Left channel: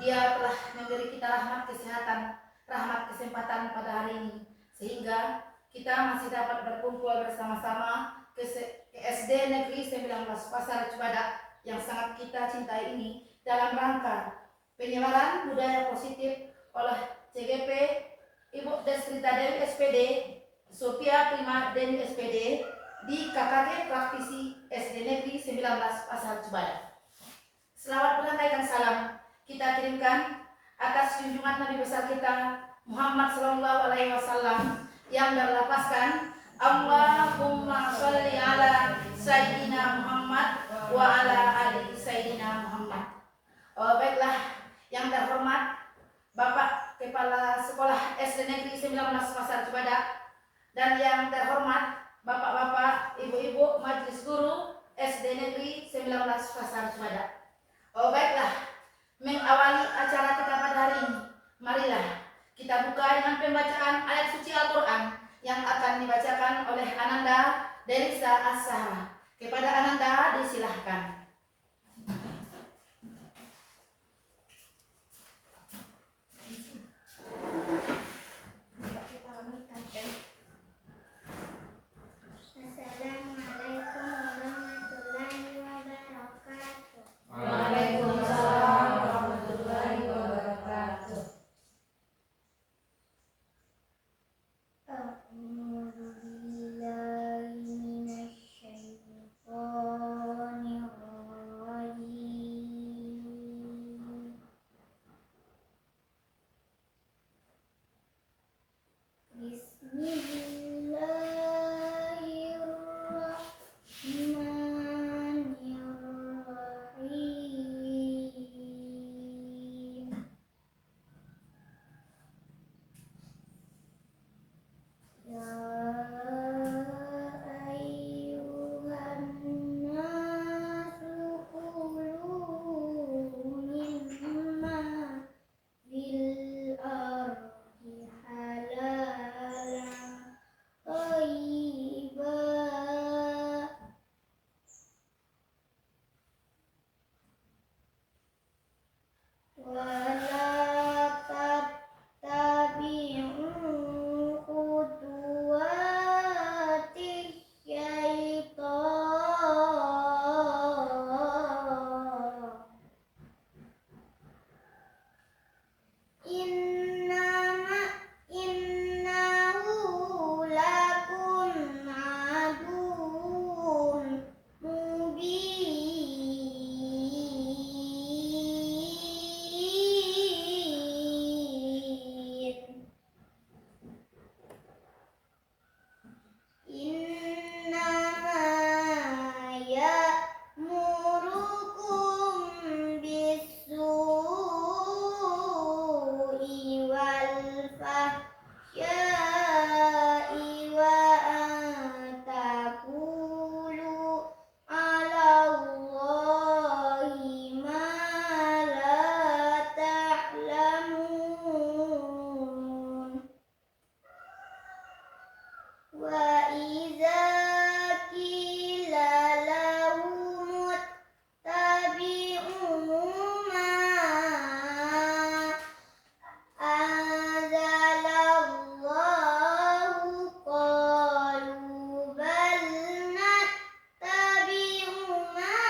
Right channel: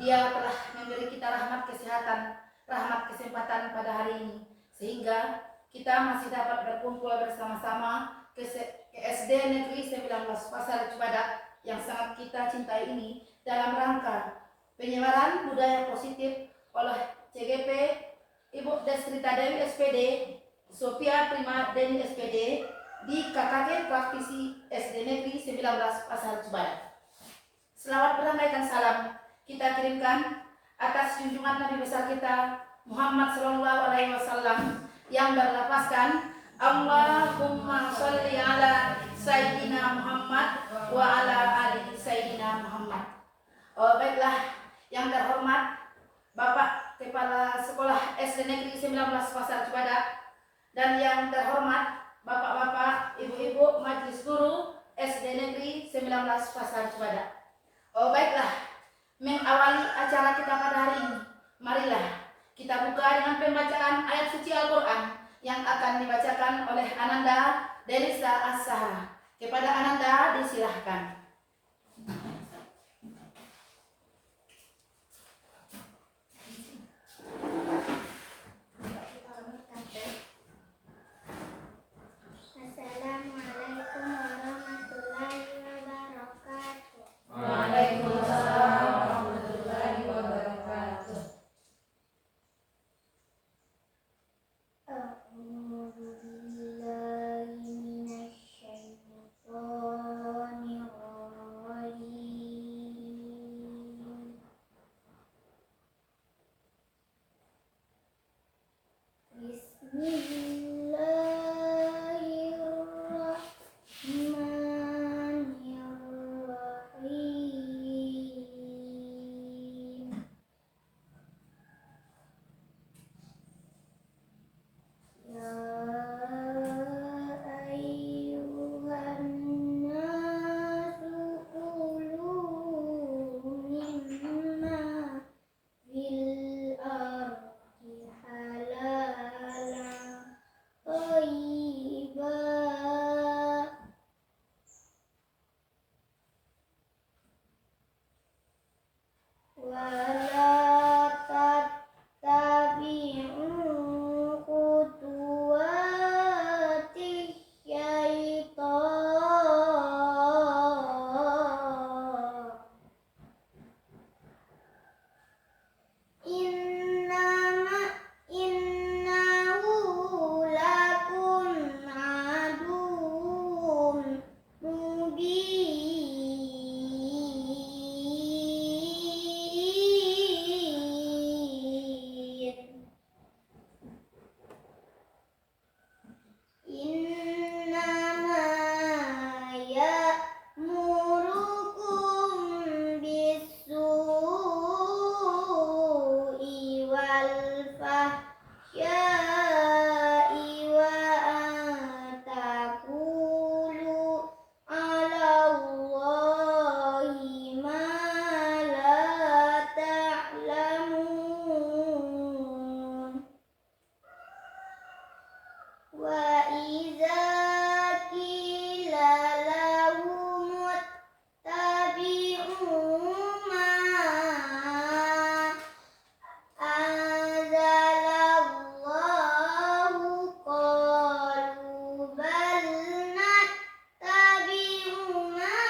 Dia telah memberi kita rahmat kesehatan, rahmat kesempatan pada hari ini, sehingga kita masih dapat berkumpul bersama-sama ke SD Negeri 19 Pasar Cibadak yang sangat kita cintai ini dalam rangka penyebaran budaya positif oleh CGP Ibu Desrita Dewi SPD, Sophia Prima Deni SPD di KKG Praktisi SD Negeri 19 Pasar Cibadak. Selamat menyampaikan salam kita kirimkan atas junjungan Nabi besar kita Muhammad Sallallahu Alaihi Wasallam yang berlafazkan Allahumma sholli ala Sayyidina Muhammad wa ala ali Sayyidina Muhammad. Baiklah, yang terhormat Bapak Kepala Sekolah SD Negeri 19 Pasar Cibadak dan yang terhormat Bapak-bapak, Ibu-ibu Majelis Guru SD Negeri 19 Pasar Cibadak. Baiklah, mengawali acara kita pada hari ini, marilah kita buka dengan pembacaan ayat suci Al-Quran yang akan dibacakan oleh Ananda Delisa As-Sahra. Kepada Ananda disilahkan. Assalamualaikum warahmatullahi wabarakatuh. Waalaikumsalam warahmatullahi wabarakatuh. A'udzu billahi minasyaitonir rajim. Bismillahirrahmanirrahim. Ya ayyuhan nasu kulu mimma fil ardi halalan thayyiban wa la tattabi'u khutuwati syaitan. Innahu lakum aduwwun mubin. Innama ya'murukum bis-su'i wal fahsya'i wa an taqulu 'ala Allahi ma la ta'lamun. Wa idza qila lahum ittabi'u ma anzalallahu qalu bal nattabi'u ma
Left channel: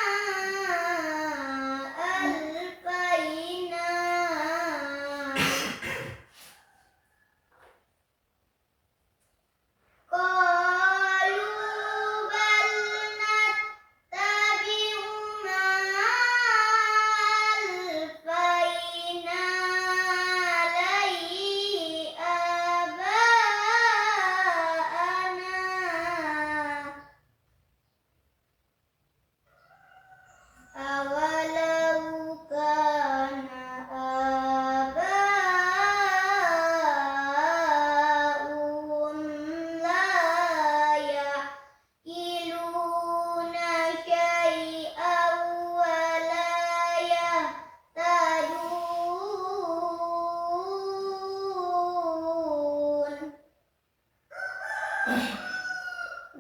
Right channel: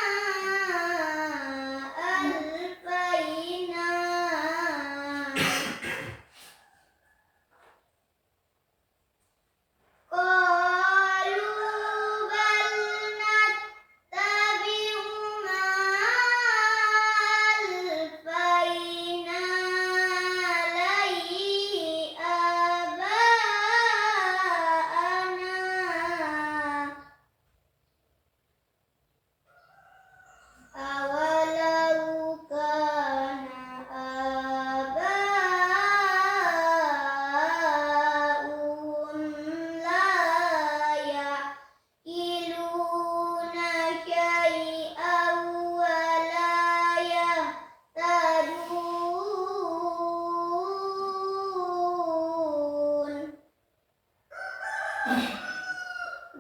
alfayna qalu bal nattabi'u ma alfayna alaihi aba'ana awalau kana aba'uhum la ya'qiluna syai'an wa la yahtadun.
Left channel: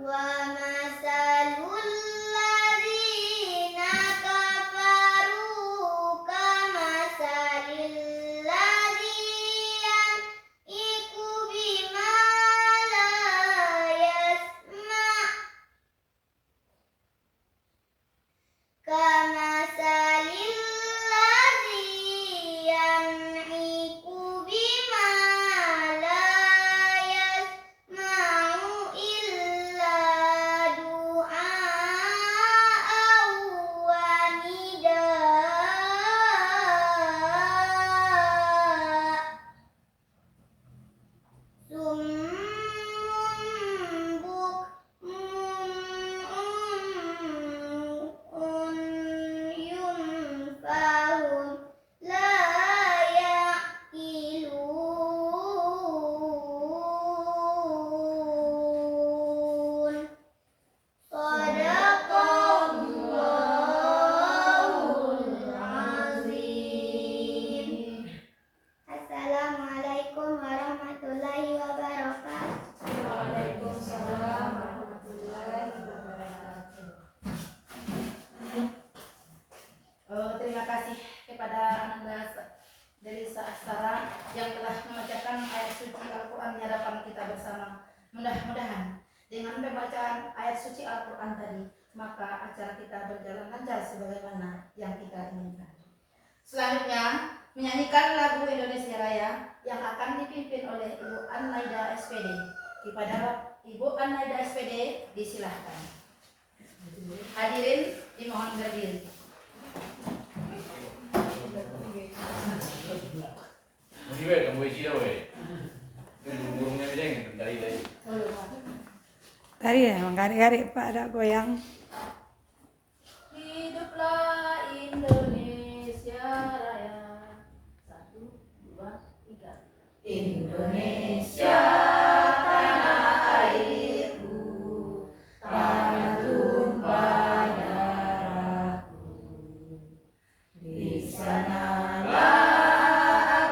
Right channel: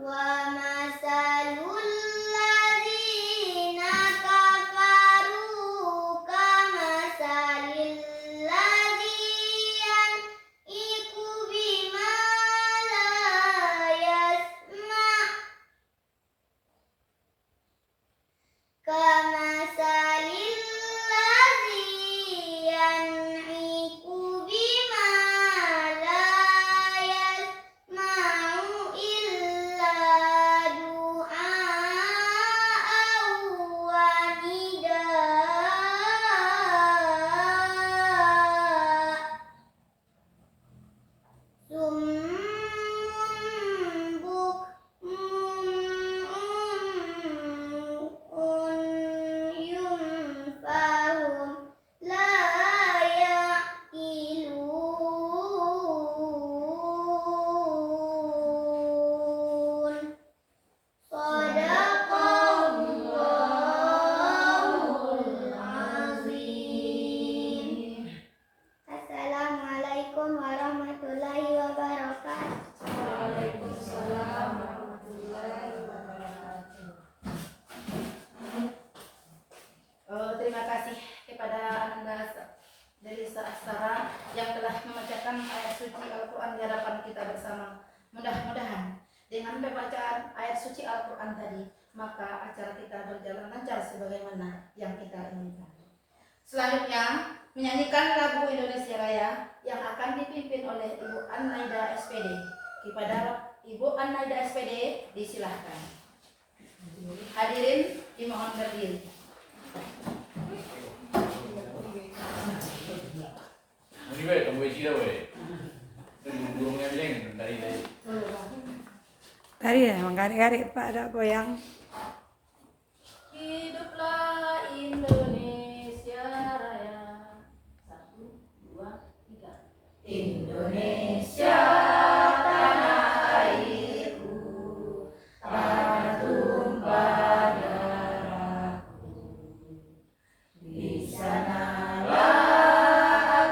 Wa masalul ladzina kafaru kamasalil Aksara yang telah membacakan ayat suci Al-Quran di hadapan kita bersama. Mudah-mudahan dengan pembacaan ayat suci Al-Quran tadi, maka acara kita berjalan lancar sebagaimana yang kita inginkan. Selanjutnya, menyanyikan lagu Indonesia Raya yang akan dipimpin oleh Ibu An-Naida SPD. Kepada Ibu An-Naida SPD disilahkan. Hadirin dimohon berdiri. Ini weh, tunggu isi dah weh. Burungnya bisa dari. Tadi emang garik-garik Pak ada goyang. Hiduplah Indonesia Raya. 1, 2, 3. Indonesia tanah airku, tanah tumpah darahku. Di sanalah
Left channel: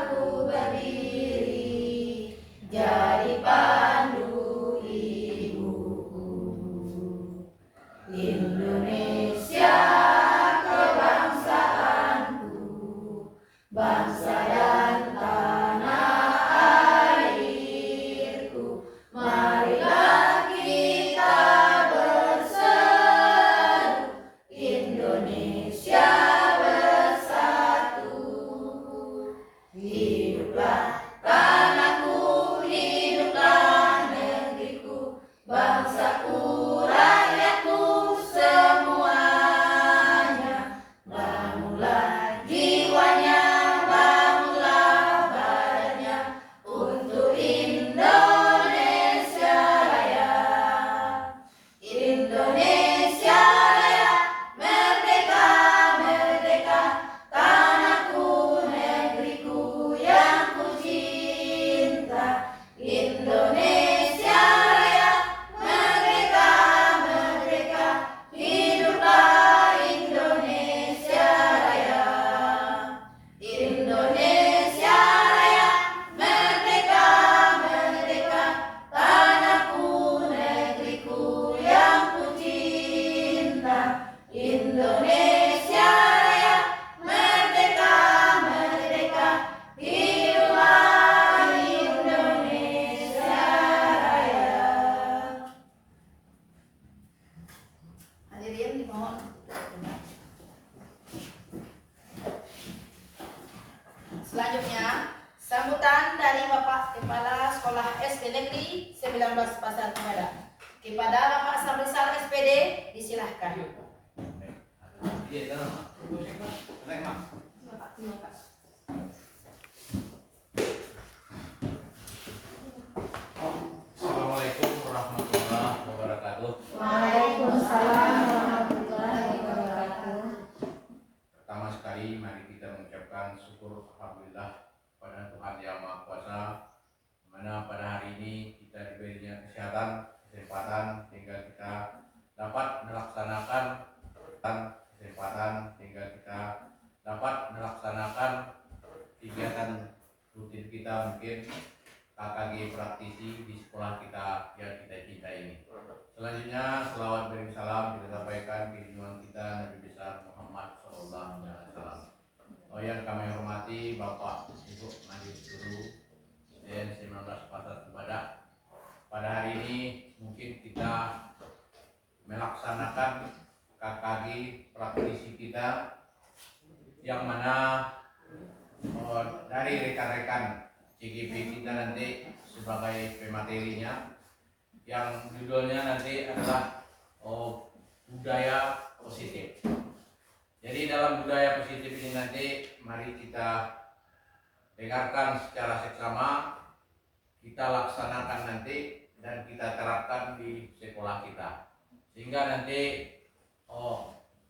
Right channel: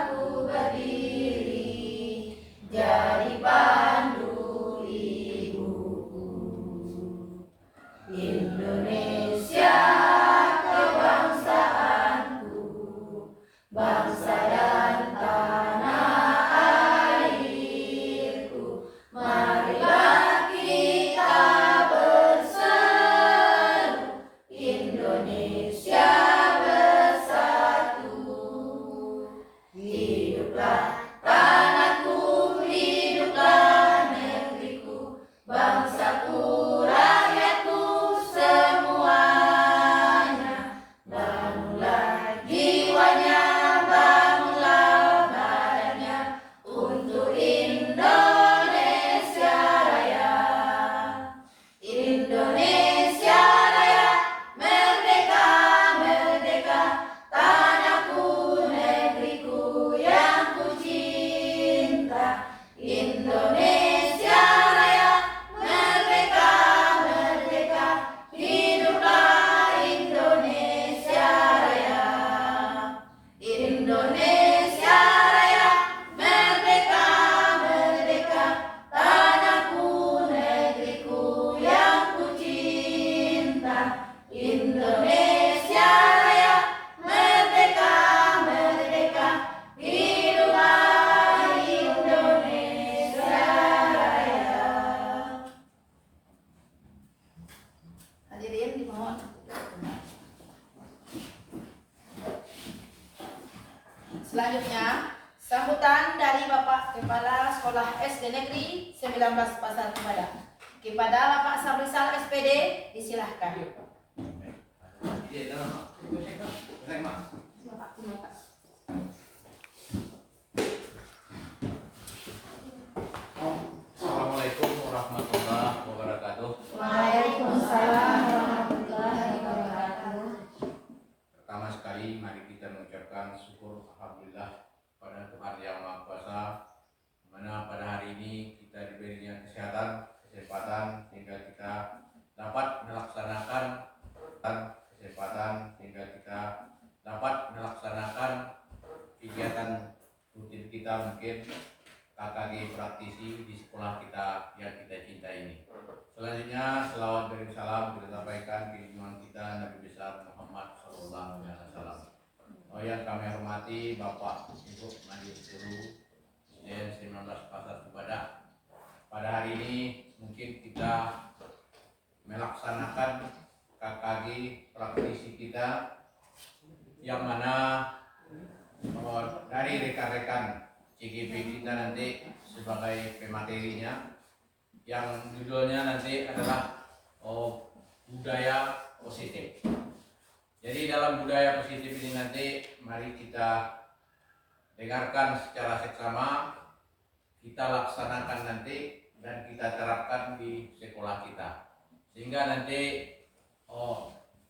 aku berdiri, jadi pandu ibuku. Indonesia kebangsaanku, bangsa dan tanah airku. Marilah kita berseru, Indonesia bersatu. Hiduplah tanahku, hiduplah negeriku, bangsaku, rakyatku semuanya. Bangunlah jiwanya, bangunlah badannya untuk Indonesia Raya. Indonesia Raya, merdeka, merdeka, tanahku, negeriku yang ku cinta. Indonesia Raya, merdeka, merdeka, hiduplah Indonesia Raya. Indonesia Raya, merdeka, merdeka, tanahku, negeriku yang ku cinta. Indonesia Raya, merdeka, merdeka, hiduplah Indonesia Raya. Hadirin dimohon. Selanjutnya, sambutan dari Bapak Kepala Sekolah SD Negeri 19 Pasar Kebada. Kepada Bapak Sabrisal SPD, disilahkan. Iya, dah. Senang mak. Bapak, terima kasih. Assalamualaikum warahmatullahi wabarakatuh. Waalaikumsalam warahmatullahi wabarakatuh. Pertama sekali mari kita mengucapkan syukur alhamdulillah pada Tuhan Yang Maha Kuasa, di mana pada hari ini kita diberinya kesempatan sehingga kita dapat melaksanakan kegiatan rutin kita, mungkin KKG praktisi di sekolah kita yang kita cintai ini. Selanjutnya selawat dan salam kita sampaikan ke junjungan kita Nabi besar Muhammad SAW. Yang kami hormati Bapak Ibu Majelis Guru SDN 19 Pasar Kebada. Pada hari ini mungkin kita melaksanakan KKG praktisi kita yang mana dari rekan-rekan CGP kita nanti sebagai pematerinya yang judulnya nanti adalah budaya positif. Jadi dalam budaya positif ini nanti mari kita dengarkan secara seksama, kita laksanakan nanti dan kita terapkan di sekolah kita, sehingga nanti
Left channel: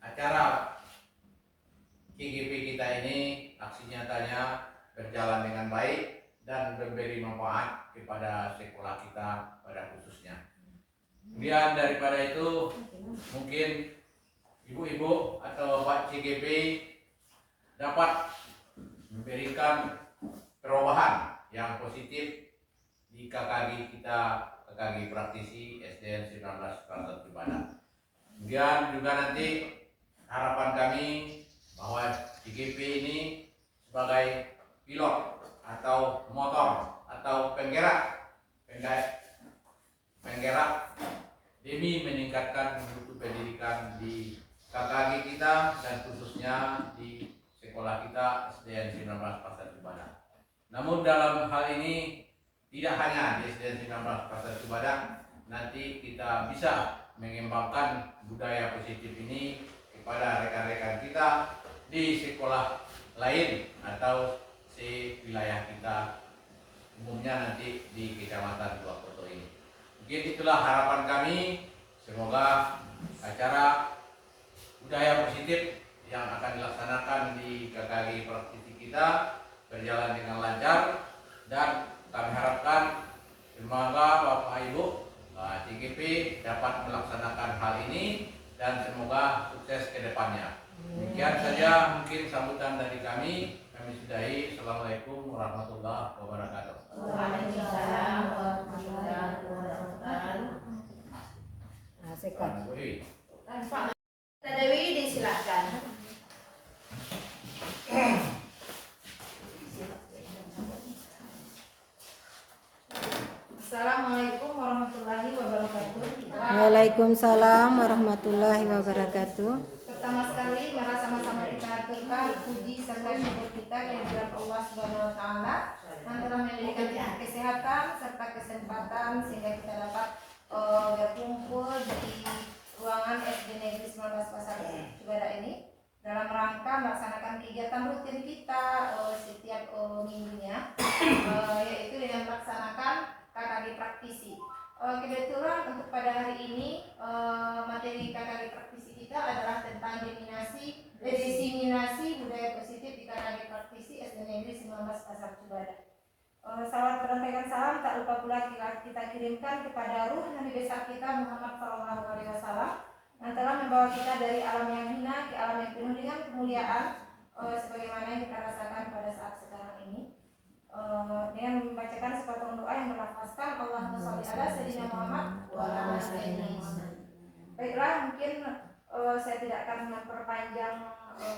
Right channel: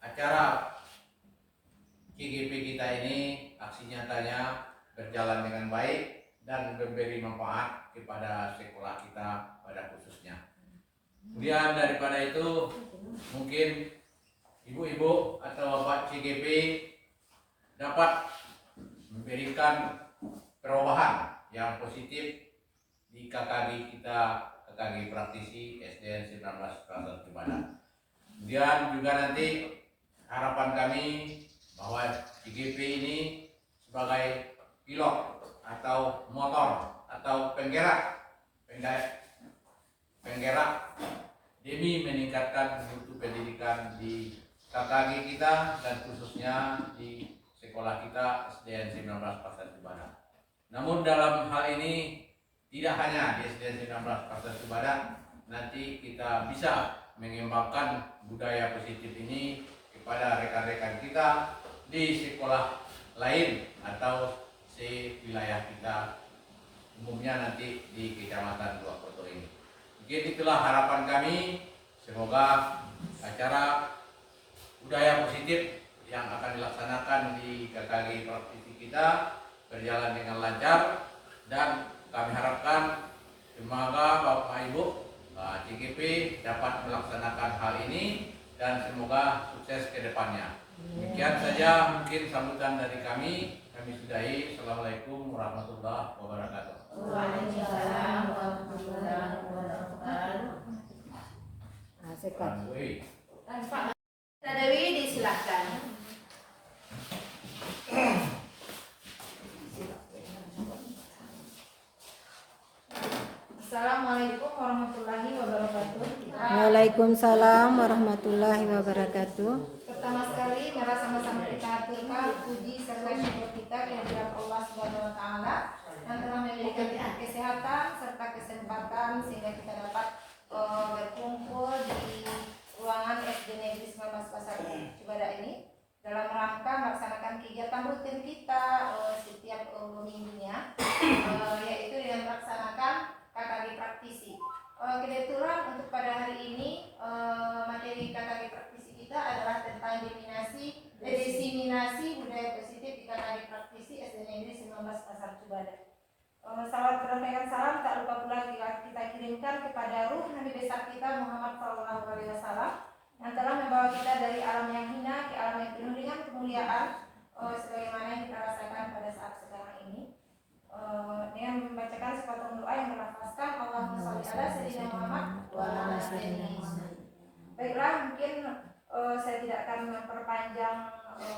acara KGP kita ini aksi nyatanya berjalan dengan baik dan memberi manfaat kepada sekolah kita pada khususnya. Kemudian daripada itu mungkin ibu-ibu atau bapak CGP dapat memberikan perubahan yang positif di KKG kita, KKG praktisi SDN 19 Pasar Kebada. Kemudian juga nanti harapan kami bahwa CGP ini sebagai pilot atau motor atau penggerak demi meningkatkan mutu pendidikan di KKG kita dan khususnya di sekolah kita SDN 19 Pasar Cibada. Namun dalam hal ini tidak hanya di SDN 19 Pasar Cibada, nanti kita bisa mengembangkan budaya positif ini kepada rekan-rekan kita di sekolah lain atau di wilayah kita, umumnya nanti di Kecamatan Dua Koto ini. Mungkin itulah harapan kami, semoga acara budaya positif yang akan dilaksanakan di KKG praktisi kita berjalan dengan lancar, dan kami harapkan semoga Bapak Ibu CGP dapat melaksanakan hal ini dan semoga sukses ke depannya. Demikian saja mungkin sambutan dari kami sudahi. Assalamualaikum warahmatullahi wabarakatuh. Waalaikumsalam warahmatullahi wabarakatuh. Sekat. Pak Dewi disilakan. Assalamualaikum warahmatullahi wabarakatuh. Waalaikumsalam warahmatullahi wabarakatuh. Pertama sekali, mari sama-sama kita aturkan puji serta syukur kita kehadirat Allah Subhanahu wa taala yang telah memberikan kita kesehatan serta kesempatan sehingga kita dapat berkumpul di ruangan SD Negeri 19 Pasar Cibada ini dalam rangka melaksanakan kegiatan rutin kita setiap minggunya, yaitu dengan melaksanakan KKG praktisi. Kebetulan untuk pada hari ini materi KKG praktisi kita adalah tentang diseminasi budaya positif di KKG praktisi SD Negeri 19 Pasar Cibada. Salawat berantakan salam tak lupa pula kita kirimkan kepada ruh Nabi besar kita Muhammad SAW yang telah membawa kita dari alam yang hina ke alam yang penuh dengan kemuliaan, sebagaimana yang kita rasakan pada saat sekarang ini. Dengan membacakan sepotong doa yang melafazkan Allahumma sholli ala sayyidina Muhammad wa ala sayyidina Muhammad. Baiklah, mungkin saya tidak akan memperpanjang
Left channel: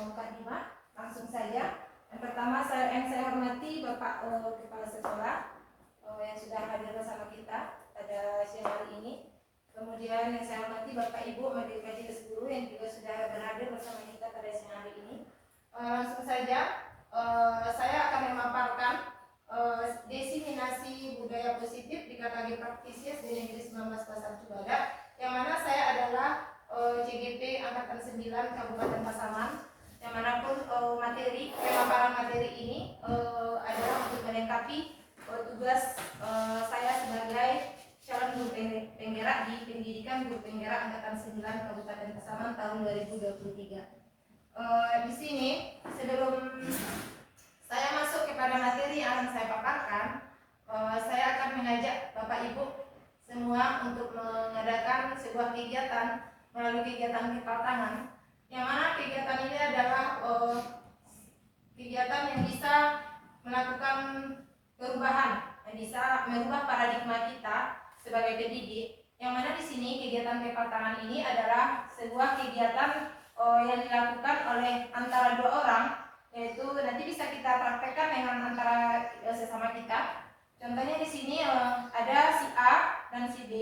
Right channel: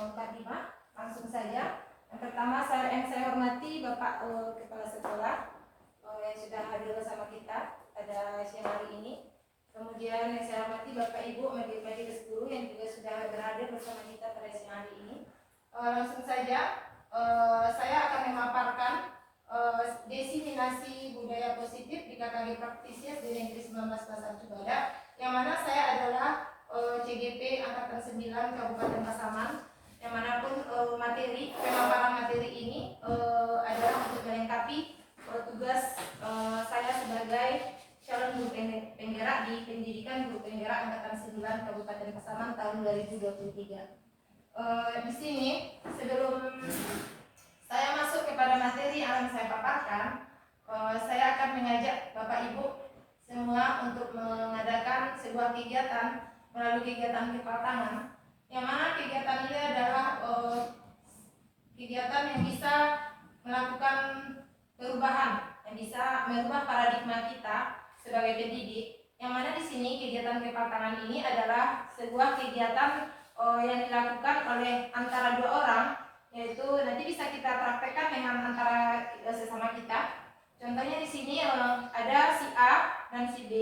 mukadimah, langsung saja. Yang pertama yang saya hormati Bapak Kepala Sekolah yang sudah hadir bersama kita pada siang hari ini. Kemudian yang saya hormati Bapak Ibu Majelis Guru yang juga sudah berhadir bersama kita pada siang hari ini. Langsung saja saya akan memaparkan diseminasi budaya positif di KKG praktisi SD Negeri 19 Pasar Cibada, yang mana saya adalah CGP Angkatan 9 Kabupaten Pasaman, yang manapun pemaparan materi ini adalah untuk melengkapi tugas saya sebagai calon guru penggerak di pendidikan guru penggerak Angkatan 9 Kabupaten Pasaman tahun 2023. Di sini sebelum saya masuk kepada materi yang akan saya paparkan, saya akan mengajak Bapak Ibu semua untuk mengadakan sebuah kegiatan melalui kegiatan kepala tangan, yang mana kegiatan ini adalah kegiatan yang bisa melakukan perubahan, yang bisa merubah paradigma kita sebagai pendidik. Yang mana di sini kegiatan kepala tangan ini adalah sebuah kegiatan yang dilakukan oleh antara dua orang, yaitu nanti bisa kita praktekkan dengan antara sesama kita. Contohnya di sini ada si A dan si B,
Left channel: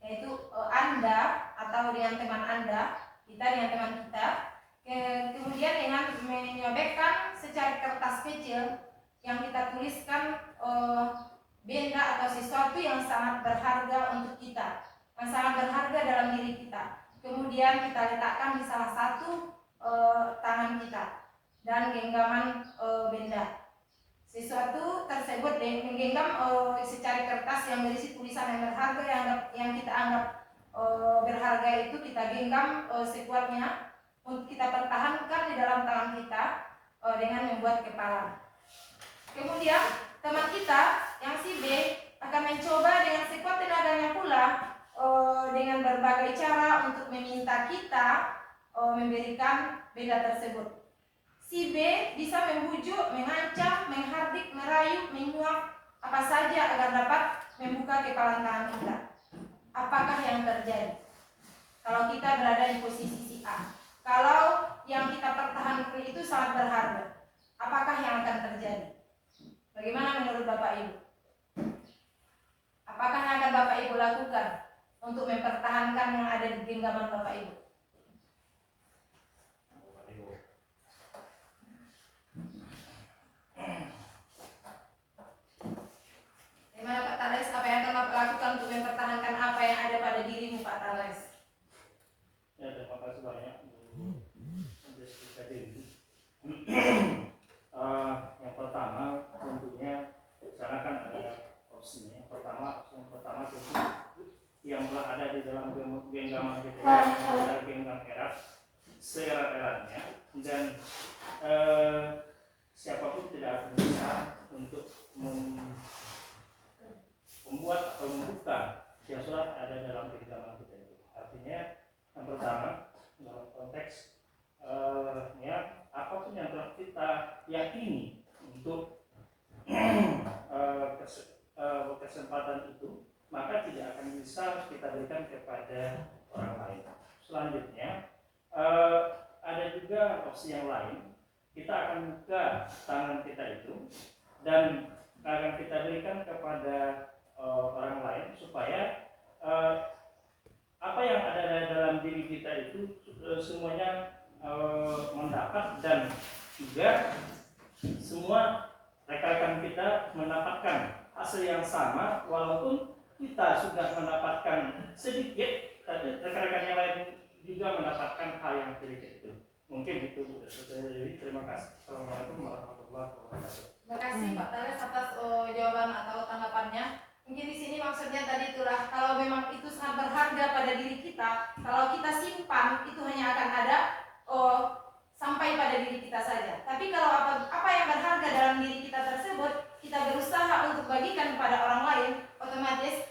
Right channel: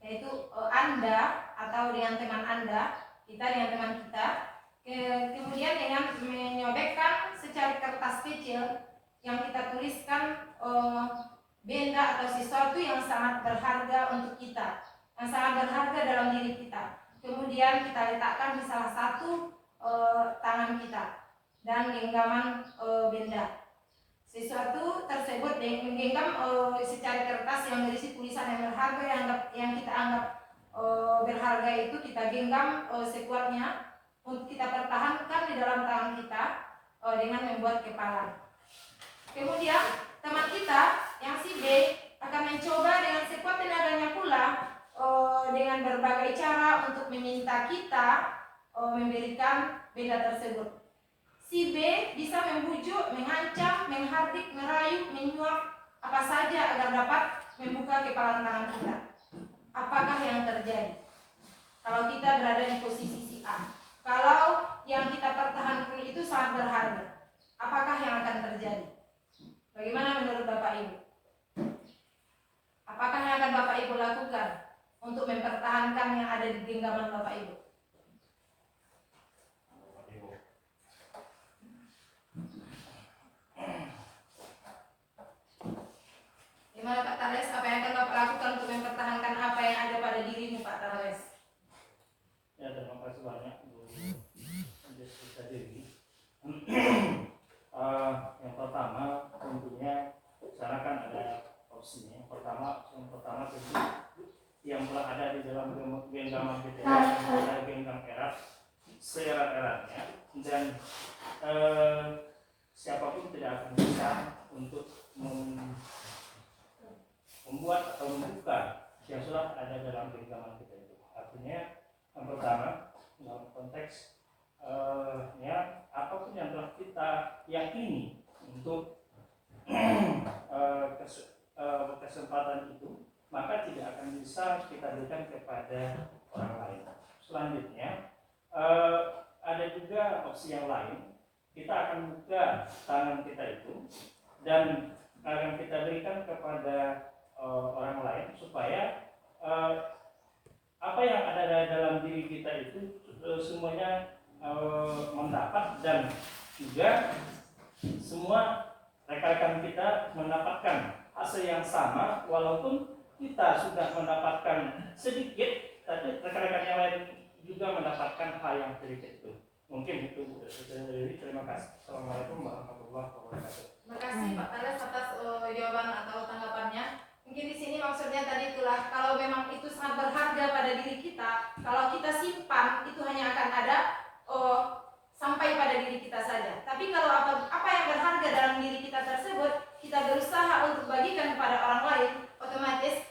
yaitu Anda atau dengan teman Anda, kita dengan teman kita. Kemudian dengan menyobekkan secari kertas kecil yang kita tuliskan benda atau sesuatu yang sangat berharga untuk kita, yang sangat berharga dalam diri kita. Kemudian kita letakkan di salah satu tangan kita dan genggaman benda. Sesuatu tersebut menggenggam secari kertas yang berisi tulisan yang berharga yang kita anggap berharga itu kita genggam sekuatnya untuk kita pertahankan di dalam tangan kita dengan membuat kepalan. Kemudian teman kita yang si B akan mencoba dengan sekuat tenaganya pula dengan berbagai cara untuk meminta kita memberikan benda tersebut. Si B bisa membujuk, mengancam, menghardik, merayu, menyuap apa saja agar dapat membuka kepalan tangan kita. Apakah yang terjadi kalau kita berada di posisi si A? Kalau yang kita pertahankan itu sangat berharga, apakah yang akan terjadi? Bagaimana menurut Bapak Ibu? Apakah yang akan Bapak Ibu lakukan untuk mempertahankan yang ada di genggaman Bapak Ibu? Gimana Pak Tarles, apa yang akan Bapak lakukan untuk mempertahankan apa yang ada pada dirimu Pak Tarles? Ya, terima kasih banyak Bu Jessica Dewi. Yang pertama tentunya sana kan ada opsinya. Yang pertama tentu yang ada di dalam genggaman kita adalah genggam erat seerat-eratnya, dan siapapun tidak akan bisa untuk membuat atau membuka yang sudah ada dalam genggaman kita itu. Artinya yang pertama dalam konteks apapun yang telah kita yakini untuk kesempatan itu, maka tidak akan bisa kita berikan kepada orang lain. Selanjutnya ada juga opsi yang lain. Kita akan buka tangan kita itu dan akan kita berikan kepada orang lain supaya apa yang ada dalam diri kita itu semuanya mendapat, dan juga semua rekan-rekan kita mendapatkan hasil yang sama, walaupun kita sudah mendapatkan sedikit, tapi rekan-rekan yang lain juga mendapatkan hal yang sedikit itu. Mungkin itu Bu. Terima kasih. Assalamualaikum warahmatullahi wabarakatuh. Terima kasih Pak Tarles atas jawaban atau tanggapannya. Mungkin di sini maksudnya tadi itulah, kalau memang itu sangat berharga pada diri kita, kalau kita simpan itu hanya akan ada sampai pada diri kita saja. Tapi kalau apa yang berharga dalam diri kita tersebut, kita berusaha untuk bagikan kepada orang lain, otomatis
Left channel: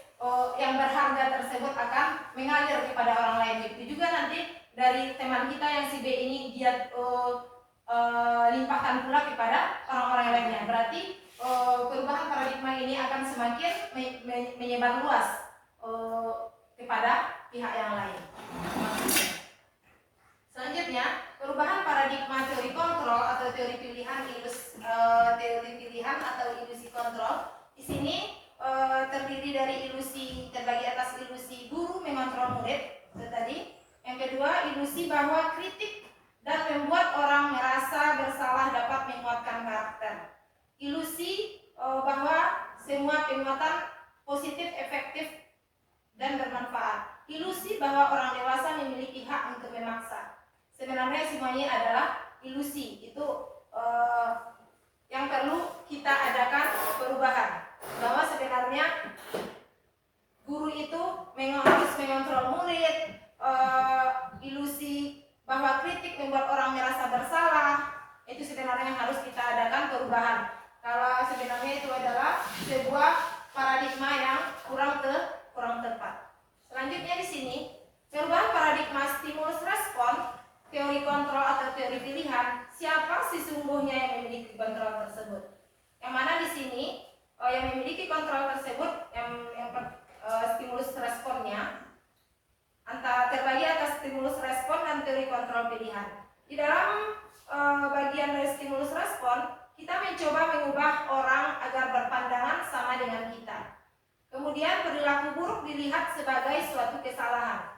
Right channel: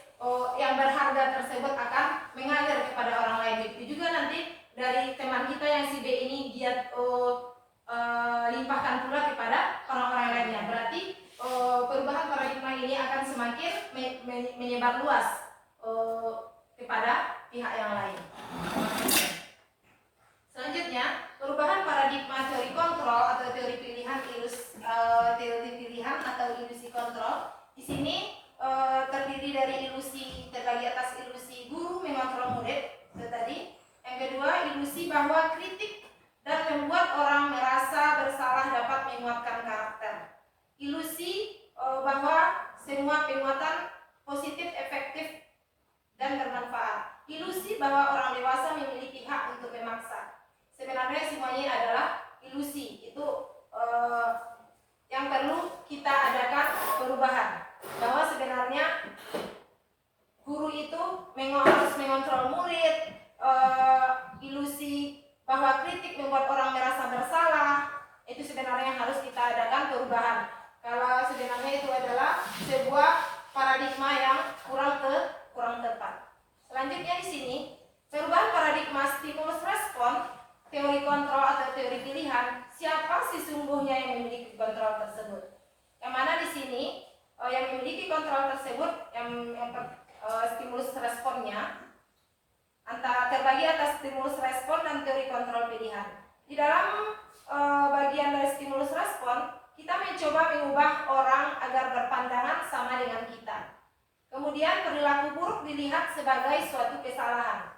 yang berharga tersebut akan mengalir kepada orang lain. Begitu juga nanti dari teman kita yang si B ini dia limpahkan pula kepada orang-orang lainnya. Berarti perubahan paradigma ini akan semakin menyebar luas kepada pihak yang lain. Selanjutnya, perubahan paradigma teori kontrol atau teori pilihan atau ilusi kontrol. Di sini terdiri dari terbagi atas ilusi guru mengontrol murid itu tadi. Yang kedua, ilusi bahwa kritik dan membuat orang merasa bersalah dapat menguatkan karakter. Ilusi bahwa semua penguatan positif, efektif, dan bermanfaat. Ilusi bahwa orang dewasa memiliki hak untuk memaksa. Sebenarnya semuanya adalah ilusi. Itu yang perlu kita adakan perubahan. Bahwa sebenarnya guru itu harus mengontrol murid. Ilusi bahwa kritik membuat orang merasa bersalah. Itu sebenarnya yang harus kita adakan perubahan. Kalau sebenarnya itu adalah sebuah paradigma yang kurang tepat. Selanjutnya di sini, perubahan paradigma stimulus respon, teori kontrol atau teori pilihan. Siapa sesungguhnya yang memiliki kontrol tersebut? Yang mana di sini yang memiliki kontrol tersebut, yang stimulus responnya antara terbagi atas stimulus respon dan teori kontrol pilihan. Di dalam bagian dari stimulus respon, kita mencoba mengubah orang agar berpandangan sama dengan kita. Kemudian perilaku buruk dilihat sebagai suatu kesalahan.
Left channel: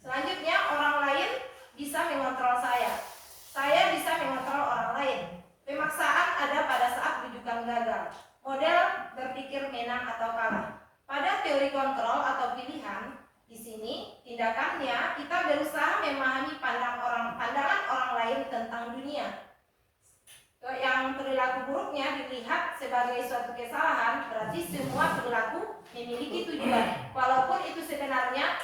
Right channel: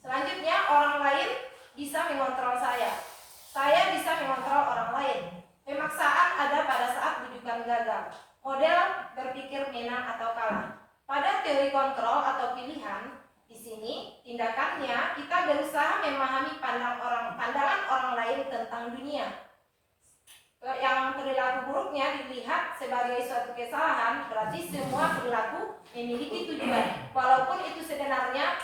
Selanjutnya, orang lain bisa mengontrol saya. Saya bisa mengontrol orang lain. Pemaksaan ada pada saat rujukan gagal. Model berpikir menang atau kalah. Pada teori kontrol atau pilihan, di sini tindakannya kita berusaha memahami pandangan orang lain tentang dunia. Yang perilaku buruknya dilihat sebagai suatu kesalahan, berarti semua perilaku memiliki tujuan. Walaupun itu sebenarnya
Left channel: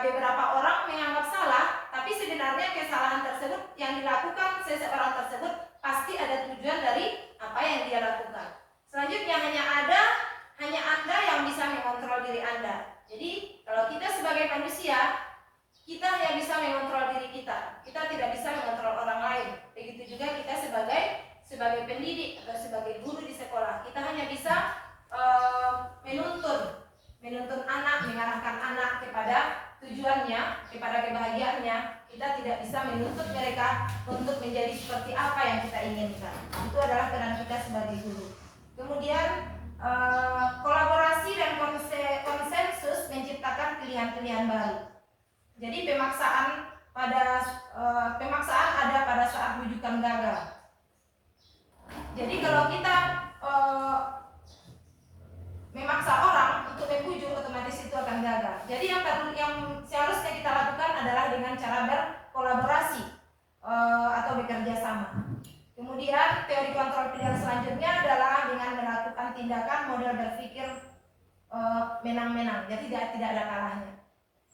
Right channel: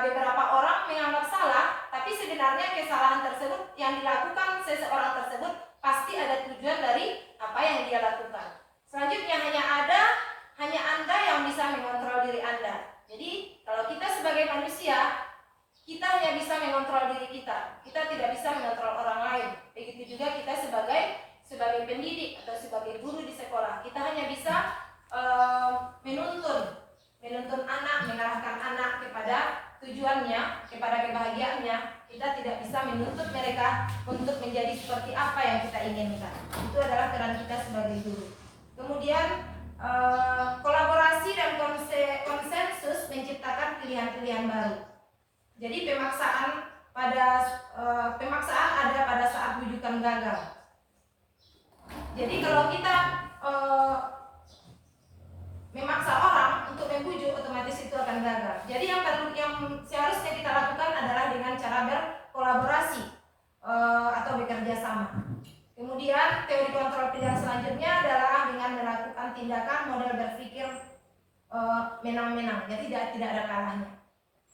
beberapa orang menganggap salah, tapi sebenarnya kesalahan tersebut yang dilakukan seseorang tersebut pasti ada tujuan dari apa yang dia lakukan. Selanjutnya hanya Anda yang bisa mengontrol diri Anda. Jadi kalau kita sebagai manusia, kita hanya bisa mengontrol diri kita. Kita tidak bisa mengontrol orang lain. Begitu juga kita sebagai pendidik atau sebagai guru di sekolah, kita hanya bisa menuntun anak, mengarahkan anak kepada tujuannya, kepada kebahagiaannya. Kita tidak bisa menuntut mereka untuk menjadi seperti apa yang kita inginkan. Itu adalah peran kita sebagai guru. Kemudian Jadi pemaksaan ada pada saat rujukan gagal. Jadi kalau kita memaksa orang untuk membujuk, otomatis itu akan gagal. Jadi yang seharusnya kita lakukan adalah dengan cara berkolaborasi atau bekerja sama. Kemudian teori kontrol pilihan selanjutnya adalah dengan melakukan tindakan model berpikir menang-menang, jadi tidak ada kalahnya.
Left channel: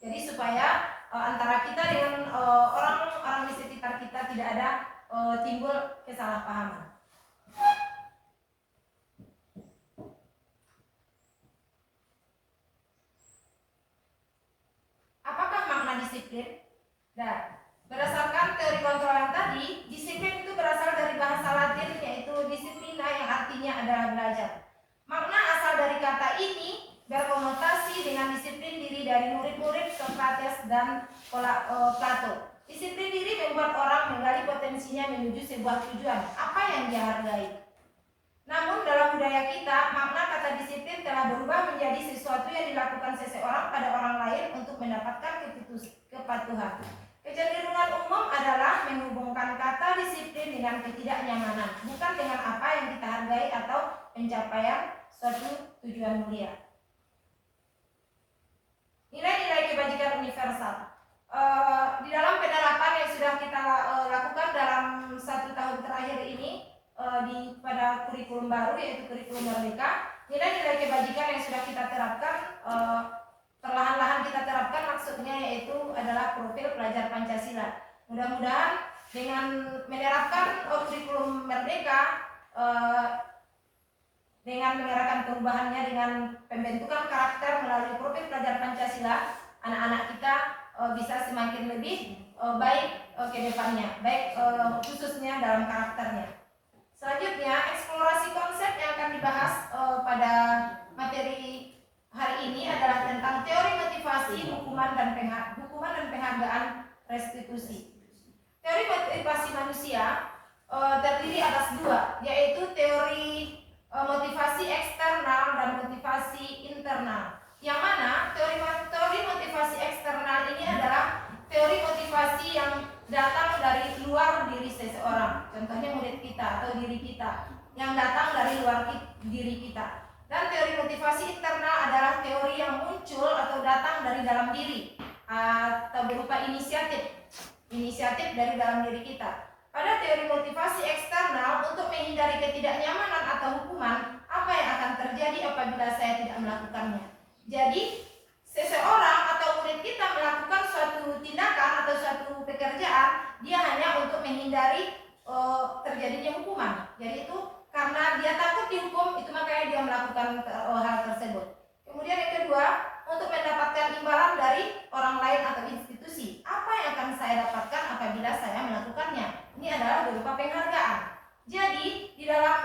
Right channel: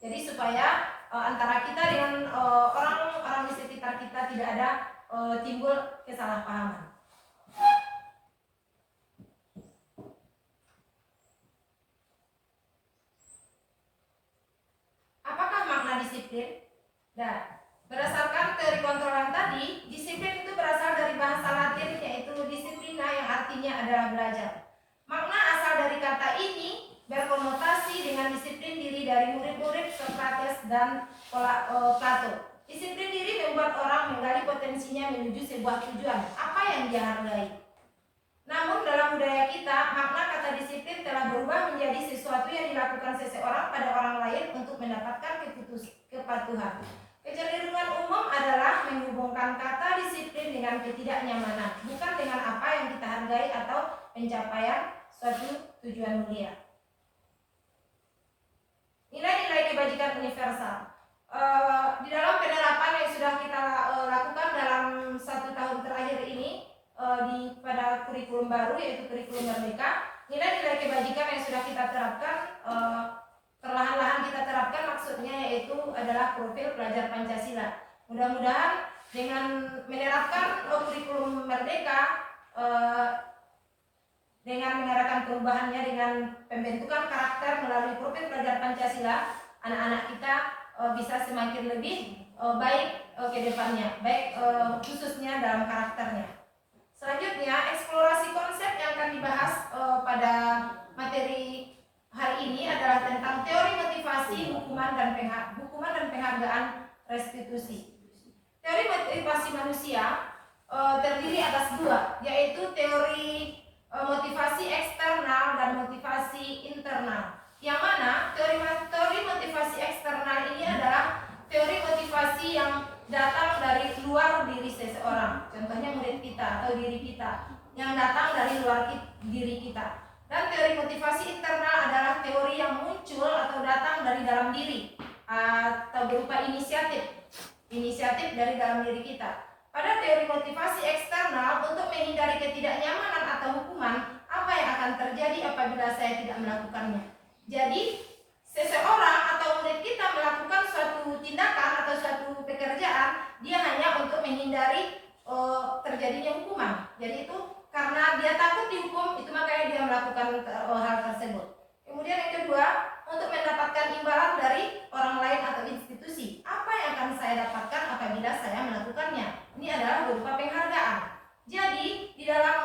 Jadi supaya antara kita dengan orang-orang di sekitar kita tidak ada timbul kesalahpahaman. Apakah makna disiplin? Nah, berdasarkan teori kontrol yang tadi, disiplin itu berasal dari bahasa Latin yaitu disiplina yang artinya adalah belajar. Makna asal dari kata ini berkonotasi dengan disiplin diri dari murid-murid Socrates dan Plato. Disiplin diri membuat orang menggali potensinya menuju sebuah tujuan, apa yang dia hargai. Namun dalam budaya kita, makna kata disiplin telah berubah menjadi sesuatu yang dilakukan seseorang pada orang lain untuk mendapatkan kepatuhan. Kecenderungan umum adalah menghubungkan kata disiplin dengan ketidaknyamanan, bukan dengan apa yang kita hargai atau pencapaian suatu tujuan mulia. Nilai-nilai kebajikan universal. Di dalam penerapan yang sudah kita lakukan dalam 1 tahun terakhir ini pada kurikulum baru yaitu kurikulum Merdeka, nilai-nilai kebajikan yang sudah kita terapkan perlahan-lahan kita terapkan, maksudnya yaitu adalah profil pelajar Pancasila. Mudah-mudahan dengan menerapkan kurikulum Merdeka dengan mengadakan perubahannya dengan pembentukan karakter melalui profil pelajar Pancasila, anak-anak kita bisa semakin lebih baik ke depannya, baik khususnya dalam karakternya. Selanjutnya, eksplorasi konsep yang akan dibahas pada materi hari ini adalah tentang teori motivasi, hukuman dan penghargaan restitusi. Teori motivasi manusia terdiri atas 2, yaitu teori motivasi eksternal dan motivasi internal. Yang mana teori motivasi eksternal ini adalah teori motivasi yang datang dari luar diri seseorang. Contohnya murid kita atau diri kita yang datang dari luar diri kita. Dan teori motivasi internal adalah teori yang muncul atau datang dari dalam diri atau berupa inisiatif dari dalam diri kita. Pada teori motivasi eksternal, untuk menghindari ketidaknyamanan atau hukuman, apa yang akan terjadi apabila saya tidak melakukannya. Jadi, seseorang atau murid kita melakukan suatu tindakan atau suatu pekerjaan, dia hanya untuk menghindari terjadinya hukuman. Jadi itu karena dia takut dihukum, itu makanya dia melakukan hal tersebut. Kemudian yang kedua, untuk mendapatkan imbalan dari orang lain atau institusi. Apa yang akan saya dapatkan apabila saya melakukannya? Ini adalah berupa penghargaan. Jadi di dalam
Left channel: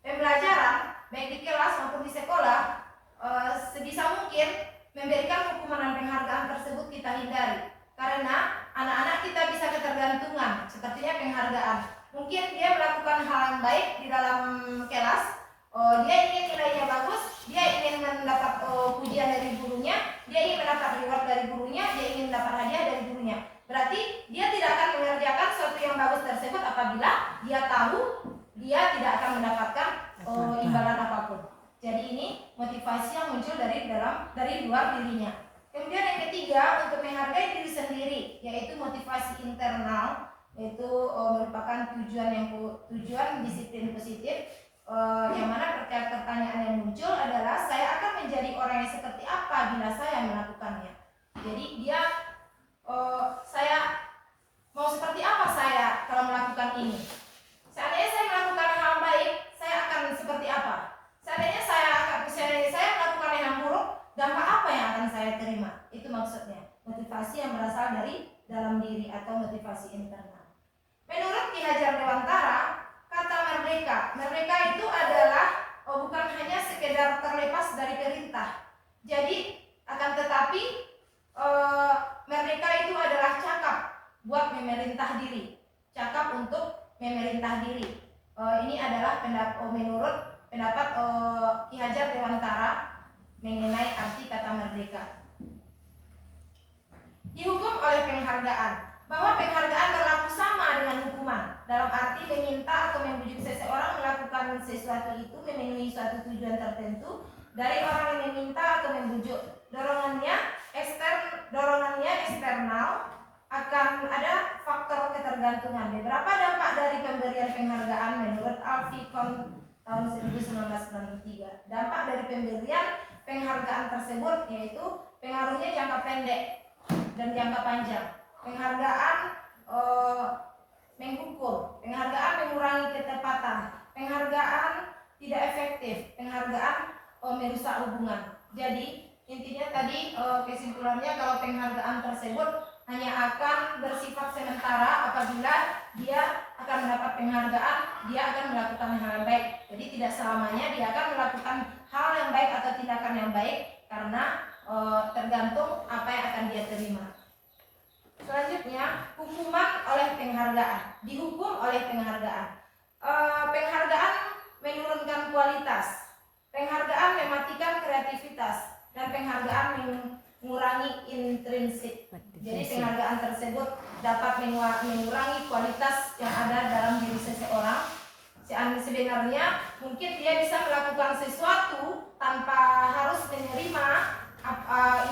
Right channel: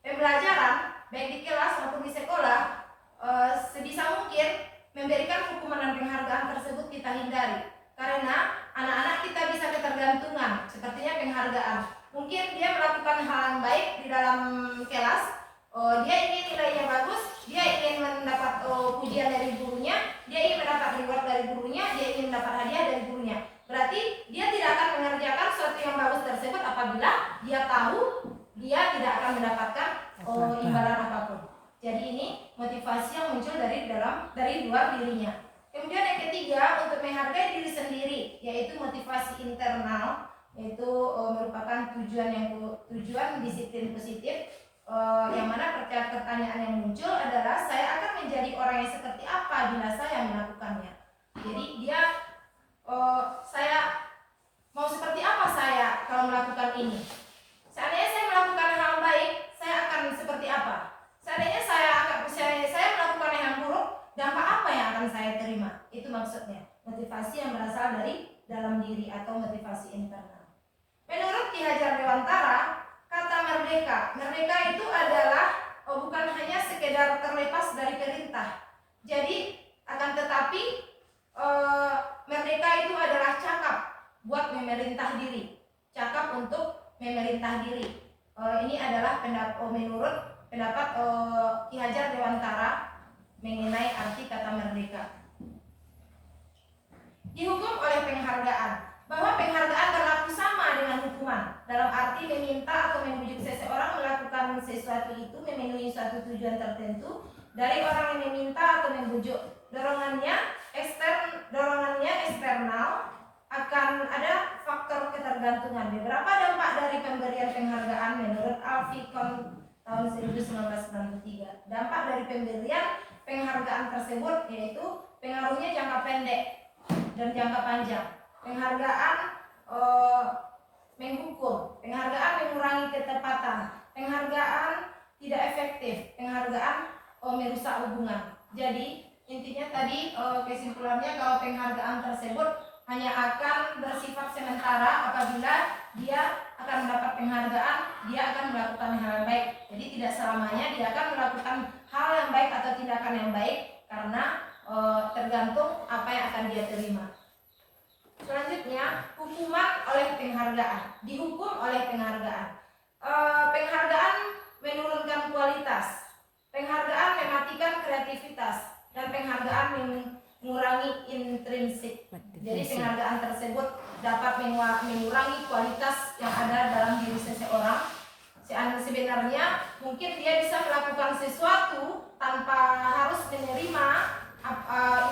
pembelajaran, baik di kelas maupun di sekolah, sebisa mungkin memberikan hukuman dan penghargaan tersebut kita hindari. Karena anak-anak kita bisa ketergantungan, sepertinya penghargaan. Mungkin dia melakukan hal yang baik di dalam kelas, dia ingin nilainya bagus, dia ingin mendapat pujian dari gurunya, dia ingin mendapat reward dari gurunya, dia ingin mendapat hadiah dari gurunya. Berarti dia tidak akan mengerjakan sesuatu yang bagus tersebut apabila dia tahu dia tidak akan mendapatkan imbalan apapun. Jadi ini motivasi yang muncul dari luar dirinya. Kemudian yang ketiga, untuk menghargai diri sendiri, yaitu motivasi internal, yaitu merupakan tujuan disiplin positif. Yang mana pertanyaan yang muncul adalah saya akan menjadi orang yang seperti apa bila saya melakukannya. Jadi saya mau seperti apa saya kalau melakukan ini. Seandainya saya melakukan hal baik, saya akan seperti apa. Seandainya saya melakukan yang buruk, dampak apa yang akan saya terima. Itu maksudnya motivasi yang berasal dari dalam diri atau motivasi internal. Menurut Ki Hajar Dewantara, kata merdeka itu adalah bukan hanya sekedar terlepas dari perintah. Jadi akan tetapi merdeka itu adalah cakap buat memerintah diri, cakap untuk memerintah diri. Ini adalah menurut pendapat Ki Hajar Dewantara mengenai arti kata merdeka. Dihukum oleh penghargaan. Bahwa penghargaan berlaku sama dengan hukuman, dalam arti meminta atau membujuk seseorang melakukan sesuatu itu memenuhi suatu tujuan tertentu dari orang yang meminta atau membujuk. Dorongannya eksternal, akan ada faktor ketergantungan. Beberapa dampak dari pemberian penghargaan menurut Alfie Kohn tahun 1993. Dampak dari pemberian penghargaan tersebut yaitu pengaruhnya jangka pendek dan jangka panjang. Penghargaan menghukum, penghargaan mengurangi ketepatan, penghargaan tidak efektif, penghargaan merusak hubungan. Jadi intinya tadi kesimpulannya kalau penghargaan tersebut hanya akan bersifat sementara apabila dia akan mendapat penghargaan, dia akan melakukan hal yang baik. Jadi tidak selamanya dia akan melakukan hal yang baik atau tindakan yang baik karena tergantung apa yang akan dia terima. Selanjutnya, hukuman oleh penghargaan. Dihukum oleh penghargaan. Penghargaan menurunkan kualitas. Penghargaan mematikan kreativitas dan penghargaan mengurangi intrinsik. Jadi penghargaan tersebut dapat mengurangi kualitas yang ada dalam diri seseorang. Sebenarnya mungkin dia bisa melakukan sesuatu tanpa harus menerima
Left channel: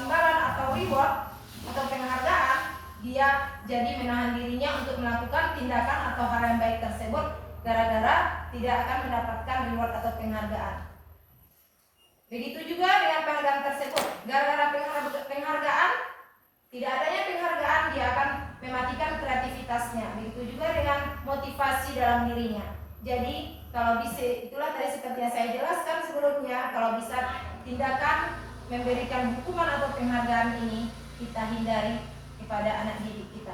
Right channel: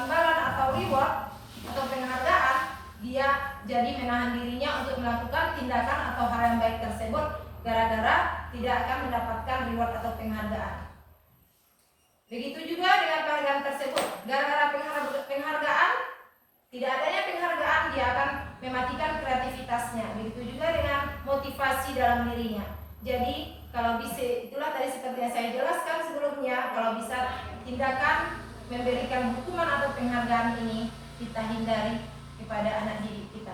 imbalan atau reward atau penghargaan. Dia jadi menahan dirinya untuk melakukan tindakan atau hal yang baik tersebut gara-gara tidak akan mendapatkan reward atau penghargaan. Begitu juga dengan penghargaan tersebut, gara-gara penghargaan, tidak adanya penghargaan dia akan mematikan kreativitasnya. Begitu juga dengan motivasi dalam dirinya. Jadi kalau bisa, itulah tadi seperti yang saya jelaskan sebelumnya, kalau bisa tindakan memberikan hukuman atau penghargaan ini kita hindari kepada anak didik kita.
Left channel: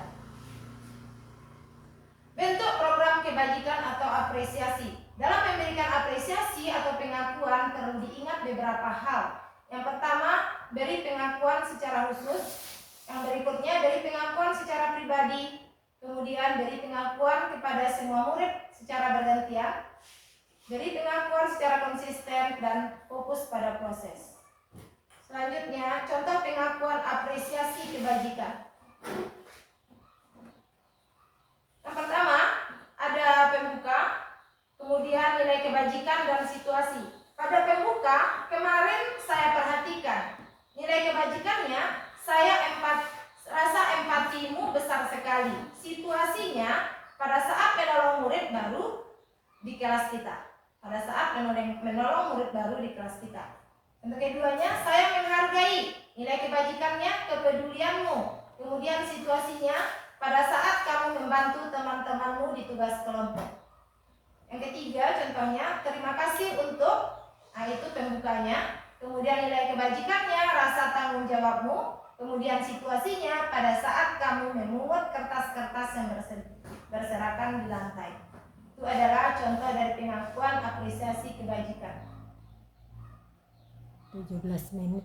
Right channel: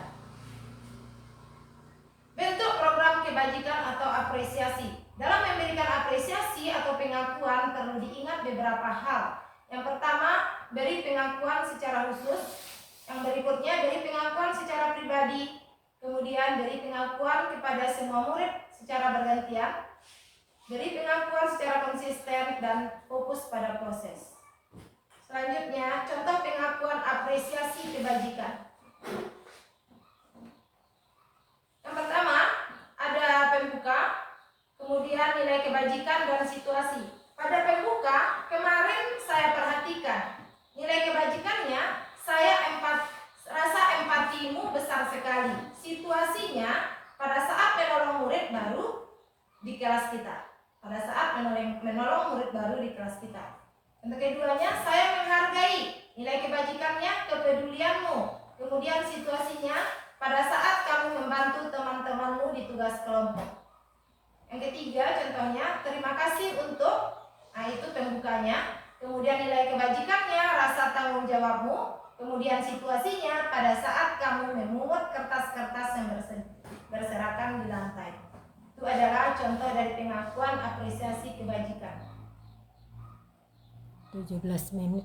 Bentuk program kebajikan atau apresiasi. Dalam memberikan apresiasi atau pengakuan perlu diingat beberapa hal. Yang pertama, beri pengakuan secara khusus. Yang berikutnya, beri pengakuan secara pribadi. Kemudian beri pengakuan kepada semua murid secara bergantian. Beri pengakuan secara konsisten dan fokus pada proses. Selanjutnya, contoh pengakuan apresiasi kebajikan. Yang pertama, ada pembuka, kemudian nilai kebajikan dan situasi. Pada pembuka, kemarin saya perhatikan nilai kebajikannya, rasa empatimu besar sekali. Situasinya, pada saat menolong murid baru di kelas kita. Pada saat menolong murid baru di kelas kita. Untuk keduanya, saya menghargai nilai kebajikannya, kepedulianmu. Kemudian situasinya, pada saat kamu membantu teman-temanmu di tugas kelompok. Yang ketiga, contohnya, terima kasih untuk, itu pembukanya. Kemudian nilai kebajikannya, rasa tanggung jawabmu. Kemudian situasinya, pada saat kamu memungut kertas-kertas yang berserakan di lantai. Itu adalah contoh dari pengakuan apresiasi kebajikan. 17 menit.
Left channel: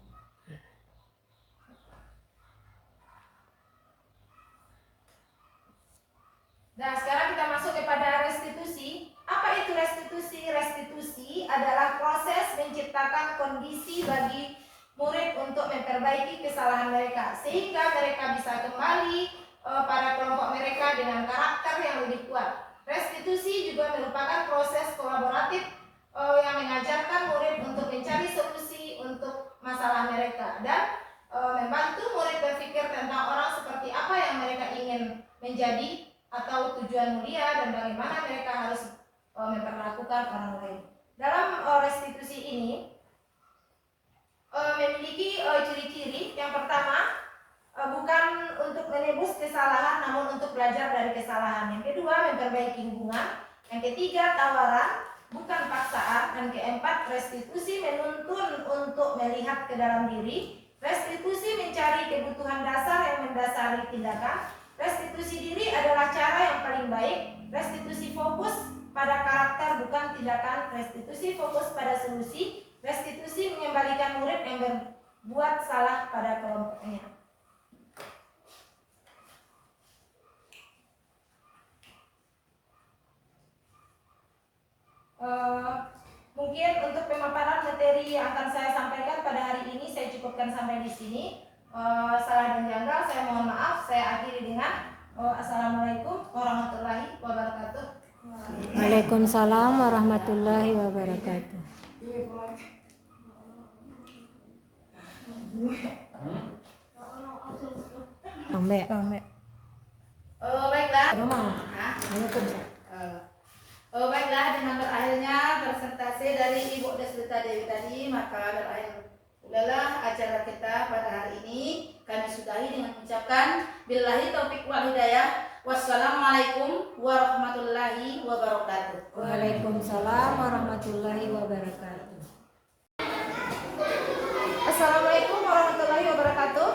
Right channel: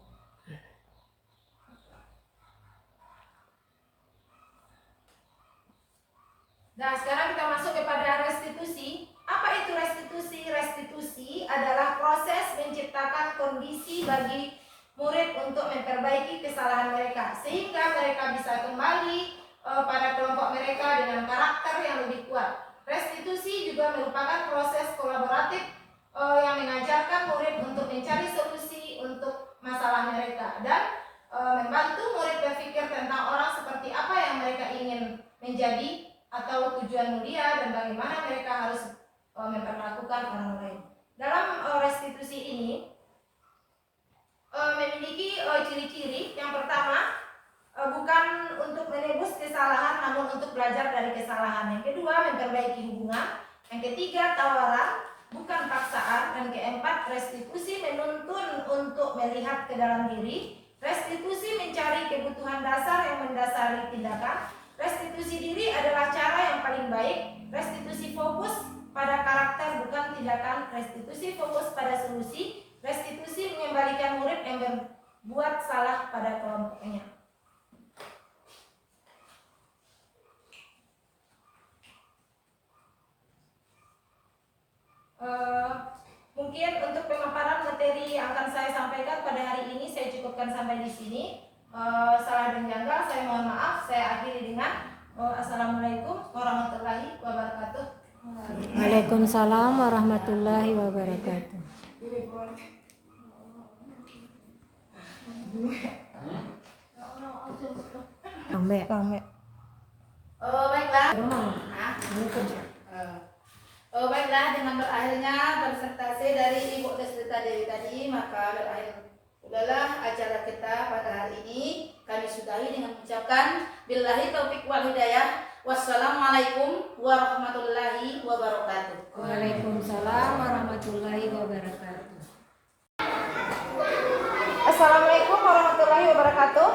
Nah, sekarang kita masuk kepada restitusi. Apa itu restitusi? Restitusi adalah proses menciptakan kondisi bagi murid untuk memperbaiki kesalahan mereka sehingga mereka bisa kembali pada kelompok mereka dengan karakter yang lebih kuat. Restitusi juga merupakan proses kolaboratif yang mengajarkan murid untuk mencari solusi untuk masalah mereka dan membantu murid berpikir tentang orang seperti apa yang mereka ingin menjadi atau tujuan mulia dan bagaimana mereka harus memperlakukan orang lain. Dalam restitusi ini memiliki ciri-ciri. Yang pertama, bukan untuk menebus kesalahan namun untuk belajar dari kesalahan. Yang kedua, memperbaiki hubungan. Yang ketiga, tawaran, bukan paksaan. Dan keempat, restitusi menuntun untuk melihat ke dalam diri. Restitusi mencari kebutuhan dasar yang mendasari tindakan. Restitusi diri adalah cara yang paling baik. Restitusi fokus pada karakter bukan tindakan. Restitusi fokus pada solusi. Restitusi mengembalikan murid yang berbuat salah pada kelompoknya. Mungkin untuk pemaparan materi yang akan saya sampaikan pada hari ini saya cukupkan sampai di sini. salah dan janggal saya mohon maaf. Saya akhiri dengan assalamualaikum warahmatullahi wabarakatuh. Waalaikumsalam warahmatullahi wabarakatuh. Rame. Baiklah. Baiklah, dengan berakhirnya presentasi dari Ibu Desrita Dewi tadi, maka berakhir udahlah acara kita pada hari ini. Kami sudahi dengan mengucapkan billahi taufik wal hidayah. Wassalamualaikum warahmatullahi wabarakatuh. Waalaikumsalam warahmatullahi wabarakatuh. Assalamualaikum warahmatullahi wabarakatuh.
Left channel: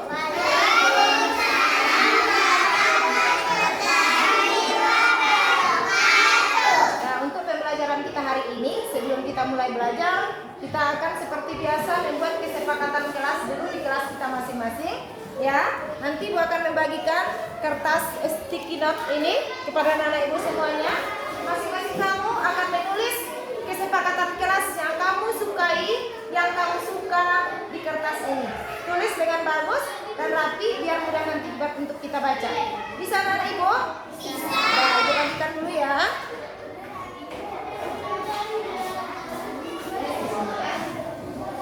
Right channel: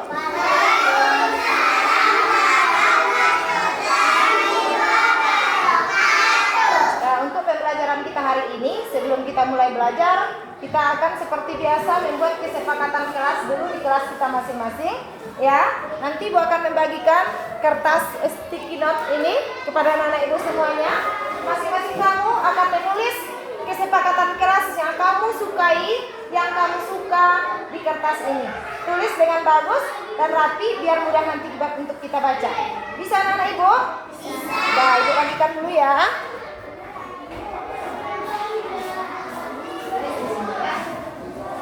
Nah, untuk pembelajaran kita hari ini, sebelum kita mulai belajar, kita akan seperti biasa membuat kesepakatan kelas dulu di kelas kita masing-masing. Ya, nanti Ibu akan membagikan kertas sticky note ini kepada anak-anak Ibu semuanya. Masing-masing kamu akan menulis kesepakatan kelas yang kamu sukai, yang kamu suka di kertas ini. Tulis dengan bagus dan rapi biar mudah nanti untuk kita baca. Bisa anak-anak Ibu? Nah, Ibu bagikan dulu ya.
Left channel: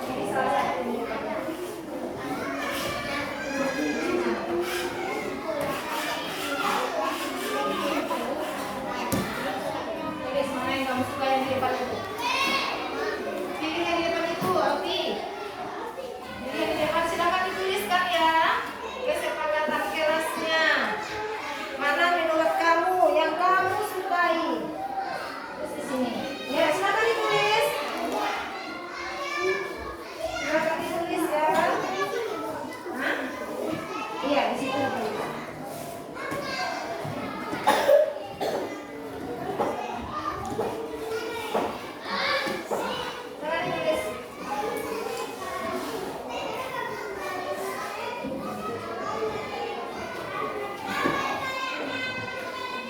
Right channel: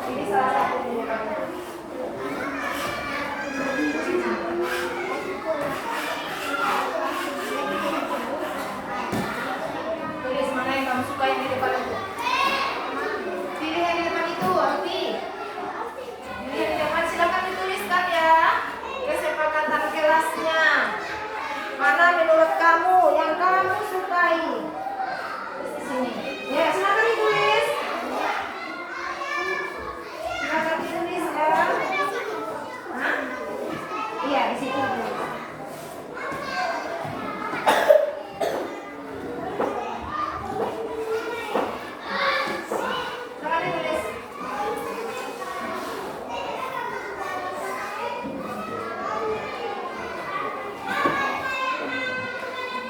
Ini salah satu. Tulis mana yang kamu suka yang di depan itu. Pilih yang di depan itu, Alfi. Pilih yang di depan, silakan dituliskan ya. Kesepakatan kelasnya. Mana menurut kamu yang kamu sukai? Terus di sini. Ya, silakan ditulis. Silakan ditulis ya. Hah? Iya, di situ. Silakan ditulis.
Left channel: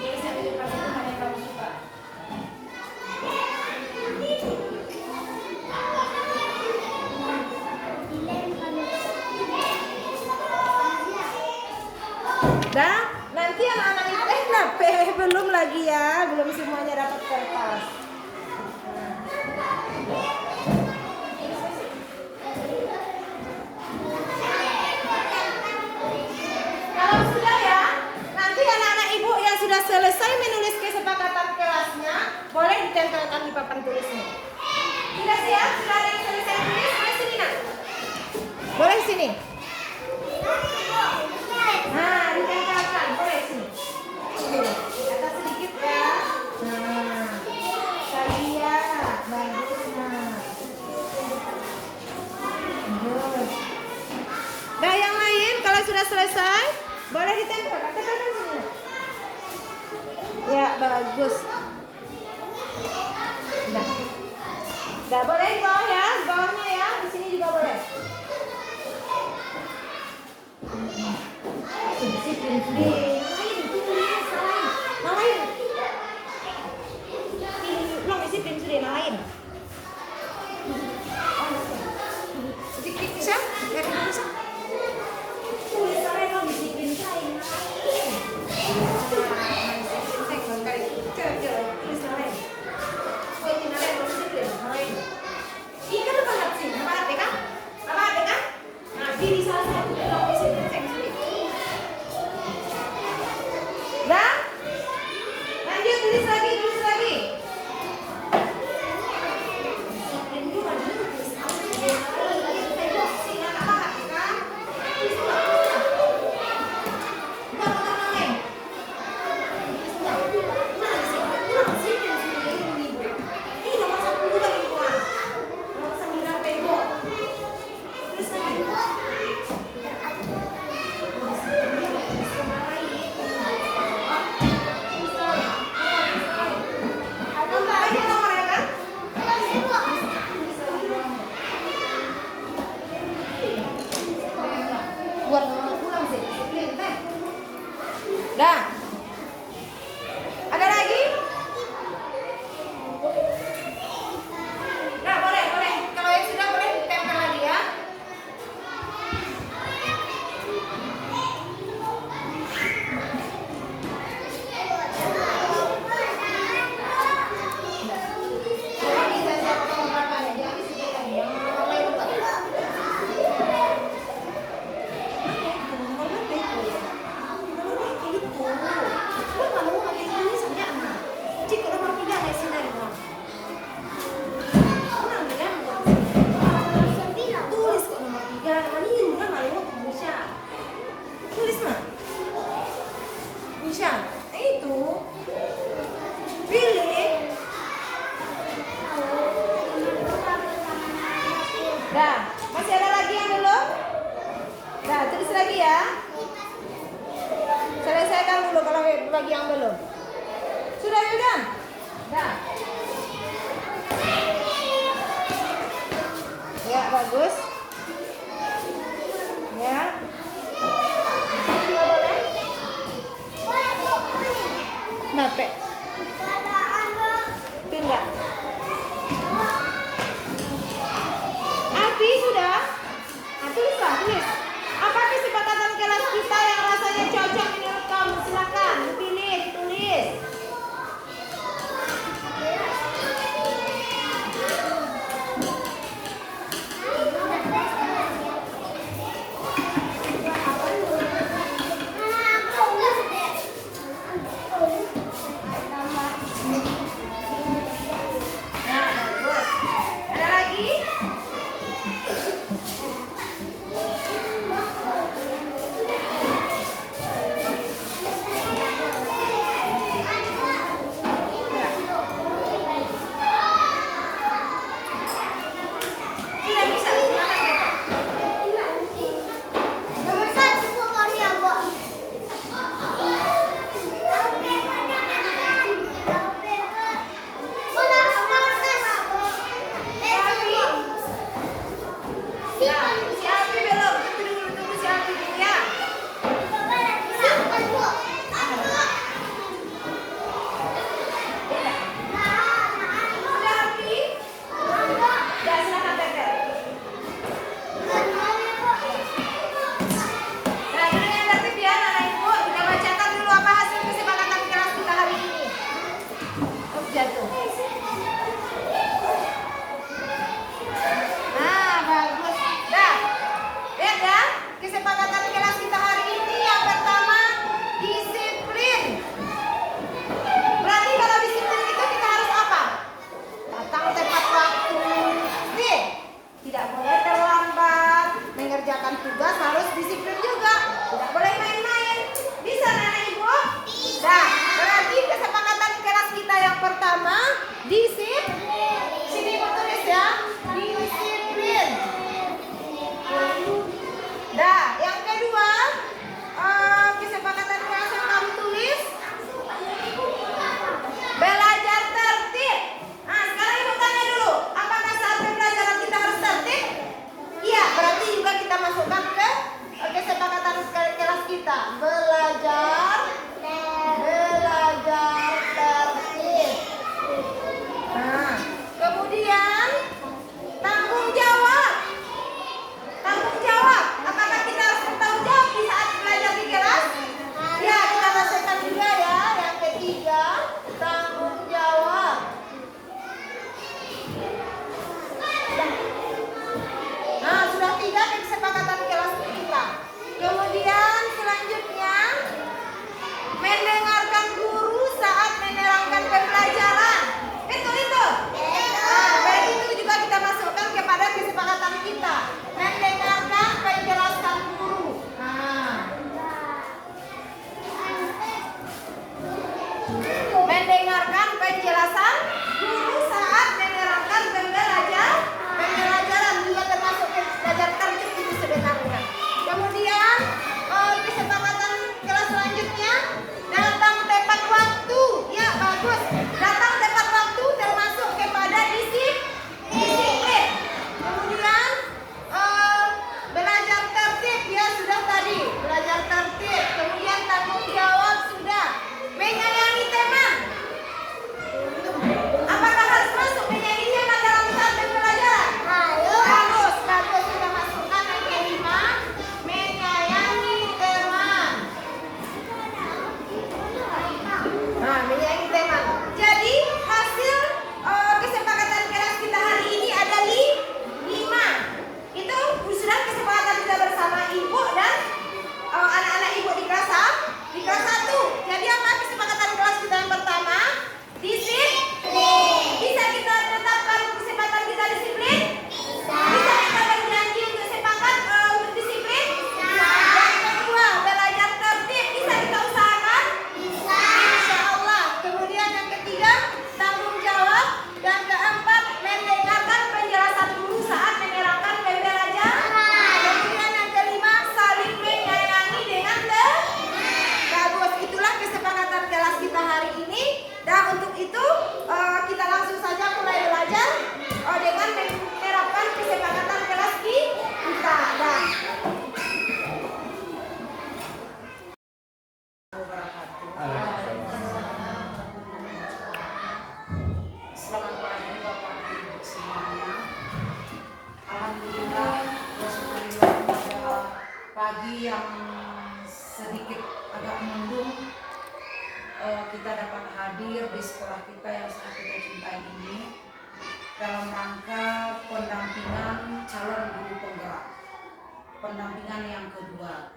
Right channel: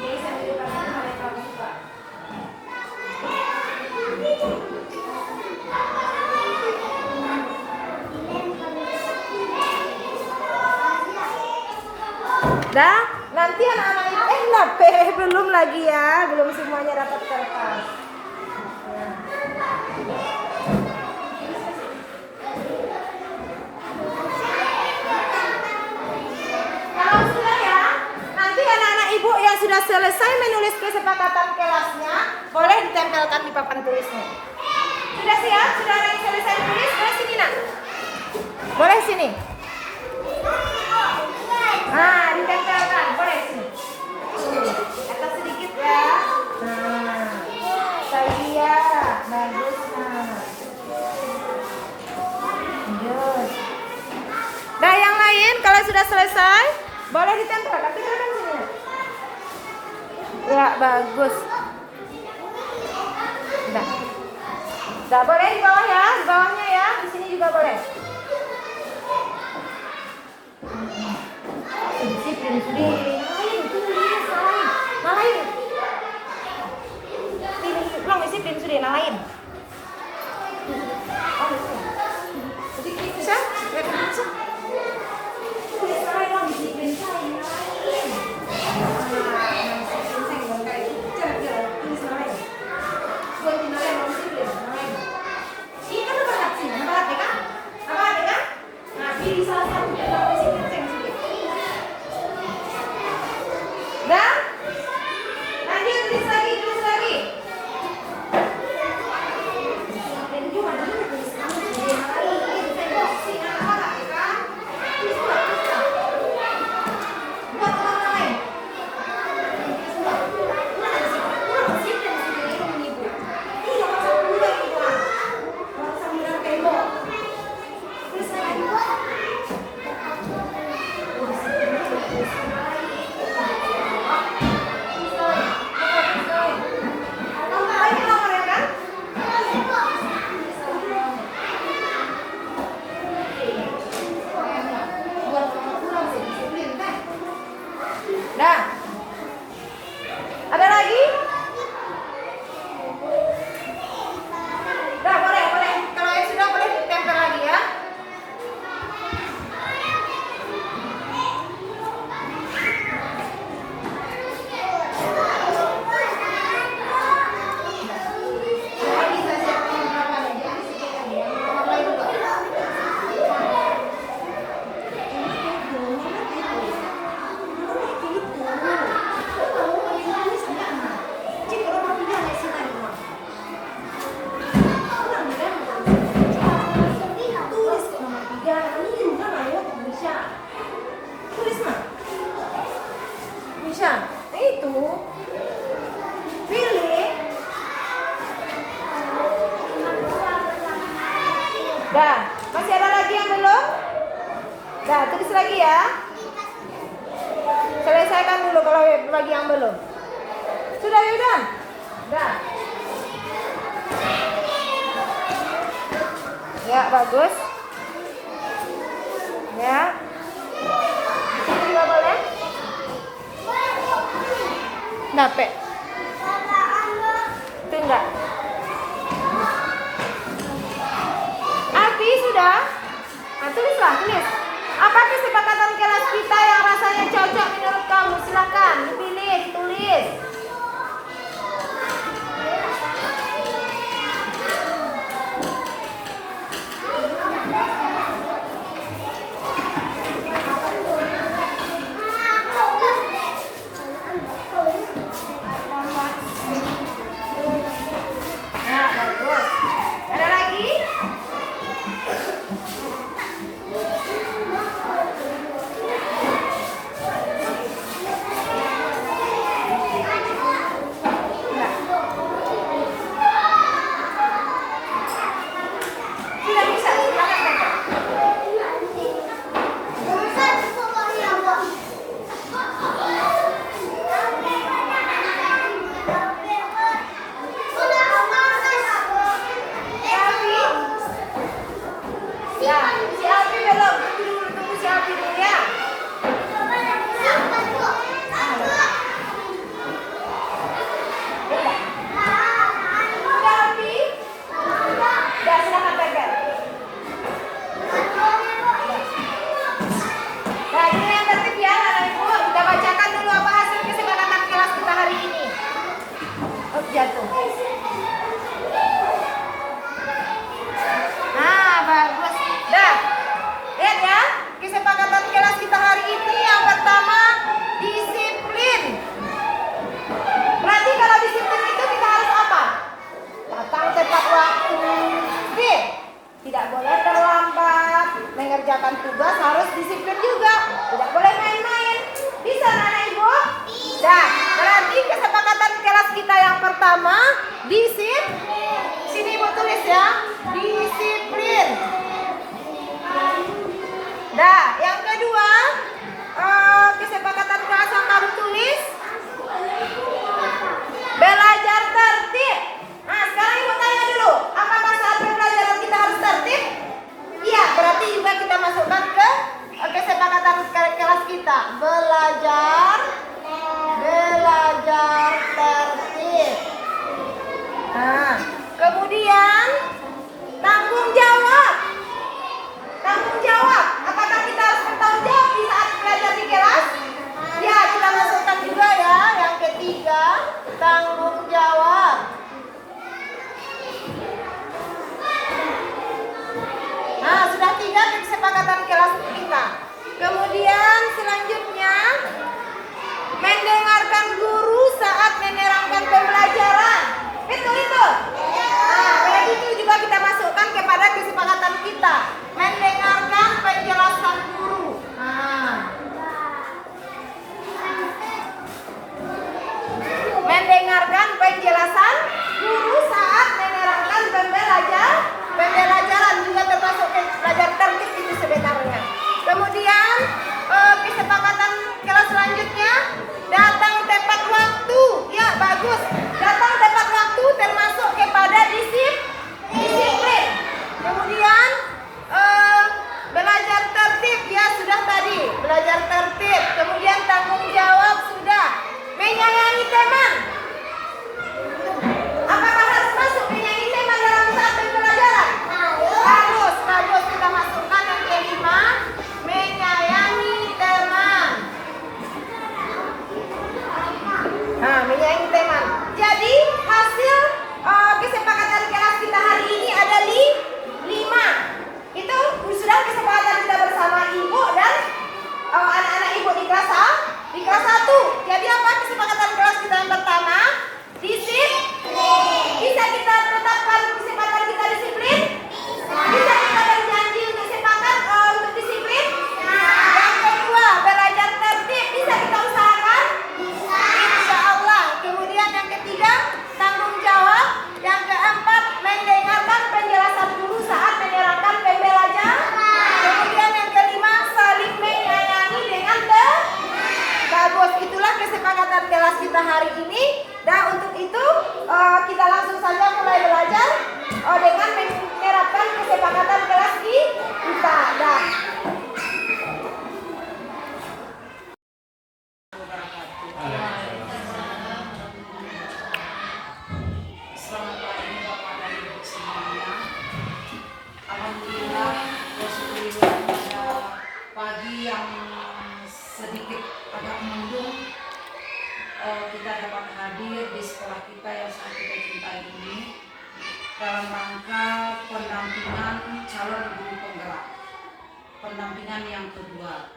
Tulis yang di depan itu mana yang kamu suka. Dah, nanti anak-anak itu belum lagi ya, belum semuanya dapat kertas. Kalau sudah ya, nanti anak-anak Ibu yang sudah selesai menulis kesepakatan kelasnya, boleh ditempelkan di papan tulisnya. Sudah siap? Sudah ada yang selesai tulis? Boleh sini nak? Boleh sini? Nah, ditempelkan. Boleh sini. Atas sedikit ya. Nah, Sadia, bagus nah. Lanjut. Nah, yang lain kalau sudah selesai, boleh ditempelkan. Tempelkan sini. Ya, bagus. Nah. Nah, boleh di bawah ya, di bawahnya ya, di sini juga boleh. Disiplin sendiri. Lain, tulis lain. Lain. Ini belum disiplin sendiri, lain. Oh, sedikit bisa? Ya, bisa. Tulis lain dong, disiplin lain. Nah, pilih salah satu. Dah, masih ada lagi yang belum? Dah, tulis lagi ya. Selesaikan dulu kalau bagi yang belum. Sudah, Yudan? Dah. Ya, bagus. Ya. Ini juga boleh? Nape? Itu enggak? Abi sudah? Nah, tulislah, tulis. Apa kesepakatan kelas kita yang rasanya cocok menurut kamu? Silakan, dipilih, tulis. Ya, bagus. Ada lagi? Enggak. Sudah bisa, silakan baca. Ya, si Abi belum. Tunggu si Abi dulu ya. Udah. Udah Abi? Udah, silakan pegang. Nah, dulu yang tertib ya, anak ibu. Kita bacakan dulu apa hasil kesepakatan kelas kita hari ini. Oh, jatuh. Nah, bagus. Dah. Lihat ya, kesepakatan kelas kita hari ini yang pertama, disiplin. Berarti kalau disiplin itu kita harus apa? Datang tepat waktu. Tidak boleh terlambat. Mengerjakan tugas harus disiplin juga. Tidak boleh main-main. Bisa anak ibu? Dah. Berarti kesepakatan kelas kita yang pertama, disiplin. Sini ibu tulis ya, disiplin. Dah, yang kedua, kesepakatan kelas yang kamu tulis, belajar tertib. Nah, sekarang ibu tanya dulu, apakah saat pembelajaran kita harus tertib? Iya, berarti juga kita masukkan ke kesepakatan kelas kita, belajar tertib. Nah, kemudian tanggung jawab. Tanggung jawab. Apakah kita harus bertanggung jawab di saat belajar di kelas? Ya, kita masukkan juga ya. Yang ketiga, tanggung jawab. Nah, sudah 3 kesepakatan kelas kita. Kemudian selanjutnya, mendengarkan guru saat menerangkan pembelajaran. Itu. Nah, berarti itu juga kita masukkan kepada kesepakatan kita. Mendengarkan penjelasan guru. Nah. Mendengarkan penjelasan guru saat menerangkan pembelajaran juga termasuk belajar tertib itu sebenarnya. Kemudian kesepakatan kelas selanjutnya, datang tepat waktu. Ya, bagus. Datang tepat waktu termasuk kepada disiplin. Kemudian belajar tertib ya, sudah tadi belajar tertib. Kemudian tanggung jawab sudah. Menyayangi teman. Apakah harus masuk menyayangi teman dalam saat pembelajaran? Bagus, kita masukkan yang kelima, menyayangi teman. Nah, menyayangi teman. Jadi hasil kesepakatan kelas kita hari ini ada 5. Itu sudah kesepakatan kita bersama ibu dan anak-anak ibu di kelas 1. Jadi apa kesepakatan kelas kita yang pertama? Alhamdulillah, bersyukurillah pada pagi yang sedikit agak mendung, kita dapat hadir di sekolah kita yang sangat kita cintai ini dalam rangka pendampingan calon guru penggerak, pendampingan yang kedua.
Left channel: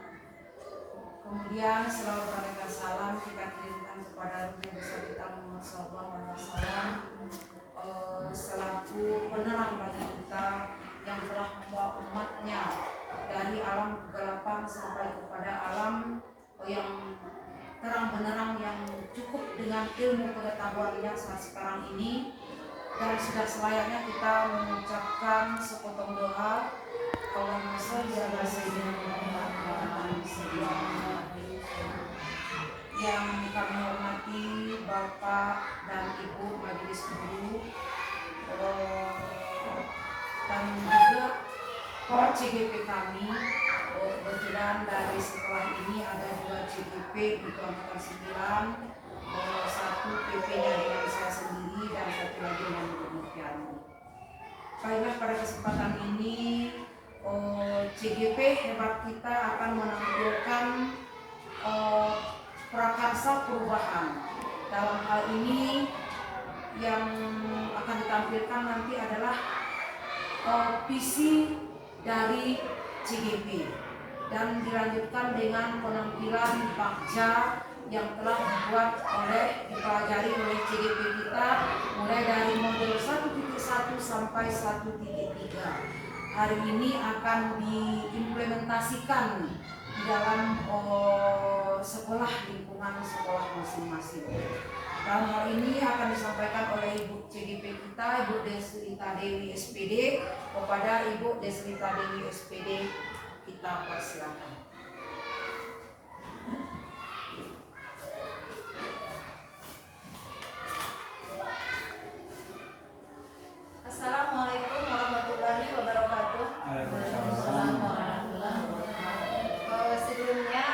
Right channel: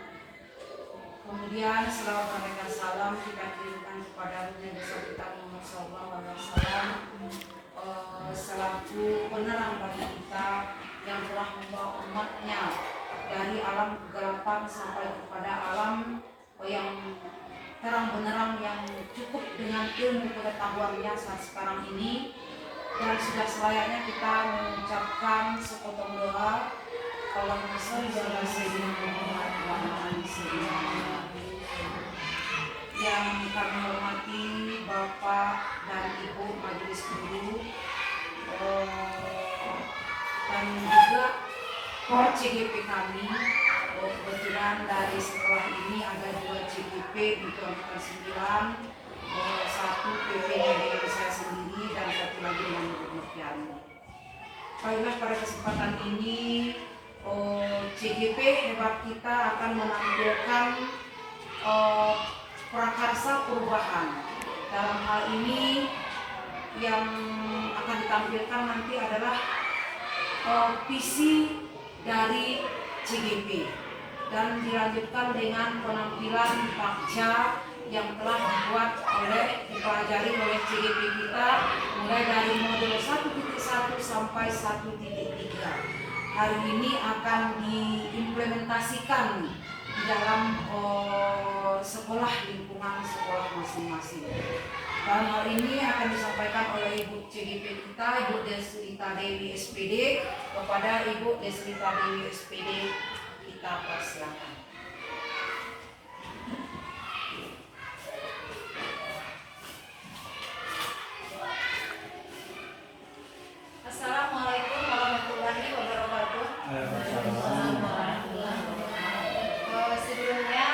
Kemudian selama memberikan salam kita kirimkan kepada Nabi besar kita Muhammad SAW selaku penerang bagi kita yang telah membawa umatnya dari alam kegelapan sampai kepada alam yang terang benerang yang cukup dengan ilmu pengetahuannya saat sekarang ini. Dan sudah selayaknya kita mengucapkan sepotong doa. Allahumma sholli ala sayyidina Muhammad wa ala ali sayyidina Muhammad. Yang kami hormati Bapak dan Ibu Majelis Guru dan juga CGP kami. Kebetulan dari sekolah ini ada 2 CGP untuk angkatan 9, 1 PP-nya dengan saya sendiri dan 1 lagi dengan Ibu Murtiani. Baiklah, pada kesempatan ini CGP hebat kita akan menampilkan prakarsa perubahan. Dalam hal ini yang akan ditampilkan nanti adalah visi dari CGP dan dilanjutkan dengan penampilan bakja yang telah dipelajari oleh CGP kita mulai dari modul 1.1 sampai 1.3. Hari ini akan diimplementasikan di dalam sekolah, lingkungan sekolah masing-masing. Dan hal ini akan disampaikan oleh Ibu CGP kita, Ibu Deslita Dewi SPD, kepada Ibu Deslita Dewi SPD. Kita persilakan. Assalamualaikum warahmatullahi wabarakatuh. Sebelumnya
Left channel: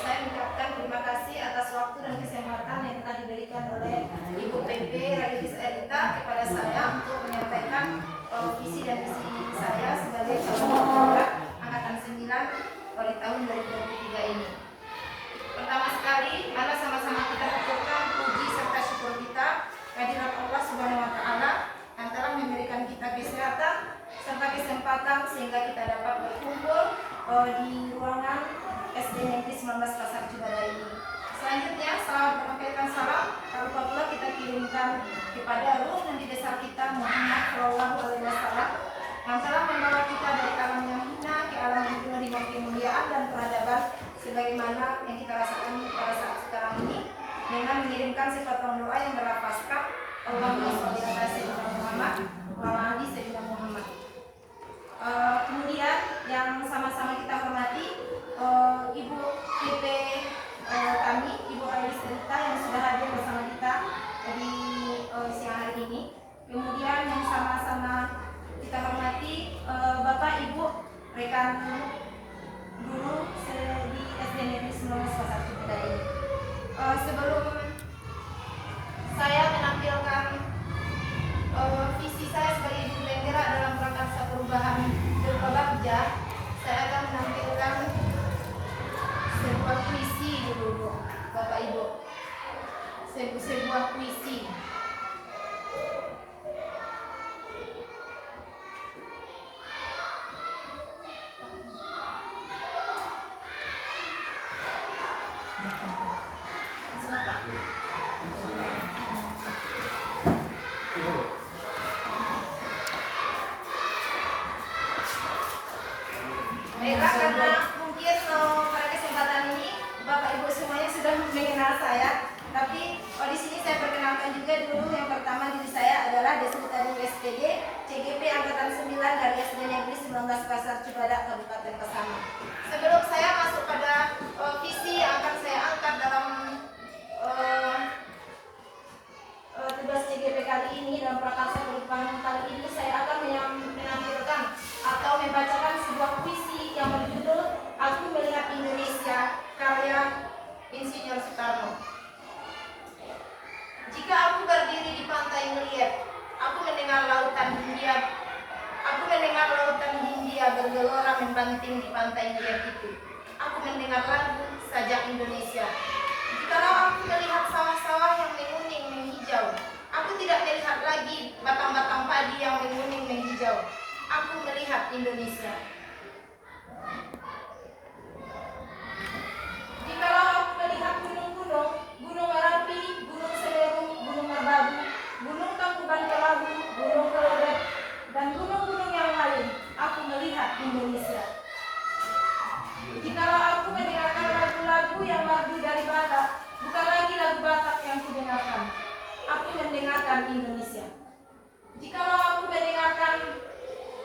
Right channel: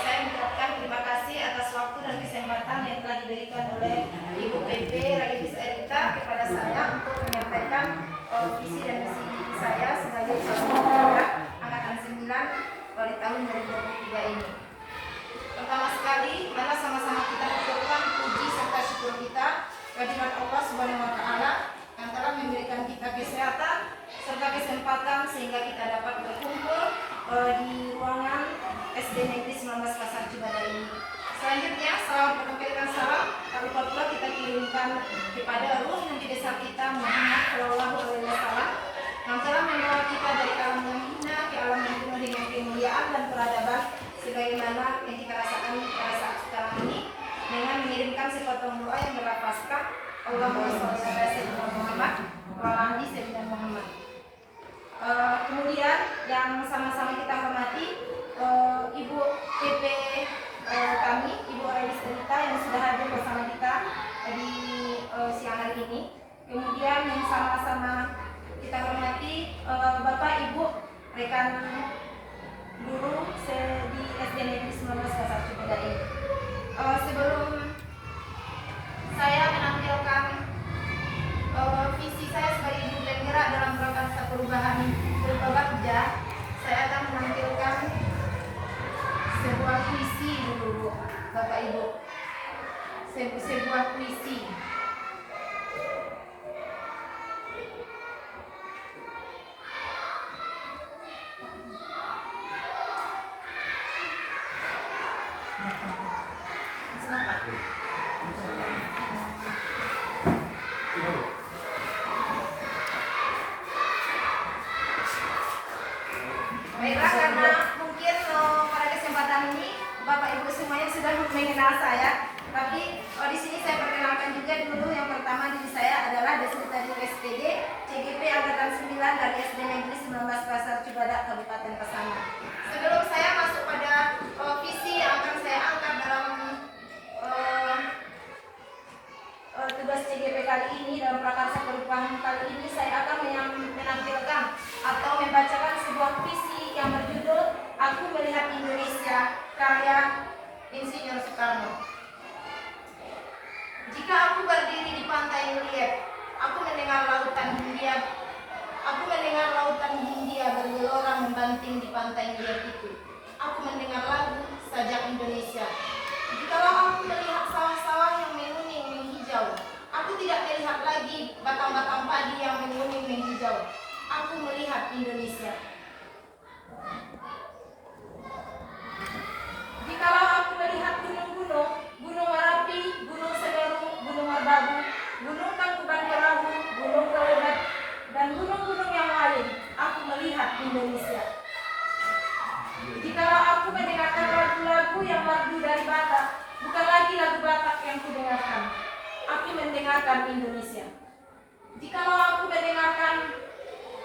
saya mengucapkan terima kasih atas waktu dan kesempatan yang telah diberikan oleh Ibu PP Railis Erita kepada saya untuk menyampaikan visi dan misi saya sebagai calon penggerak angkatan 9 pada tahun 2023 ini. Pertama sekali, mari sama-sama kita ucapkan puji serta syukur kita kehadirat Allah Subhanahu wa taala yang telah memberikan kita kesehatan serta kesempatan sehingga kita dapat berkumpul di ruangan SD Negeri 19 Pasar Cibada ini. Selanjutnya, selamat menampilkan salam tak lupa pula kita kirimkan kepada ruh Nabi besar kita Muhammad Shallallahu Alaihi Wasallam yang telah membawa kita dari alam yang hina ke alam yang penuh dengan kemuliaan dan peradaban sebagaimana yang kita rasakan pada saat sekarang ini dengan mengirimkan sepotong doa yang berlafazkan Allahumma sholli ala sayyidina Muhammad wa ala ali sayyidina Muhammad. Kemudian yang sama-sama kita hormati Ibu PP kami, Ibu Railis Erita yang sudah hadir bersama kita di siang hari ini. Kemudian yang sama-sama kita hormati Bapak Ibu rekan guru di SD Negeri 19 Pasar Cibada ini. Sebelum saya menampilkan visi saya sebagai ibu penggerak dalam prakarsa perubahan berupa bakja, saya akan menampilkan sebuah puisi dulu, Bapak Ibu. Sebuah puisi. Baiklah, karena mungkin pada kesempatan ini Bapak Ibu semuanya sudah mengenal saya, tapi di sini saya perkenalkan juga dulu. Yang pertama diri saya adalah Deslita Dewi SPD, CGP angkatan 9 dari SD Negeri 19 Pasar Cibada, Kabupaten Pasaman. Sebelum saya masuk pada visi yang akan saya angkat dalam tugas CGP kali ini, dalam prakarsa perubahan kali ini, saya akan menampilkan atau membacakan sebuah puisi yang berjudul Aku Melihat Indonesia, karya Insinyur Soekarno. Jika aku berdiri di pantai melihat, aku mendengar lautan Hindia sedang membanting di pantai ngeliat itu. Aku mendengar lagu Sajak Indonesia. Jikalau aku melihat sawah-sawah yang menguning menghijau, aku tidak melihat lagi batang-batang padi yang menguning menghijau. Aku melihat Indonesia. Jikalau aku melihat gunung-gunung, Gunung Merapi, Gunung Semeru, Gunung Merbabu, Gunung Tangkuban Perahu, Gunung Kelebet, dan gunung-gunung yang lain, aku melihat Indonesia. Jikalau aku mendengarkan lagu-lagu yang merdu dari Batak, bukan lagi lagu Batak yang kudengarkan, aku mendengarkan Indonesia. Jikalau aku mendengarkan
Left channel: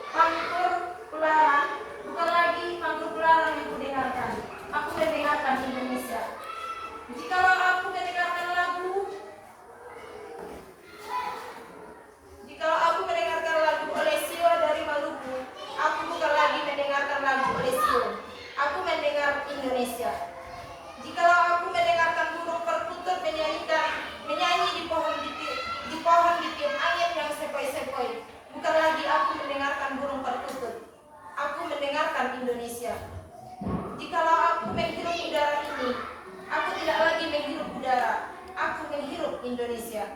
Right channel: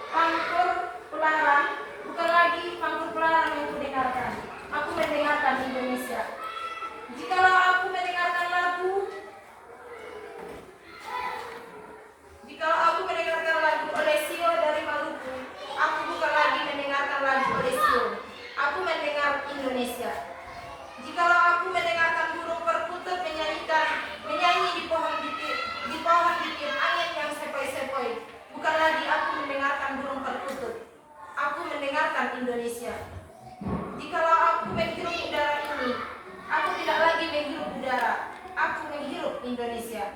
pangkur pelaran, bukan lagi pangkur pelaran yang kudengarkan, aku mendengarkan Indonesia. Jikalau aku mendengarkan lagu Olesio dari Maluku, aku bukan lagi mendengarkan lagu Olesio, aku mendengar Indonesia. Jikalau aku mendengarkan burung perkutut menyanyi di pohon di tiup angin yang sepoi-sepoi, bukan lagi aku mendengarkan burung perkutut, aku mendengarkan Indonesia. Jikalau aku menghirup udara ini, aku tidak lagi menghirup udara, aku menghirup Indonesia.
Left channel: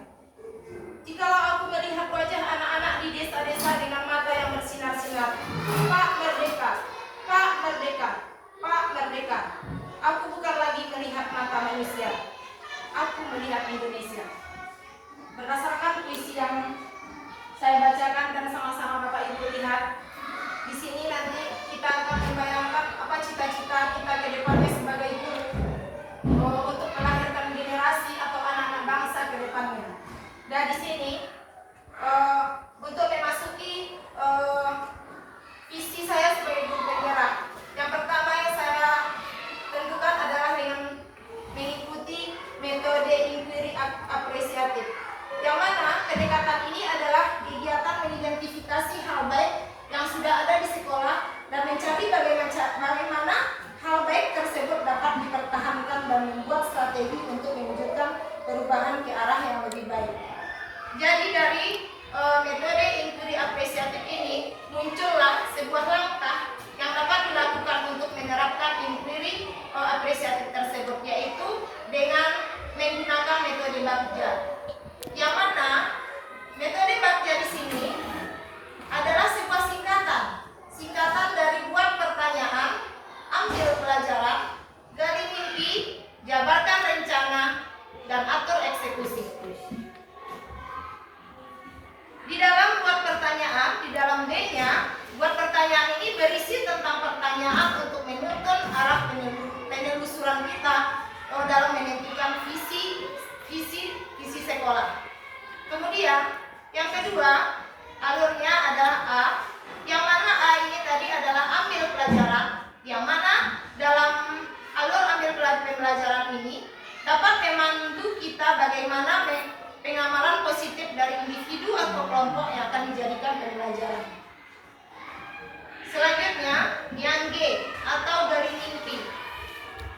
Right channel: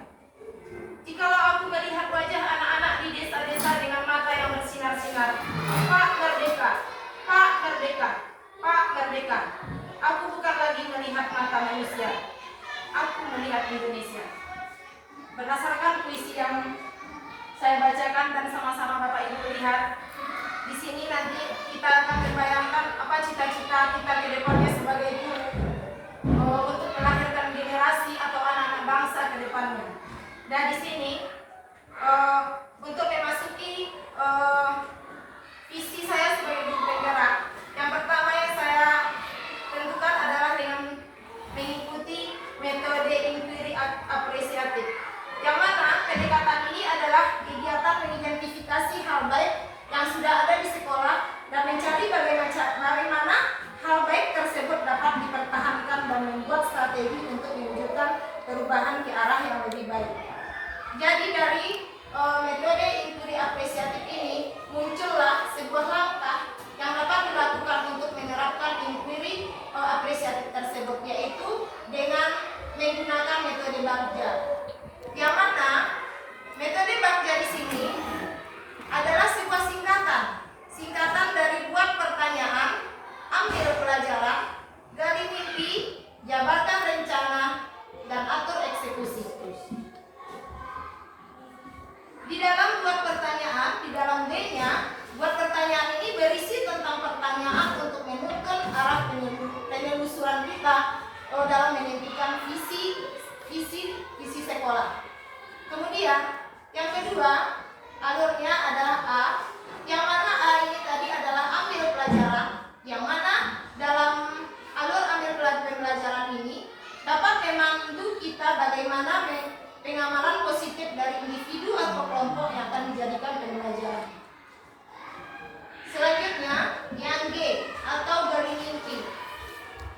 Jikalau aku melihat wajah anak-anak di desa-desa dengan mata yang bersinar-sinar, Pak Merdeka, Pak Merdeka, Pak Merdeka, aku bukan lagi melihat mata manusia, aku melihat Indonesia. Berdasarkan puisi yang saya bacakan dan sama-sama Bapak Ibu lihat, di sini nanti kita akan membayangkan apa cita-cita kita ke depannya sebagai guru untuk melahirkan generasi atau anak-anak bangsa ke depannya. Dan di sini untuk memasuki visi saya sebagai guru penggerak, yang pertama yang saya tentukan adalah dengan mengikuti metode inquiry apresiatif, yang mana pendekatan ini adalah kegiatan mengidentifikasi hal baik yang sudah ada di sekolah dan mencari bagaimana hal baik tersebut dapat dipertahankan dan membuat strategi untuk mewujudkan perubahan ke arah yang lebih baik. Jadi dari metode inquiry apresiatif ini muncullah sebuah langkah yang dapat dilakukan untuk menerapkan inquiry apresiatif tersebut, yaitu dengan menggunakan metode Bagja. Yang mana metode Bagja di sini adalah sebuah singkatan dari buat pertanyaan, ambil pelajaran, gali mimpi, jabarkan rencana, dan atur eksekusi. Di dalam buat pertanyaan, di dalam B-nya, buat pertanyaan ini berisi tentang pertanyaan untuk menuntun arah penelusuran kita dalam menentukan visi sekolah. Kemudian yang kedua, alurnya adalah A, yang mana A ini tadi adalah ambil pelajaran, yang mana dalam alur ambil pelajaran ini dapat memandu kita bagaimana pengamalan positif dari individu atau kelompok yang akan dijadikan pembelajaran. Selanjutnya, yang G atau gali mimpi.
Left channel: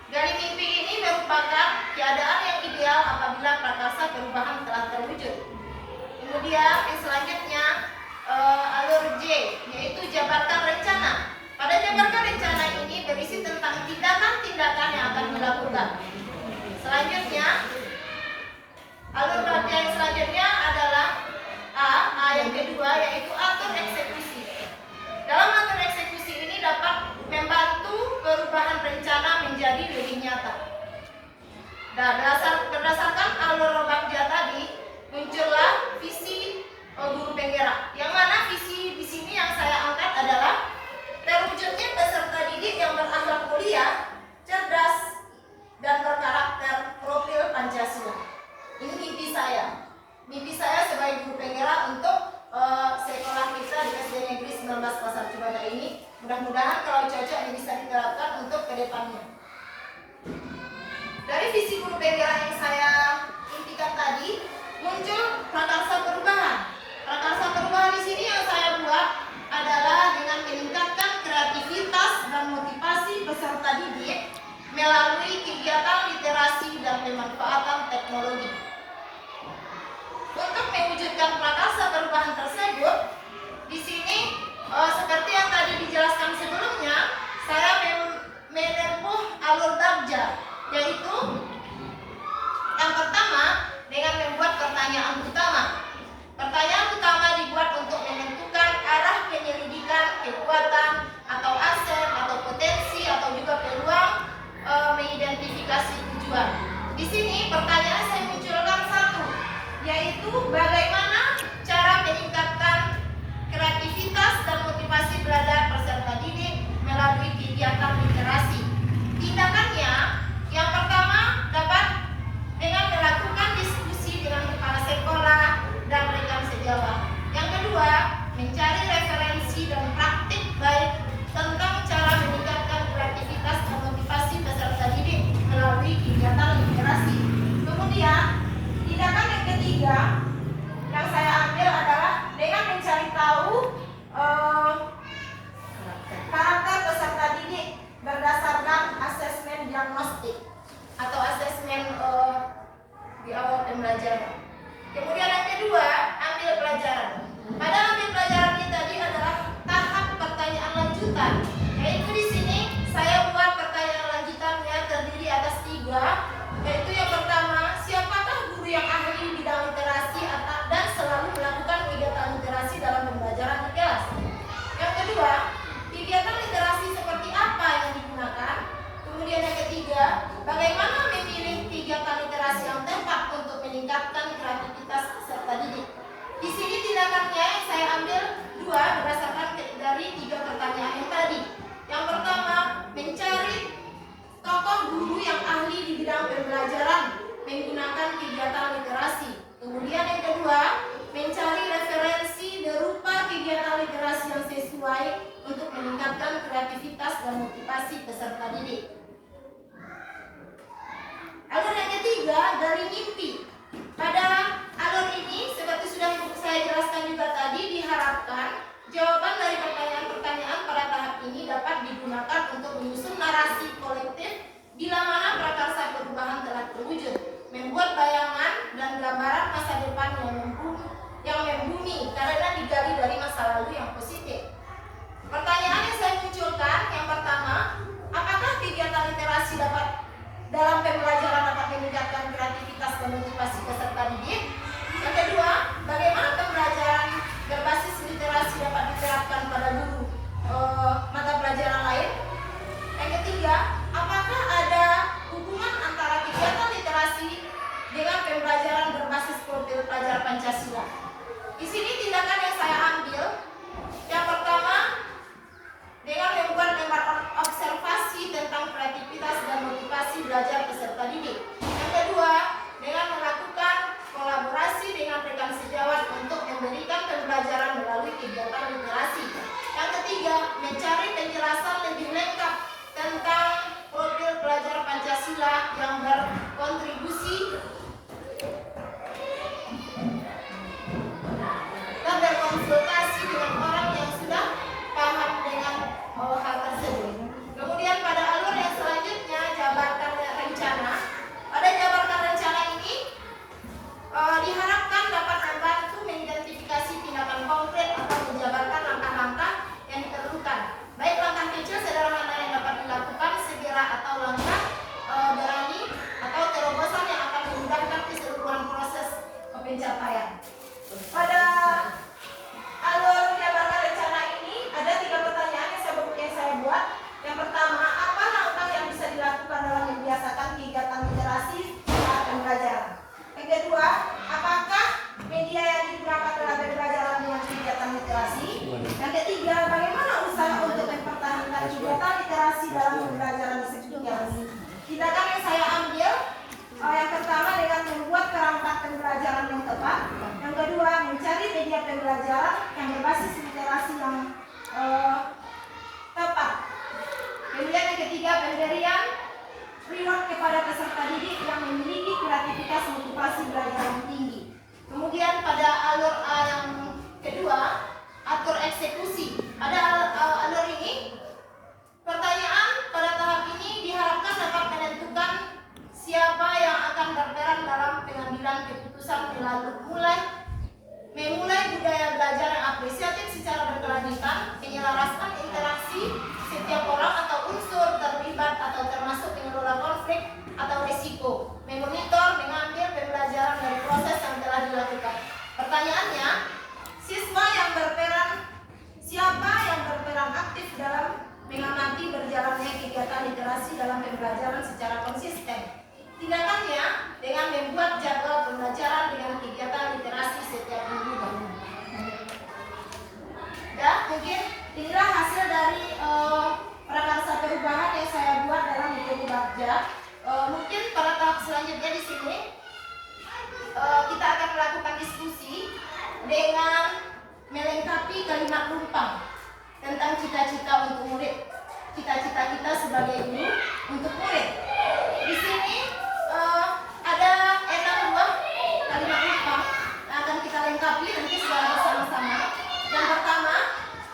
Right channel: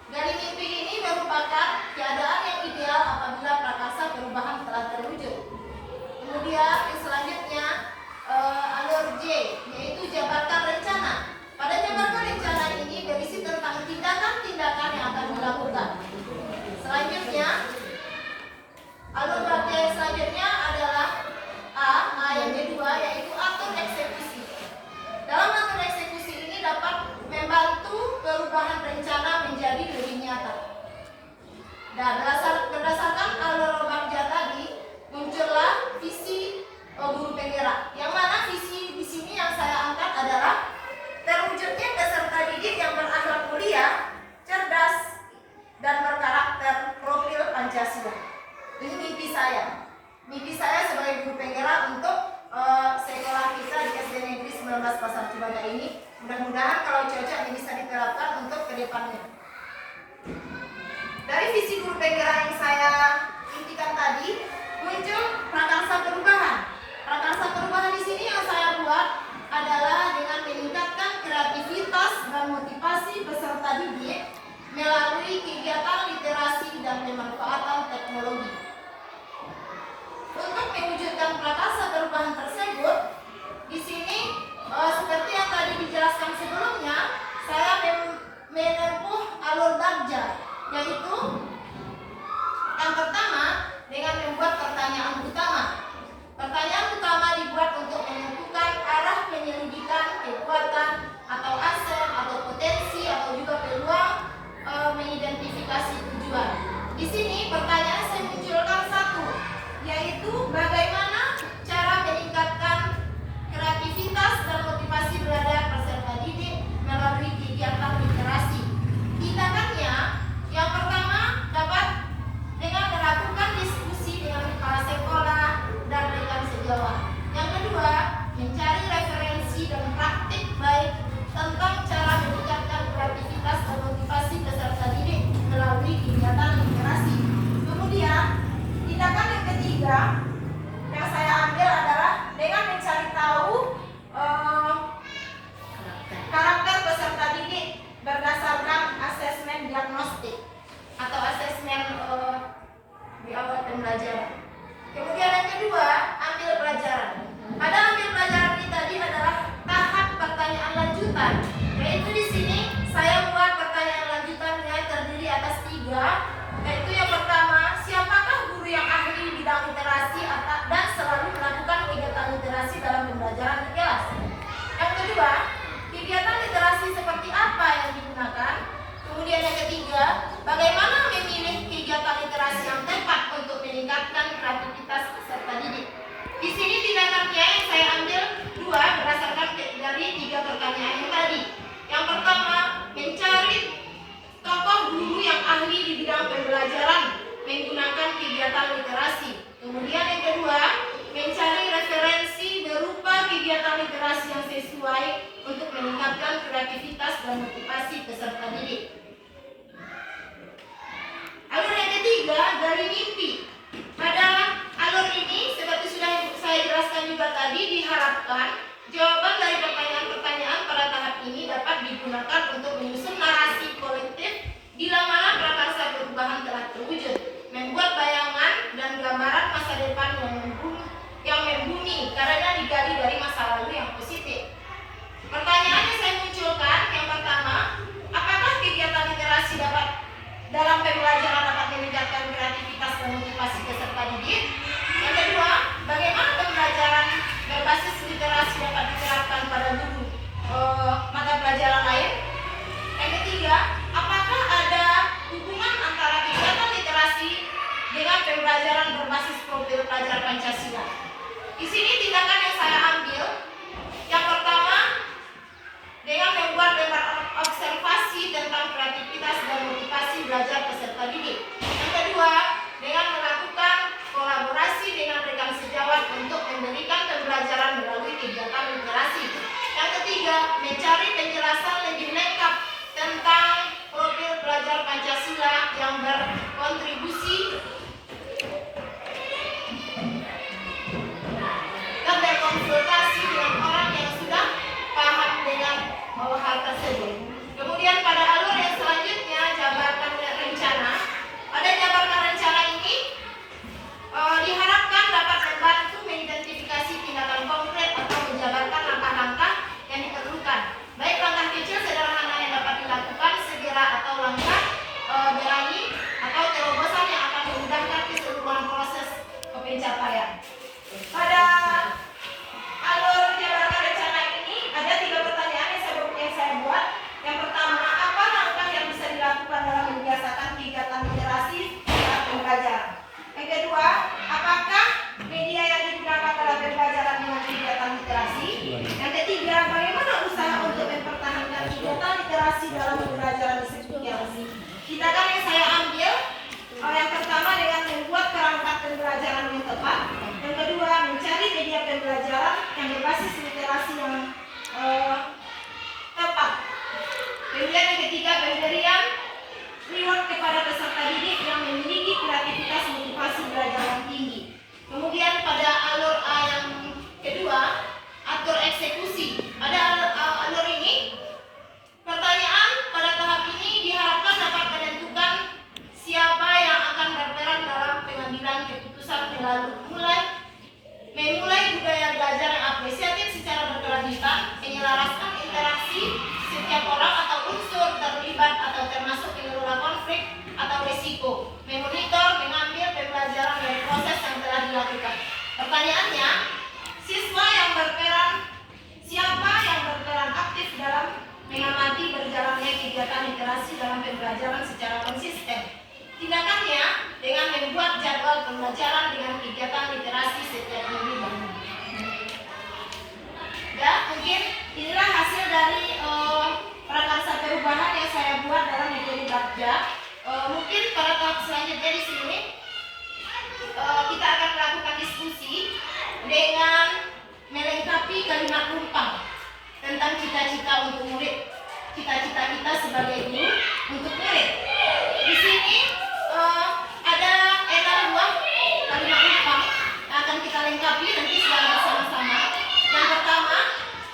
Gali mimpi ini merupakan keadaan yang ideal apabila prakarsa perubahan telah terwujud. Kemudian yang selanjutnya alur J, yaitu jabarkan rencana. Pada jabarkan rencana ini berisi tentang tindakan-tindakan yang akan dilakukan. Selanjutnya, alur Bagja yang selanjutnya adalah A yang kedua, yaitu atur eksekusi. Dalam atur eksekusi ini dapat membantu perubahan rencana menjadi lebih nyata. Dan berdasarkan alur Bagja tadi muncullah visi guru penggerak, yang mana visi di sini yang saya angkat adalah terwujudnya peserta didik yang berakhlak mulia, cerdas, dan berkarakter profil Pancasila. Ini mimpi saya. Mimpi saya sebagai guru penggerak untuk sekolah kita di SD Negeri 19 Pasar Cibada ini. Mudah-mudahan kalau cocok ini bisa diterapkan untuk kedepannya. Dari visi guru penggerak yang saya intikan tadi, muncul prakarsa perubahan. Prakarsa perubahan di sini yang saya buat adalah dengan meningkatkan kreativitas dan motivasi peserta didik melalui kegiatan literasi dan pemanfaatan teknologi. Untuk mewujudkan prakarsa perubahan tersebut, di sini seperti yang tadi dijelaskan sebelumnya, juga, yaitu yang pertama, siapakah guru yang ahli bidang literasi dan selalu melakukan kegiatan literasi dalam pembelajaran di kelas. Yang kedua, kegiatan literasi seperti apa yang digunakan. Kemudian yang ketiga, bagaimana memilih kegiatan literasi yang tepat untuk meningkatkan kreativitas peserta didik. Di sini tindakannya yang saya ambil dua berdasarkan dari 3 pertanyaan yang tadi. Yang pertama, mencari tokoh guru yang ahli di bidang pembelajaran menggunakan kegiatan literasi. Kemudian yang kedua, mencari referensi berupa kegiatan literasi yang sesuai untuk meningkatkan kreativitas dan motivasi peserta didik. Alur yang ketiga, dari mimpi. Pada alur ini, seperti sudah saya jelaskan juga tadi, diharapkan jawaban dari pertanyaan-pertanyaan pada tahap ini dapat digunakan untuk menyusun narasi kolektif bila mana prakarsa perubahan telah terwujud, membuat bayangan dan gambaran masa depan yang membumi karena digali dari masa lalu yang positif. Pertanyaan yang saya munculkan, yang pertama, apakah kegiatan literasi dalam pembelajaran dapat meningkatkan kreativitas dan motivasi peserta didik? Yang kedua, bagaimana pembelajaran berbasis literasi dapat diterapkan pada guru mata pelajaran lain? Yang ketiga, apakah ada hubungan antara kegiatan literasi dengan pembelajaran berbasis profil pelajar Pancasila? Di sini tindakan yang saya ambil, yang pertama, dengan membuat observasi tentang kreativitas dan motivasi belajar peserta didik. Yang kedua, dengan melakukan kolaborasi dengan rekan sejawat untuk memberikan pembelajaran melalui kegiatan literasi. Yang ketiga, mencari penjelasan lebih lengkap tentang profil pelajar Pancasila yang berkontribusi dan berkonsultasi dengan orang yang sudah paham dengan hal tersebut. Kemudian pada alur yang selanjutnya, jabarkan rencana. Pada jabarkan rencana ini diharapkan dapat membantu mengidentifikasi tindakan konkret atau menjabarkan langkah-langkah yang diperlukan, baik langkah kecil sederhana yang dapat dilakukan segera atau langkah berani atau terobosan yang akan memudahkan keseluruhan proses pencapaian. Pada alur jabarkan rencana ini ada 3 pertanyaan yang saya buat. Yang pertama, apa langkah yang bisa dilakukan dalam membiasakan kegiatan literasi saat pembelajaran? Yang kedua, apakah media yang digunakan dalam pembelajaran dengan kegiatan literasi? Yang ketiga, bagaimana usaha untuk mempertahankan kegiatan literasi dalam pembelajaran disebut yang ini? Tindakan yang saya ambil, yang pertama dengan membuat perangkat pembelajaran yang tepat. Yang kedua, mencari media pembelajaran yang berbasis literasi yang tepat. Kemudian yang ketiga, pemberian reward kepada peserta didik yang memiliki kreativitas motivasi belajar yang tinggi. Kemudian pada alur A yang kedua, atur eksekusi. Pada alur ini, pertanyaan pada tahap ini diharapkan dapat menentukan siapa yang akan berperan dalam pengambilan keputusan memulai budaya belajar yang apresiatif secara berkelanjutan, menyelaraskan interaksi setiap orang atau unsur terlibat atau termasuk mengelola konflik atau risiko, memonitor, mengambil pembelajaran dari proses yang telah dilakukan. Pertanyaannya, siapa yang berperan aktif dalam mengamati berjalannya kegiatan literasi dalam pembelajaran secara konsisten? Tindakannya dengan membuat jadwal pembelajaran dengan kegiatan literasi setiap minggu. Ya, mungkin inilah hasil dari prakarsa perubahan yang saya buat dalam metode Bagja. Mungkin pada tahap selanjutnya di sini kita akan melakukan diskusi dengan melengkapi kalimat lumpang tentang cita-cita untuk murid, cita-cita kita sebagai guru untuk murid. Di sini ada 6 buah kalimat lumpang yang akan kita lengkapi nanti secara bersama-sama. Yang pertama,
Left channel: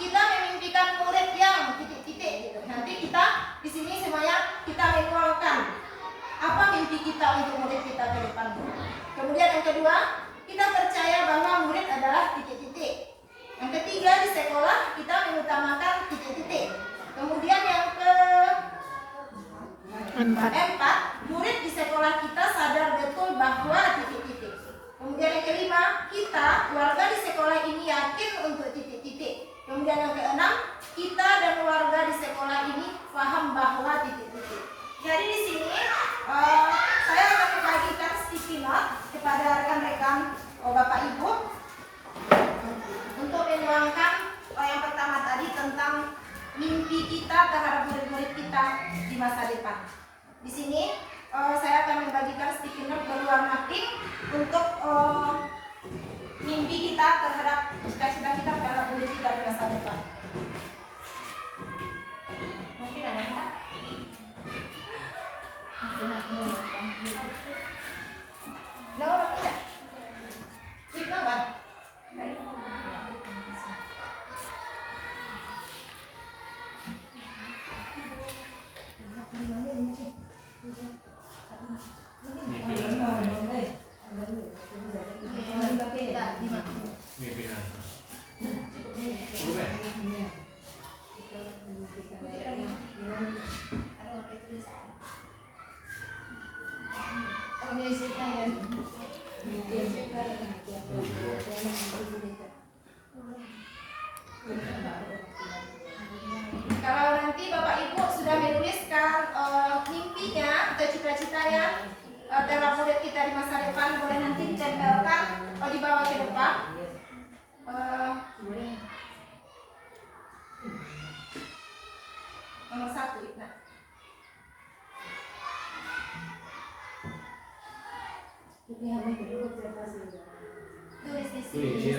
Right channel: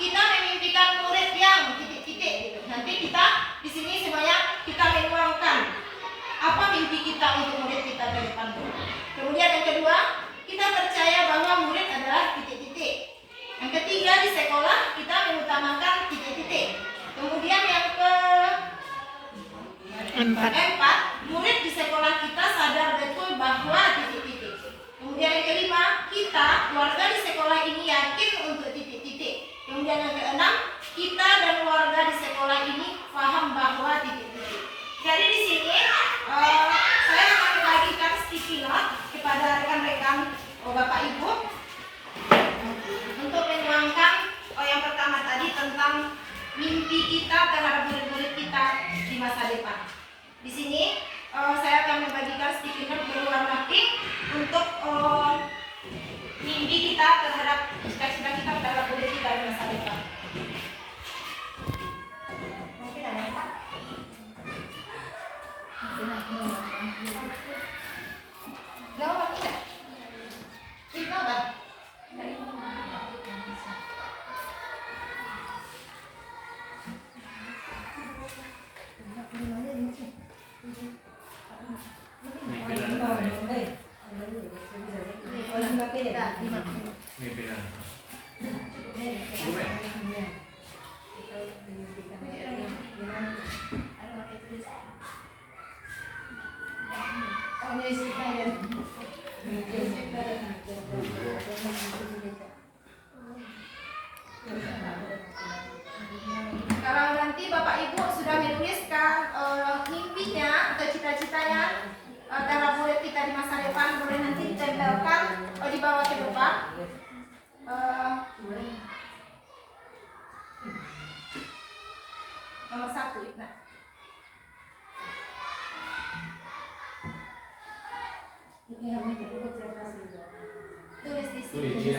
kita memimpikan murid yang titik-titik gitu. Nanti kita di sini semuanya kita menuangkan apa mimpi kita untuk murid kita ke depan. Kemudian yang kedua, kita percaya bahwa murid adalah titik-titik. Yang ketiga, di sekolah kita mengutamakan titik-titik. Kemudian yang keempat, murid di sekolah kita sadar betul bahwa titik-titik. Kemudian yang kelima, kita warga di sekolah ini yakin untuk titik-titik. Kemudian yang keenam, kita dan warga di sekolah ini paham bahwa titik-titik. Jadi di sini saya akan membagikan sticky note kepada rekan-rekan Bapak Ibu untuk menuangkan yang pertama tadi tentang mimpi kita terhadap murid-murid kita di masa depan. Di sini saya akan membagikan sticky note berwarna pink untuk mimpi kita terhadap cita-cita kita terhadap murid kita di masa depan. Mungkin ada yang Pak? Nggak orang tidak? Itu apa? Kalau nanti Bapak Ibu sudah menuliskan mimpinya atau cita-citanya terhadap murid kita di masa depan, boleh nanti ditempelkan dibawa ke depan. Nomor 1, Ibna. Tulis di sini.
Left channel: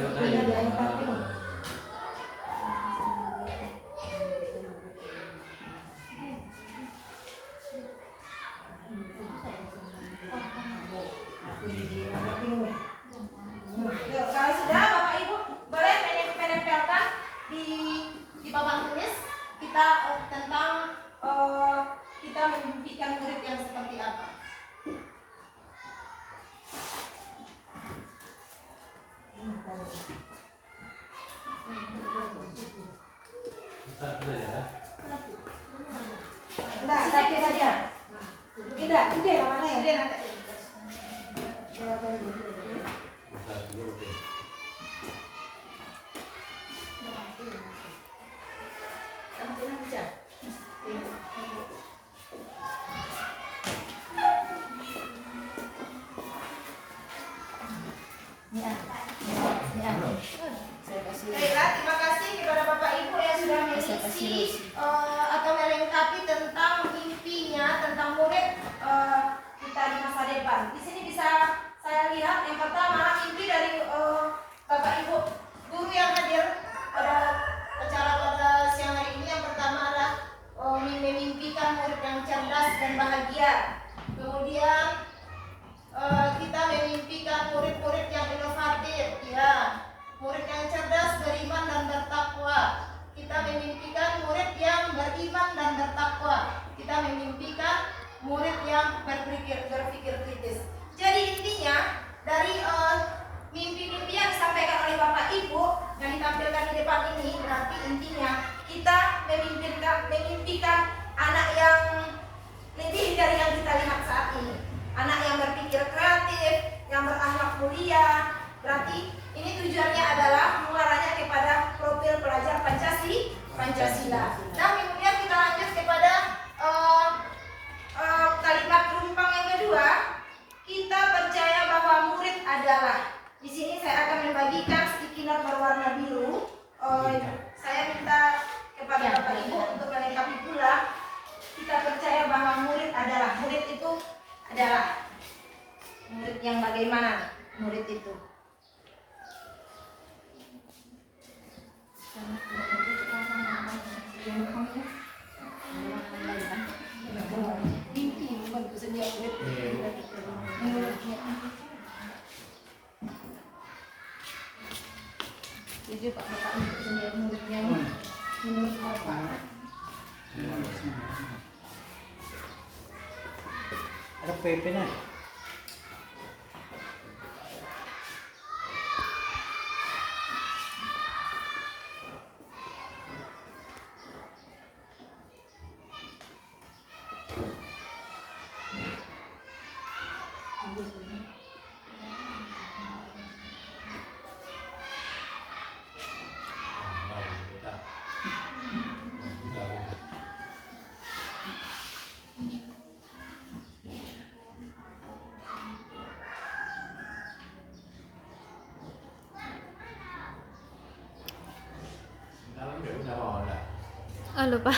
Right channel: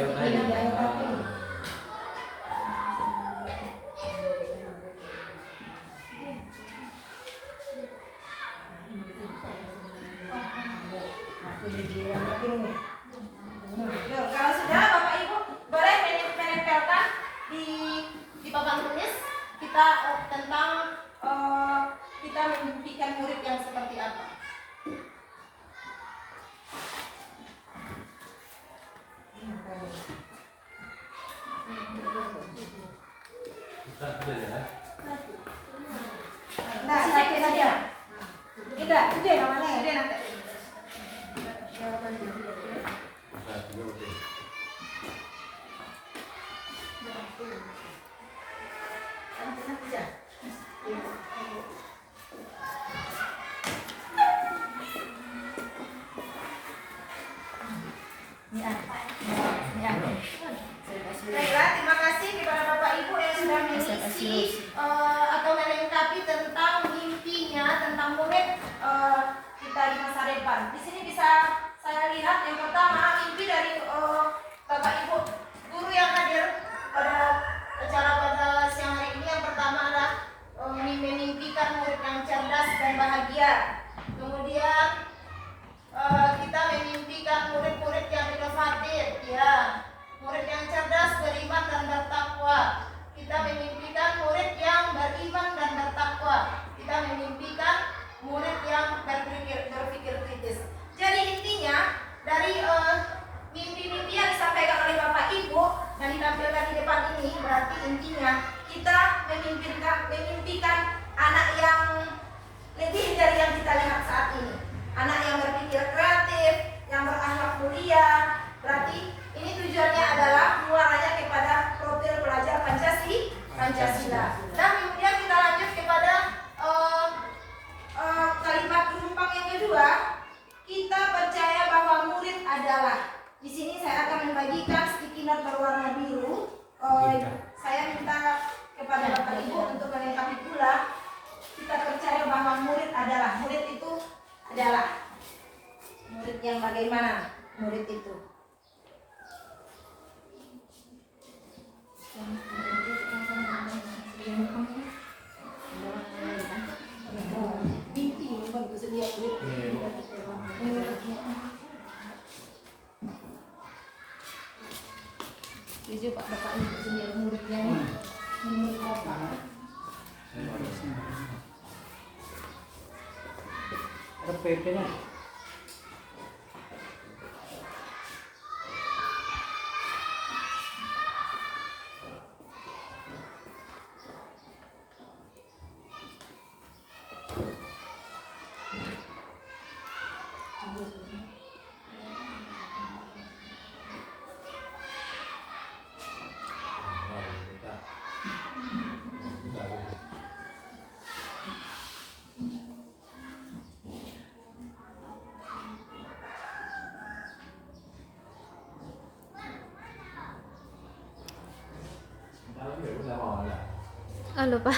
Kalau sudah Bapak Ibu boleh menempelkan di papan tulis kita tentang kita memimpikan murid yang seperti apa. Nah, sakit saja. Tidak, mana ya? Nanti. Baiklah, terima kasih kepada Bapak Ibu yang sudah mengisi atau melengkapi tentang mimpinya, tentang murid kita di masa depan. Di sini bisa saya lihat yang pertama mimpi dari Bapak Ibu guru yang hadir pada acara pada siang hari ini. Yang pertama adalah memimpikan murid yang cerdas dan bahagia. Kemudian kita memimpikan murid-murid yang inovatif, ya. Murid yang cerdas, beriman dan bertakwa. Kita memimpikan murid yang beriman dan bertakwa. Kita memimpikan murid yang berpikir kritis. Jadi intinya dari mimpi-mimpi yang disampaikan oleh Bapak Ibu yang ditampilkan di depan ini, berarti intinya kita memimpikan anak yang lebih dari yang kita lihat saat ini. Anak yang berpikir kreatif, yang berakhlak mulia. Berarti ini tujuannya adalah mengarahnya kepada profil pelajar Pancasila. Nah, kemudian kita lanjut kepada kalimat penumpang yang kedua. Kita percaya bahwa murid adalah. Di sini saya akan membagikan sticky note berwarna biru. Saya minta kepada Bapak Ibu untuk melengkapi pula. Kita percaya bahwa murid adalah. Murid itu adalah. Murid yang bagaimana? Murid itu. Mimpi membantu sedia murid. Jadi Pak Bapak sedia muridnya menurut Bapak. Ada PP-nya. Oh, lupa.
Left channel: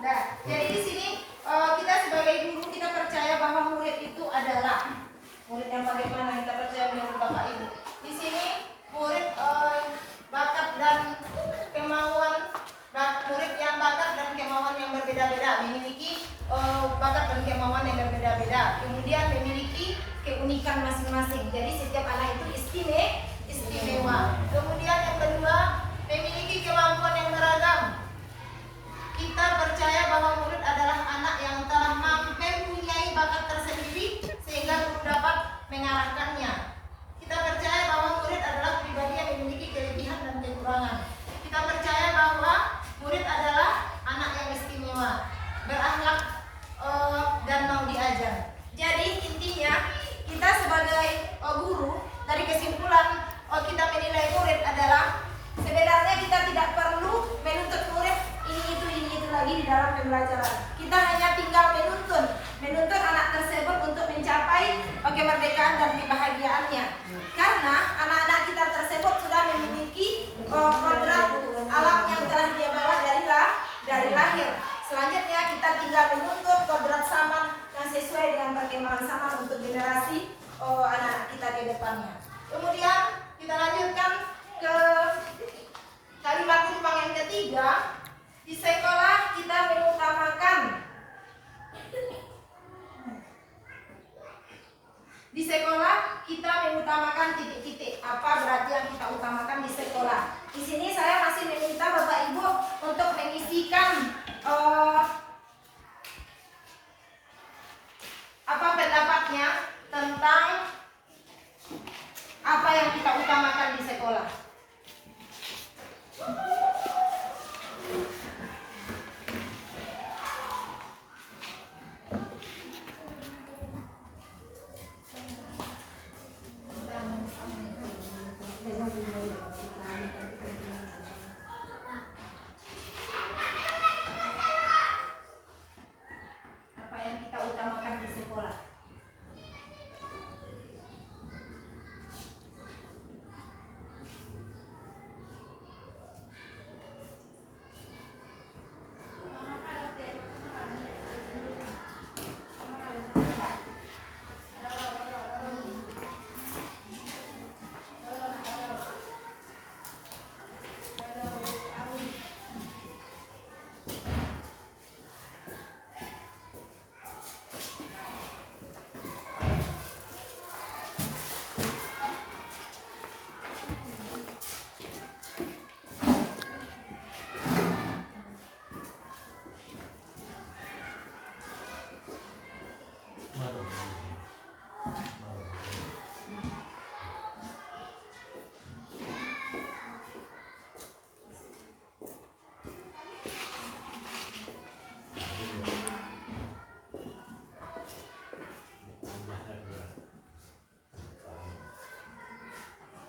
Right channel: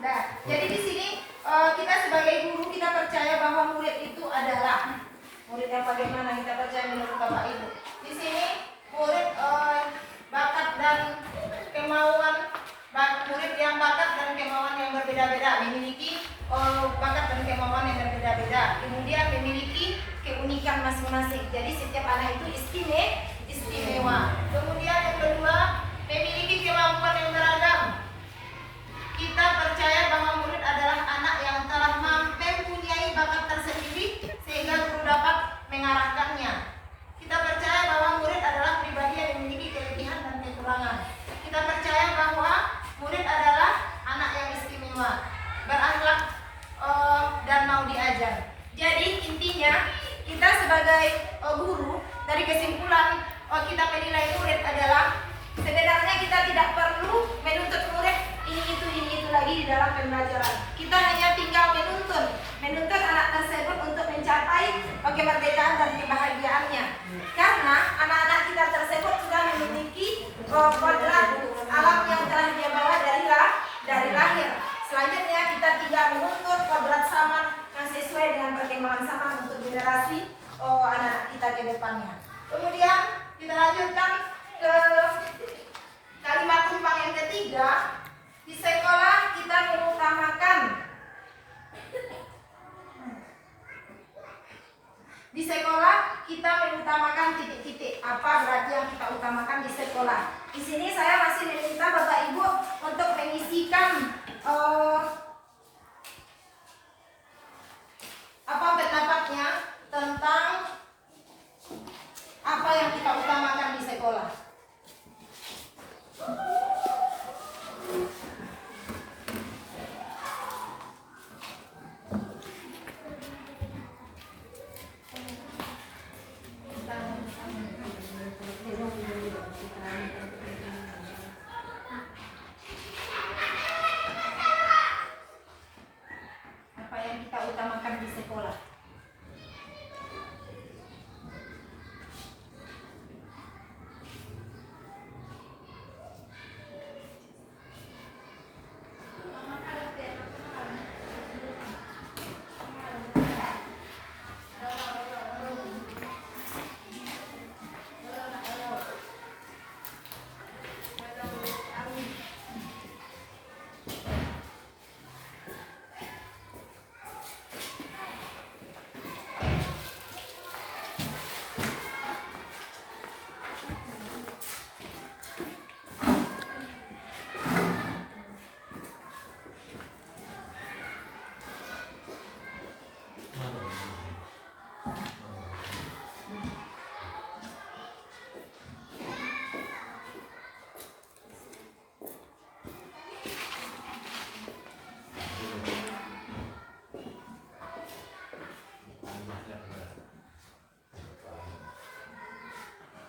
Nah, jadi di sini kita sebagai guru kita percaya bahwa murid itu adalah murid yang bagaimana kita percaya menurut Bapak Ibu. Di sini murid bakat dan kemauan murid yang bakat dan kemauan yang berbeda-beda memiliki bakat dan kemauan yang berbeda-beda. Kemudian memiliki keunikan masing-masing. Jadi setiap anak itu istimewa. Kemudian yang kedua memiliki kemampuan yang beragam. Kita percaya bahwa murid adalah anak yang telah mempunyai bakat tersendiri sehingga guru dapat mengarahkannya. Kita percaya bahwa murid adalah pribadi yang memiliki kelebihan dan kekurangan. Kita percaya bahwa murid adalah anak yang istimewa, berakhlak dan mau diajar. Jadi intinya kita sebagai guru dari kesimpulan kita menilai murid adalah sebenarnya kita tidak perlu menuntut murid ini itu lagi di dalam pembelajaran. Kita hanya tinggal menuntun anak tersebut untuk mencapai kemerdekaan dan kebahagiaannya. Karena anak-anak kita tersebut sudah memiliki kodrat alam yang telah dia bawa dari lahir. Selanjutnya kita tinggal menuntut kodrat zaman yang sesuai dengan perkembangan zaman untuk generasi anak kita ke depannya. Kemudian kita lanjutkan ke kalimat tumpang yang ketiga. Di sekolah kita mengutamakan titik-titik. Apa berarti yang kita utamakan di sekolah? Di sini saya masih meminta Bapak Ibu untuk mengisikan apa pendapatnya tentang apa yang kita utamakan di sekolah. Apa yang kita utamakan di sekolah?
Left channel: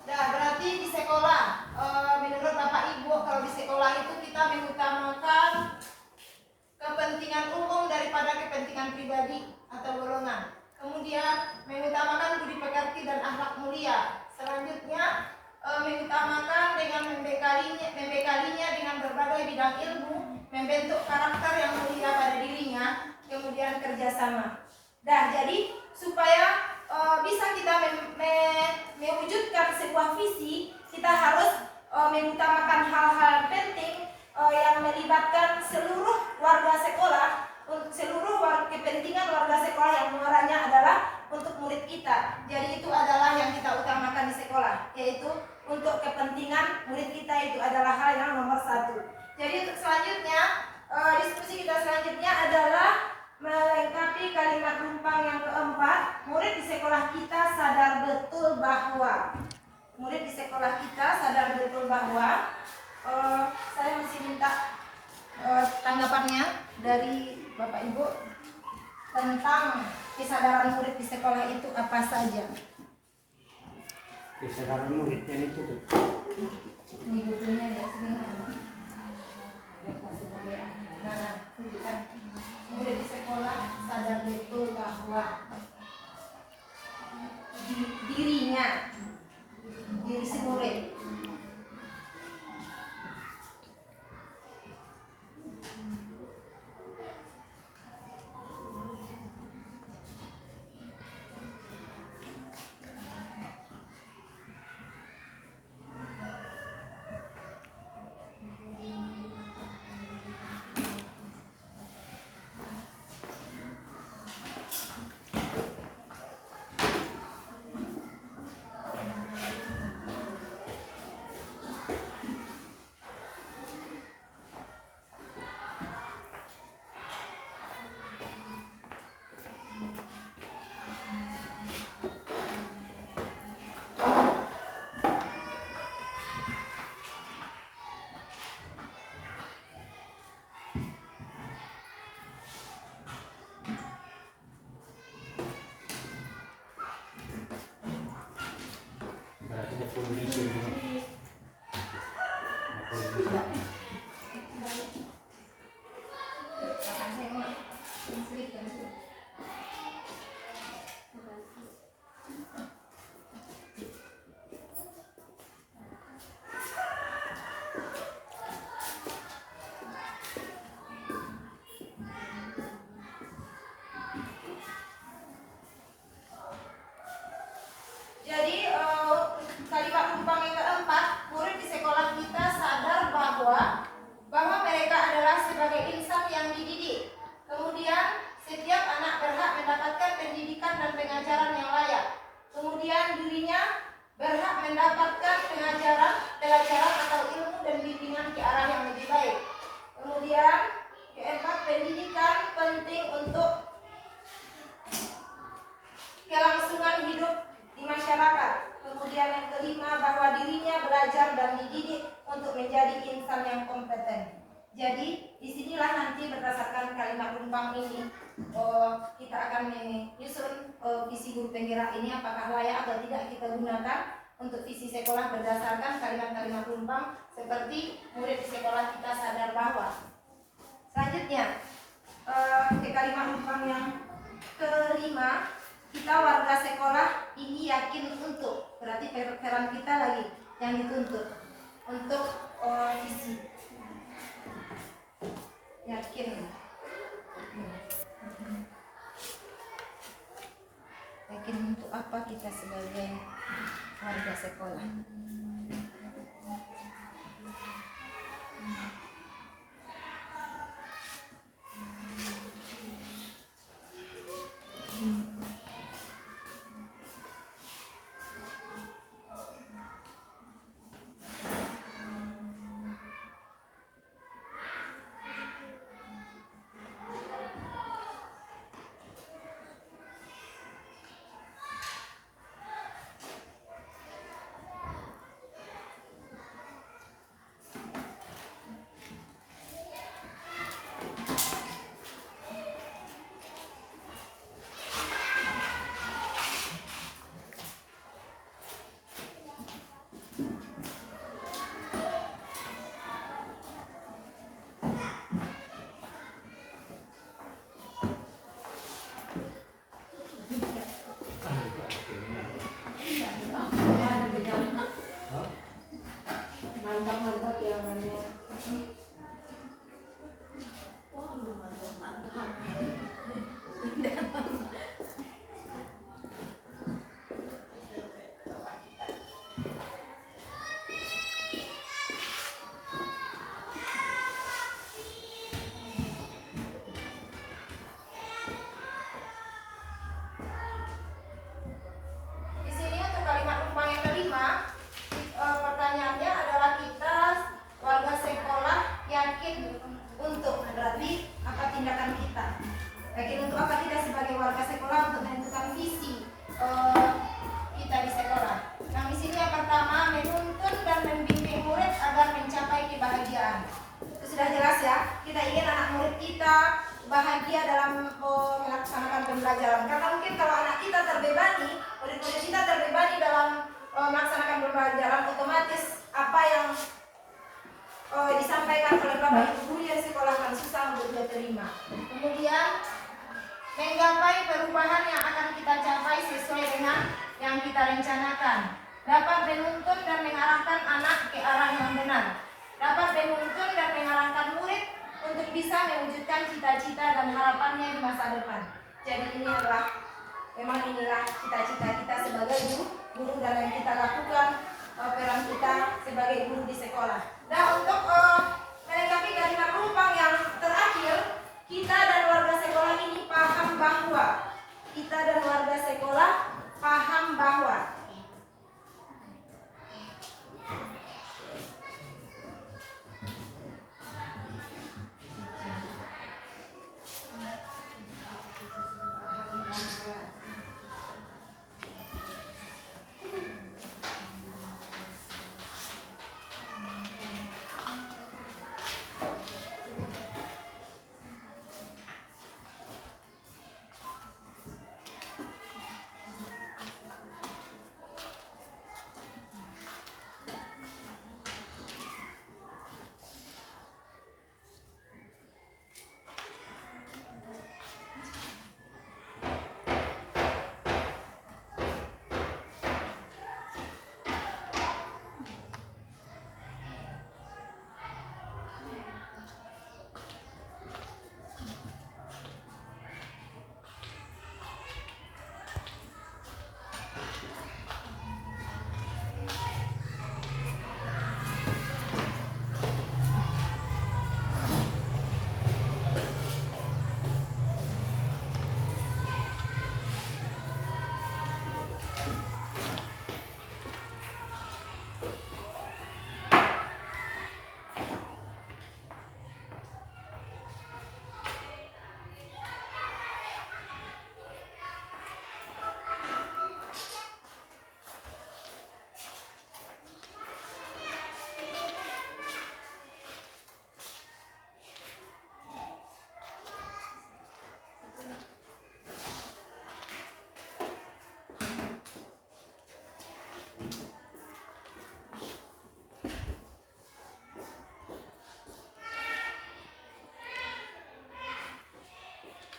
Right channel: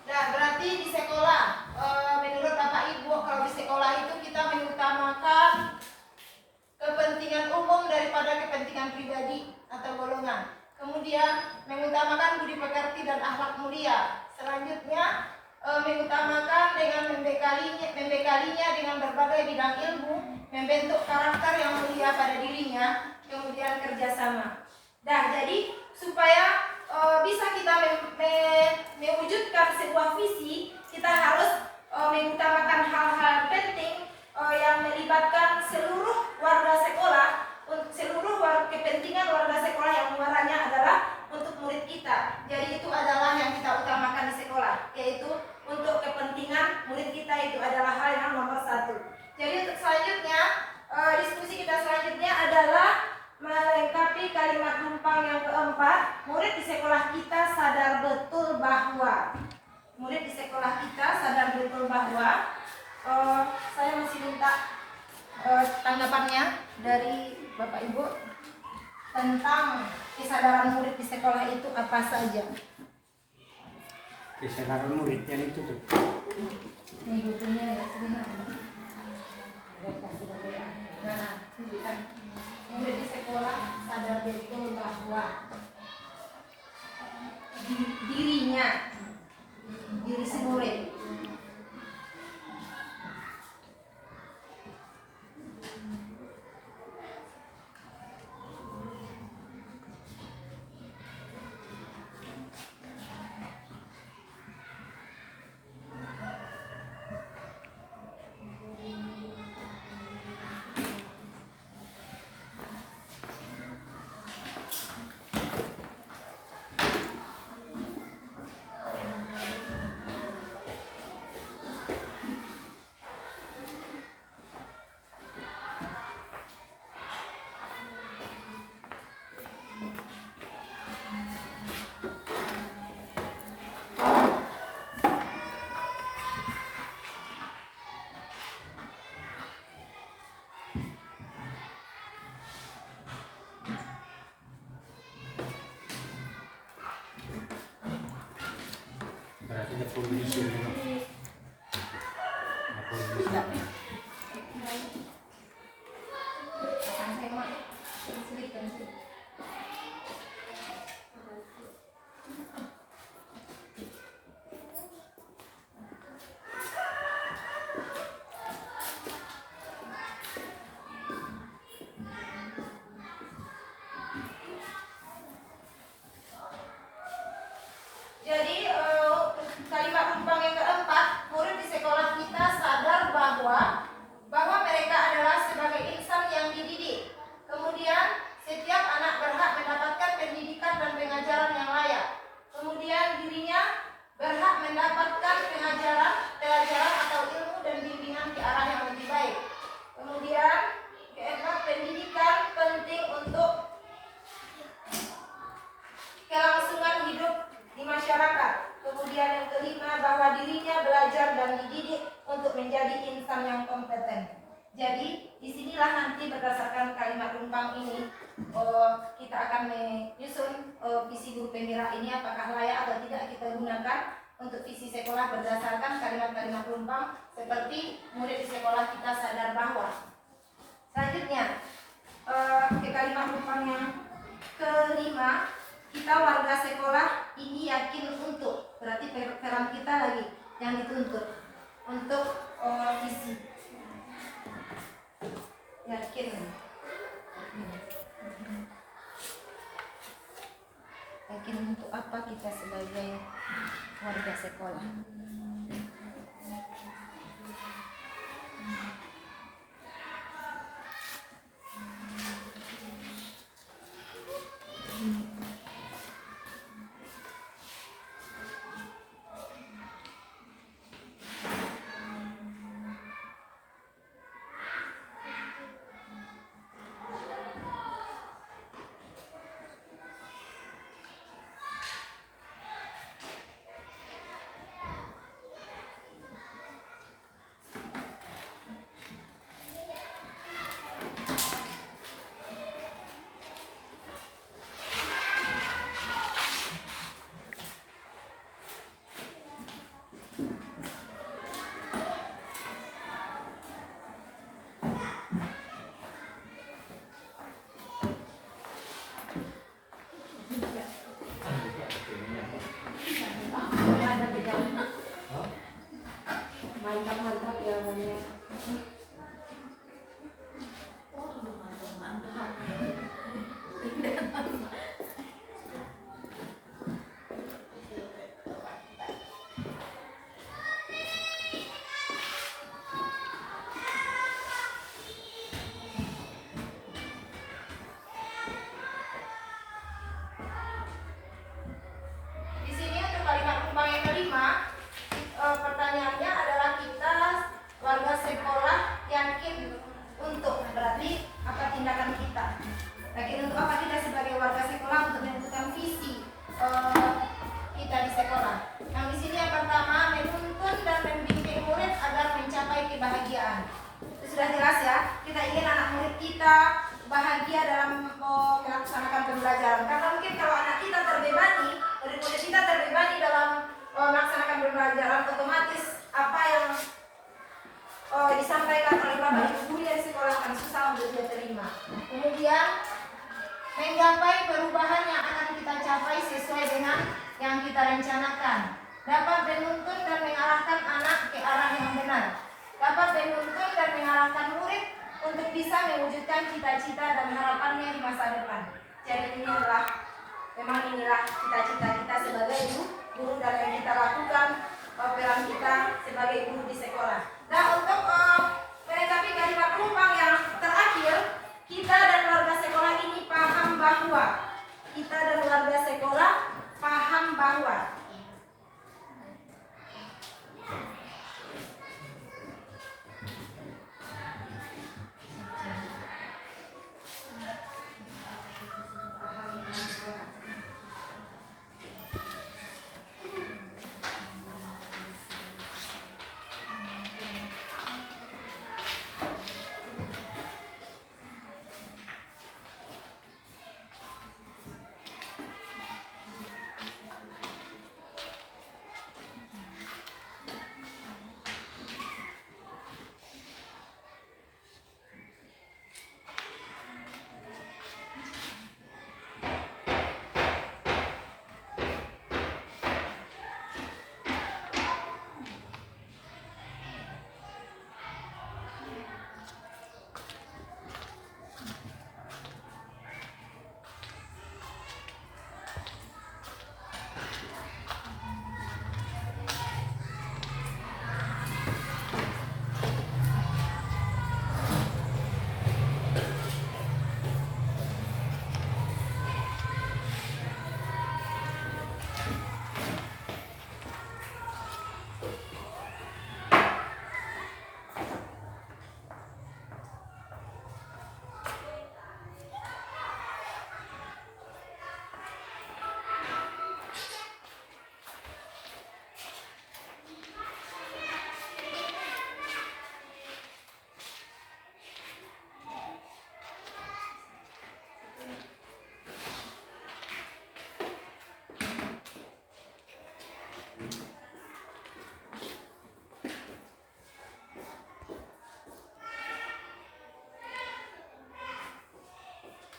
Nah, berarti di sekolah, menurut Bapak Ibu, kalau di sekolah itu kita mengutamakan kepentingan umum daripada kepentingan pribadi atau golongan. Kemudian mengutamakan budi pekerti dan akhlak mulia. Selanjutnya mengutamakan membekalinya dengan berbagai bidang ilmu, membentuk karakter yang mulia pada dirinya, kemudian kerjasama. Nah, jadi supaya bisa kita mewujudkan sebuah visi, kita harus mengutamakan hal-hal penting yang melibatkan seluruh warga sekolah, kepentingan warga sekolah yang muaranya adalah untuk murid kita. Jadi itu adalah yang kita utamakan di sekolah, yaitu untuk kepentingan murid kita, itu adalah hal yang nomor satu. Jadi untuk selanjutnya, diskusi kita selanjutnya adalah melengkapi kalimat rumpang yang keempat. Murid di sekolah kita sadar betul bahwa saya masih minta tanggapannya dari Bapak Ibu tentang kesadaran murid di sekolah itu apa saja. Kesadaran murid yang itu tuh. Ini bukunya ya sebenarnya. Nah, itu kan murid di sekolah sadar betul bahwa diri si murid. Berarti ada produser ini. Jadi kalimat rumpang yang keempat, murid di sekolah kita sadar bahwa mereka adalah sebagai insan yang dididik. Kemudian setiap anak berhak mendapatkan pendidikan dan pengajaran yang layak. Kemudian dirinya berhak mendapatkan pelajaran atau ilmu dan bimbingan ke arah yang lebih baik. Kemudian keempat, pendidikan penting untuk kelangsungan hidup di masyarakat. Kemudian yang kelima, bahwa dirinya belajar dan dididik untuk menjadi insan yang kompeten. Jadi disinilah nanti berdasarkan kalimat rumpang ini kita akan menyusun visi guru penggerak ini apakah layak atau tidak kita gunakan untuk visi sekolah berdasarkan kalimat-kalimat rumpang seperti murid di sekolah kita sadar bahwa. Selanjutnya ke kalimat rumpang yang kelima, kita warga sekolah ini yakin untuk, berarti peran kita lagi yang dituntut untuk visi. Yakin untuk apa kita sebagai warga sekolah. mantap mantap ya Maya. Di sini untuk kalimat rumpang yang kelima, pertanyaannya adalah kita warga sekolah yakin untuk, berarti apa tindakan kita? Yakin untuk apa kita sebagai warga sekolah untuk menentukan visi kita di sekolah. Yang di sini yang pertama, menuntun dan membimbing murid agar mencapai kebahagiaan. Itu sudah jelas ya. Kita ingin anak murid kita bahagia dalam melaksanakan pembelajaran. Karena mungkin kalau anak kita terbebani, murid-murid kita terbebani dalam melaksanakan pembelajaran, otomatis apa yang disampaikan oleh Bapak Ibu guru yang sekolah akan susah untuk dia terima. Kemudian menggapai perubahan yang akan kita capai sesuai dengan yang kita rencanakan. Dapat menuntun dan mengarahkan anak ke arah yang benar. Dapat menuntun dan mengarahkan murid untuk bisa mewujudkan cita-cita dan harapannya di masa depan. Jadi ini adalah, memang inilah cita-cita kita sebagai guru dan yang kita lakukan peran kita sebagai guru di sekolah. Dan untuk melengkapi kalimat rumpang yang terakhir, kita dan warga sekolah ini paham bahwa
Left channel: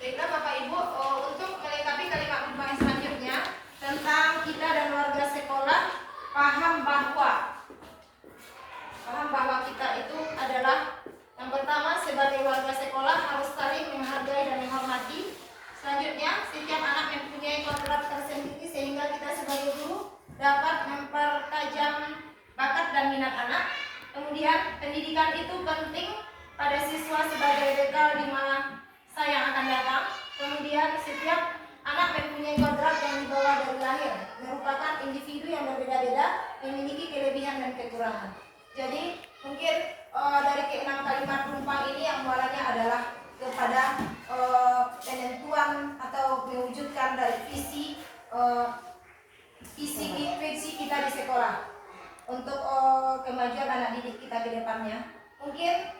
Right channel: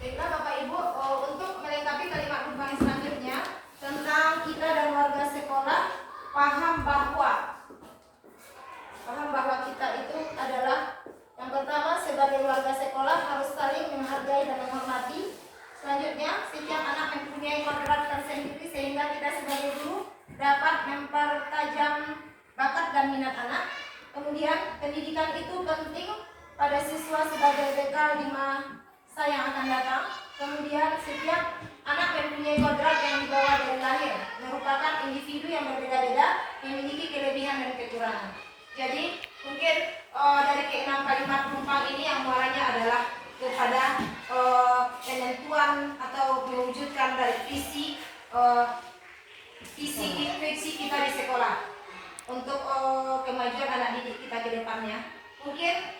Baiklah Bapak Ibu, untuk melengkapi kalimat rumpang yang selanjutnya tentang kita dan warga sekolah paham bahwa kita itu adalah yang pertama sebagai warga sekolah harus saling menghargai dan menghormati. Selanjutnya, setiap anak mempunyai kodrat tersendiri sehingga kita sebagai guru dapat mempertajam bakat dan minat anak. Kemudian, pendidikan itu penting pada siswa sebagai bekal di masa yang akan datang. Kemudian, setiap anak mempunyai kodrat yang dibawa dari lahir, merupakan individu yang berbeda-beda, memiliki kelebihan dan kekurangan. Jadi, mungkin dari keenam kalimat rumpang ini yang muaranya adalah kepada penentuan atau mewujudkan dari visi kita di sekolah untuk kemajuan anak didik kita ke depannya. Mungkin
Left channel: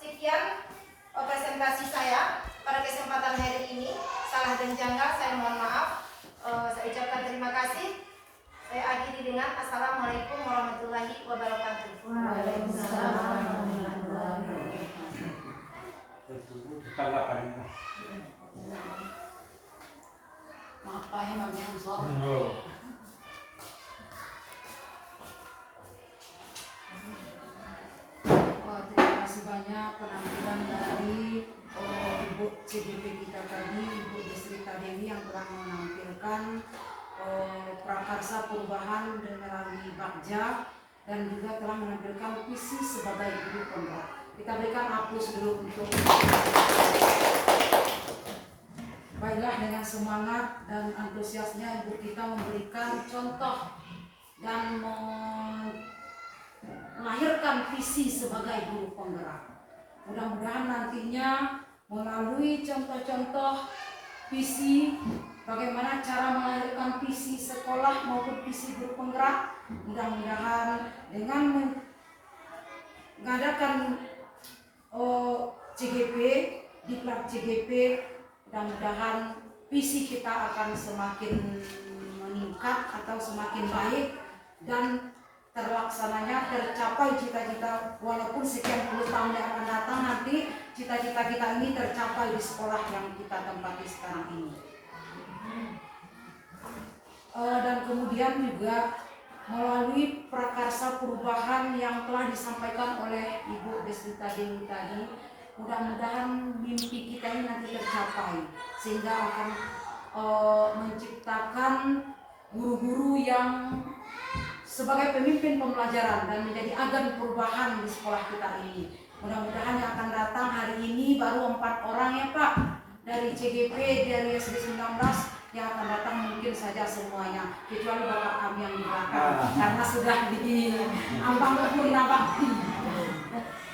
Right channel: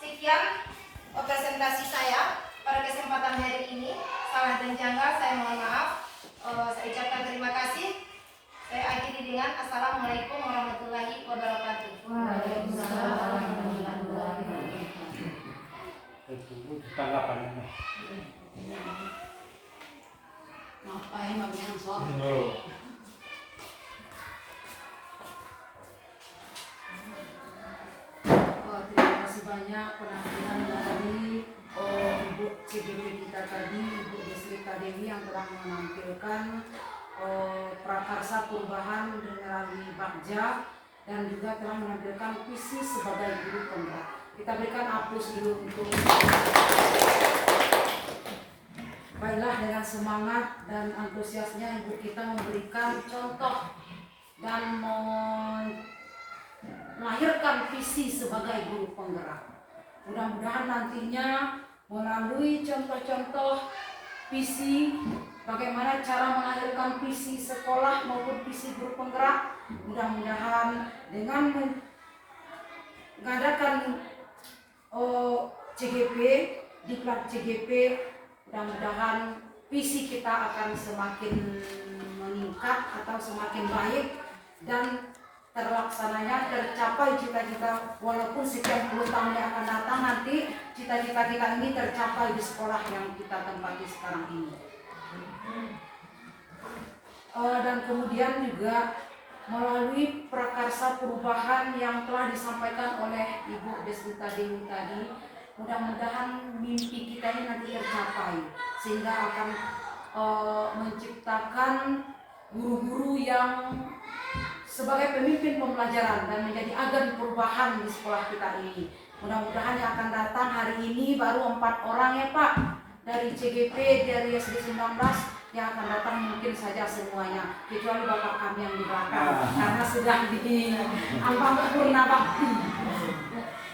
sekian presentasi saya pada kesempatan hari ini. Salah dan janggal saya mohon maaf. Saya ucapkan terima kasih. Saya akhiri dengan Assalamualaikum warahmatullahi wabarakatuh. Waalaikumsalam warahmatullahi wabarakatuh. Tanggapan. Ngapain bagian soal? banyak penampilan dari Ibu CGP kita tadi, Ibu Desrita Dewi yang telah menampilkan prakarsa perubahan melalui Bagja dan juga telah menampilkan visi sebagai guru penggerak. Kita berikan aplaus dulu untuk baiklah, dengan semangat dan antusiasnya Ibu kita memberikan contoh dan melahirkan visi sebagai guru penggerak. Mudah-mudahan nantinya melalui contoh-contoh visi bagaimana cara melahirkan visi sekolah maupun visi guru penggerak, mudah-mudahan dengan mengadakan CGP, diklat CGP, mudah-mudahan visi kita akan semakin meningkat atau semakin baik dan terlaksananya, tercapai cita-cita. Walaupun sekian puluh tahun yang akan datang, nanti cita-cita kita ini tercapai di sekolah yang kita tempati sekarang ini. Dan kemudian juga melalui prakarsa perubahan yang telah disampaikan oleh Ibu Desrita Dewi tadi, mudah-mudahan mimpi kita ini nanti tercapai sehingga akan menciptakan guru-guru yang sebagai pemimpin pembelajaran dan menjadi agen perubahan di sekolah kita ini. Mudah-mudahan yang akan datang hari ini baru 4 orang ya Pak, dari CGP, dari SD 19, yang akan datang mungkin saja semuanya, kecuali bapak kami yang di belakang karena sudah di ambang purna bakti.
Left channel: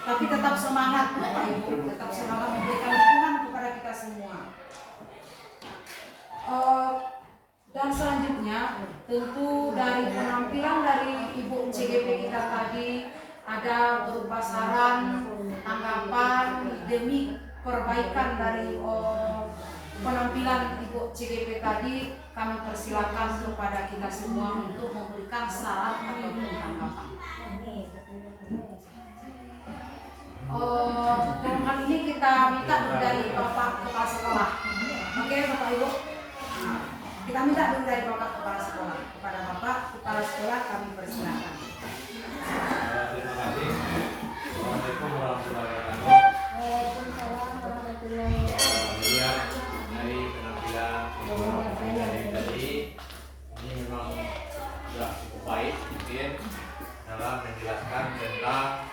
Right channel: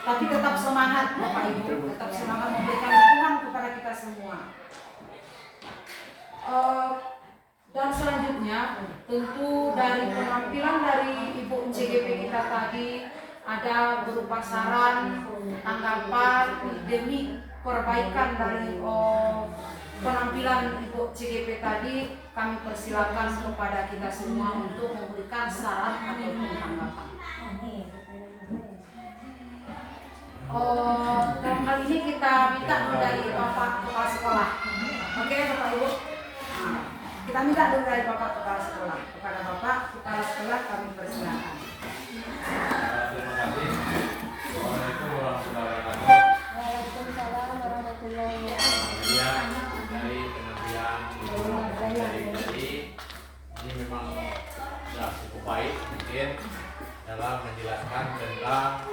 Tapi tetap semangat Bapak Ibu, tetap semangat memberikan dukungan kepada kita semua. Dan selanjutnya tentu dari penampilan dari Ibu CGP kita tadi ada berupa saran, tanggapan demi perbaikan dari penampilan Ibu CGP tadi. Kami persilakan kepada kita semua untuk memberikan saran ataupun tanggapan. Dalam hal ini kita minta dulu dari Bapak Kepala Sekolah. Oke Bapak Ibu, kita minta dulu dari Bapak Kepala Sekolah. Kepada Bapak Kepala Sekolah kami persilakan. Terima kasih. Assalamualaikum warahmatullahi wabarakatuh. Kemudian dari penampilan dari tadi ini memang sudah cukup baik mungkin dalam menjelaskan tentang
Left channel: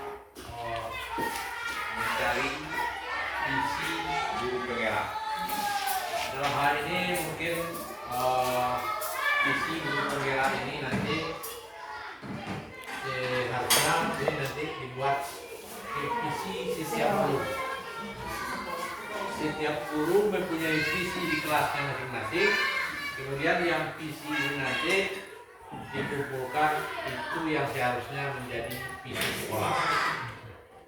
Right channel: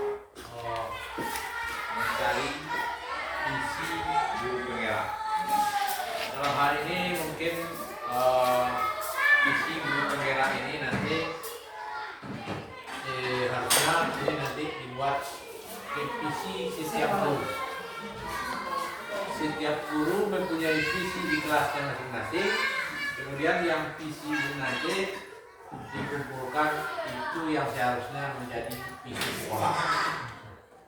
mencari visi guru penggerak. Dalam hal ini mungkin visi guru penggerak ini nanti harusnya jadi nanti dibuat visi setiap guru. Setiap guru mempunyai visi di kelasnya masing-masing. Kemudian yang visi ini nanti dikumpulkan, itu yang seharusnya menjadi visi sekolah.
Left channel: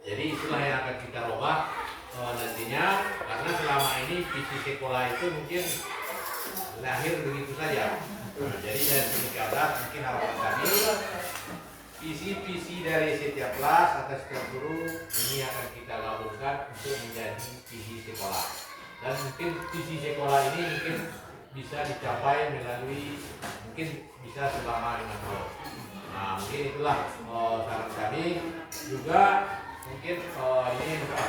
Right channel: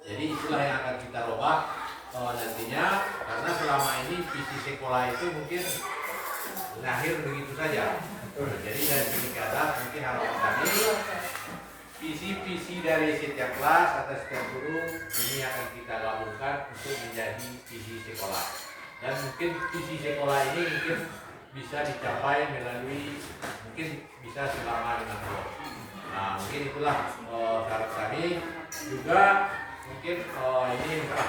Jadi itulah yang akan kita ubah nantinya, karena selama ini visi sekolah itu mungkin lahir begitu saja. Jadi dari segi keadaan mungkin harapan kami visi-visi dari setiap kelas atau setiap guru ini akan kita gabungkan untuk menjadi visi sekolah. Dan mungkin visi sekolah ini mungkin bisa dicapai melalui mungkin bisa selama 5 tahun. Nah mungkin itulah saran kami. Juga mungkin ini masalah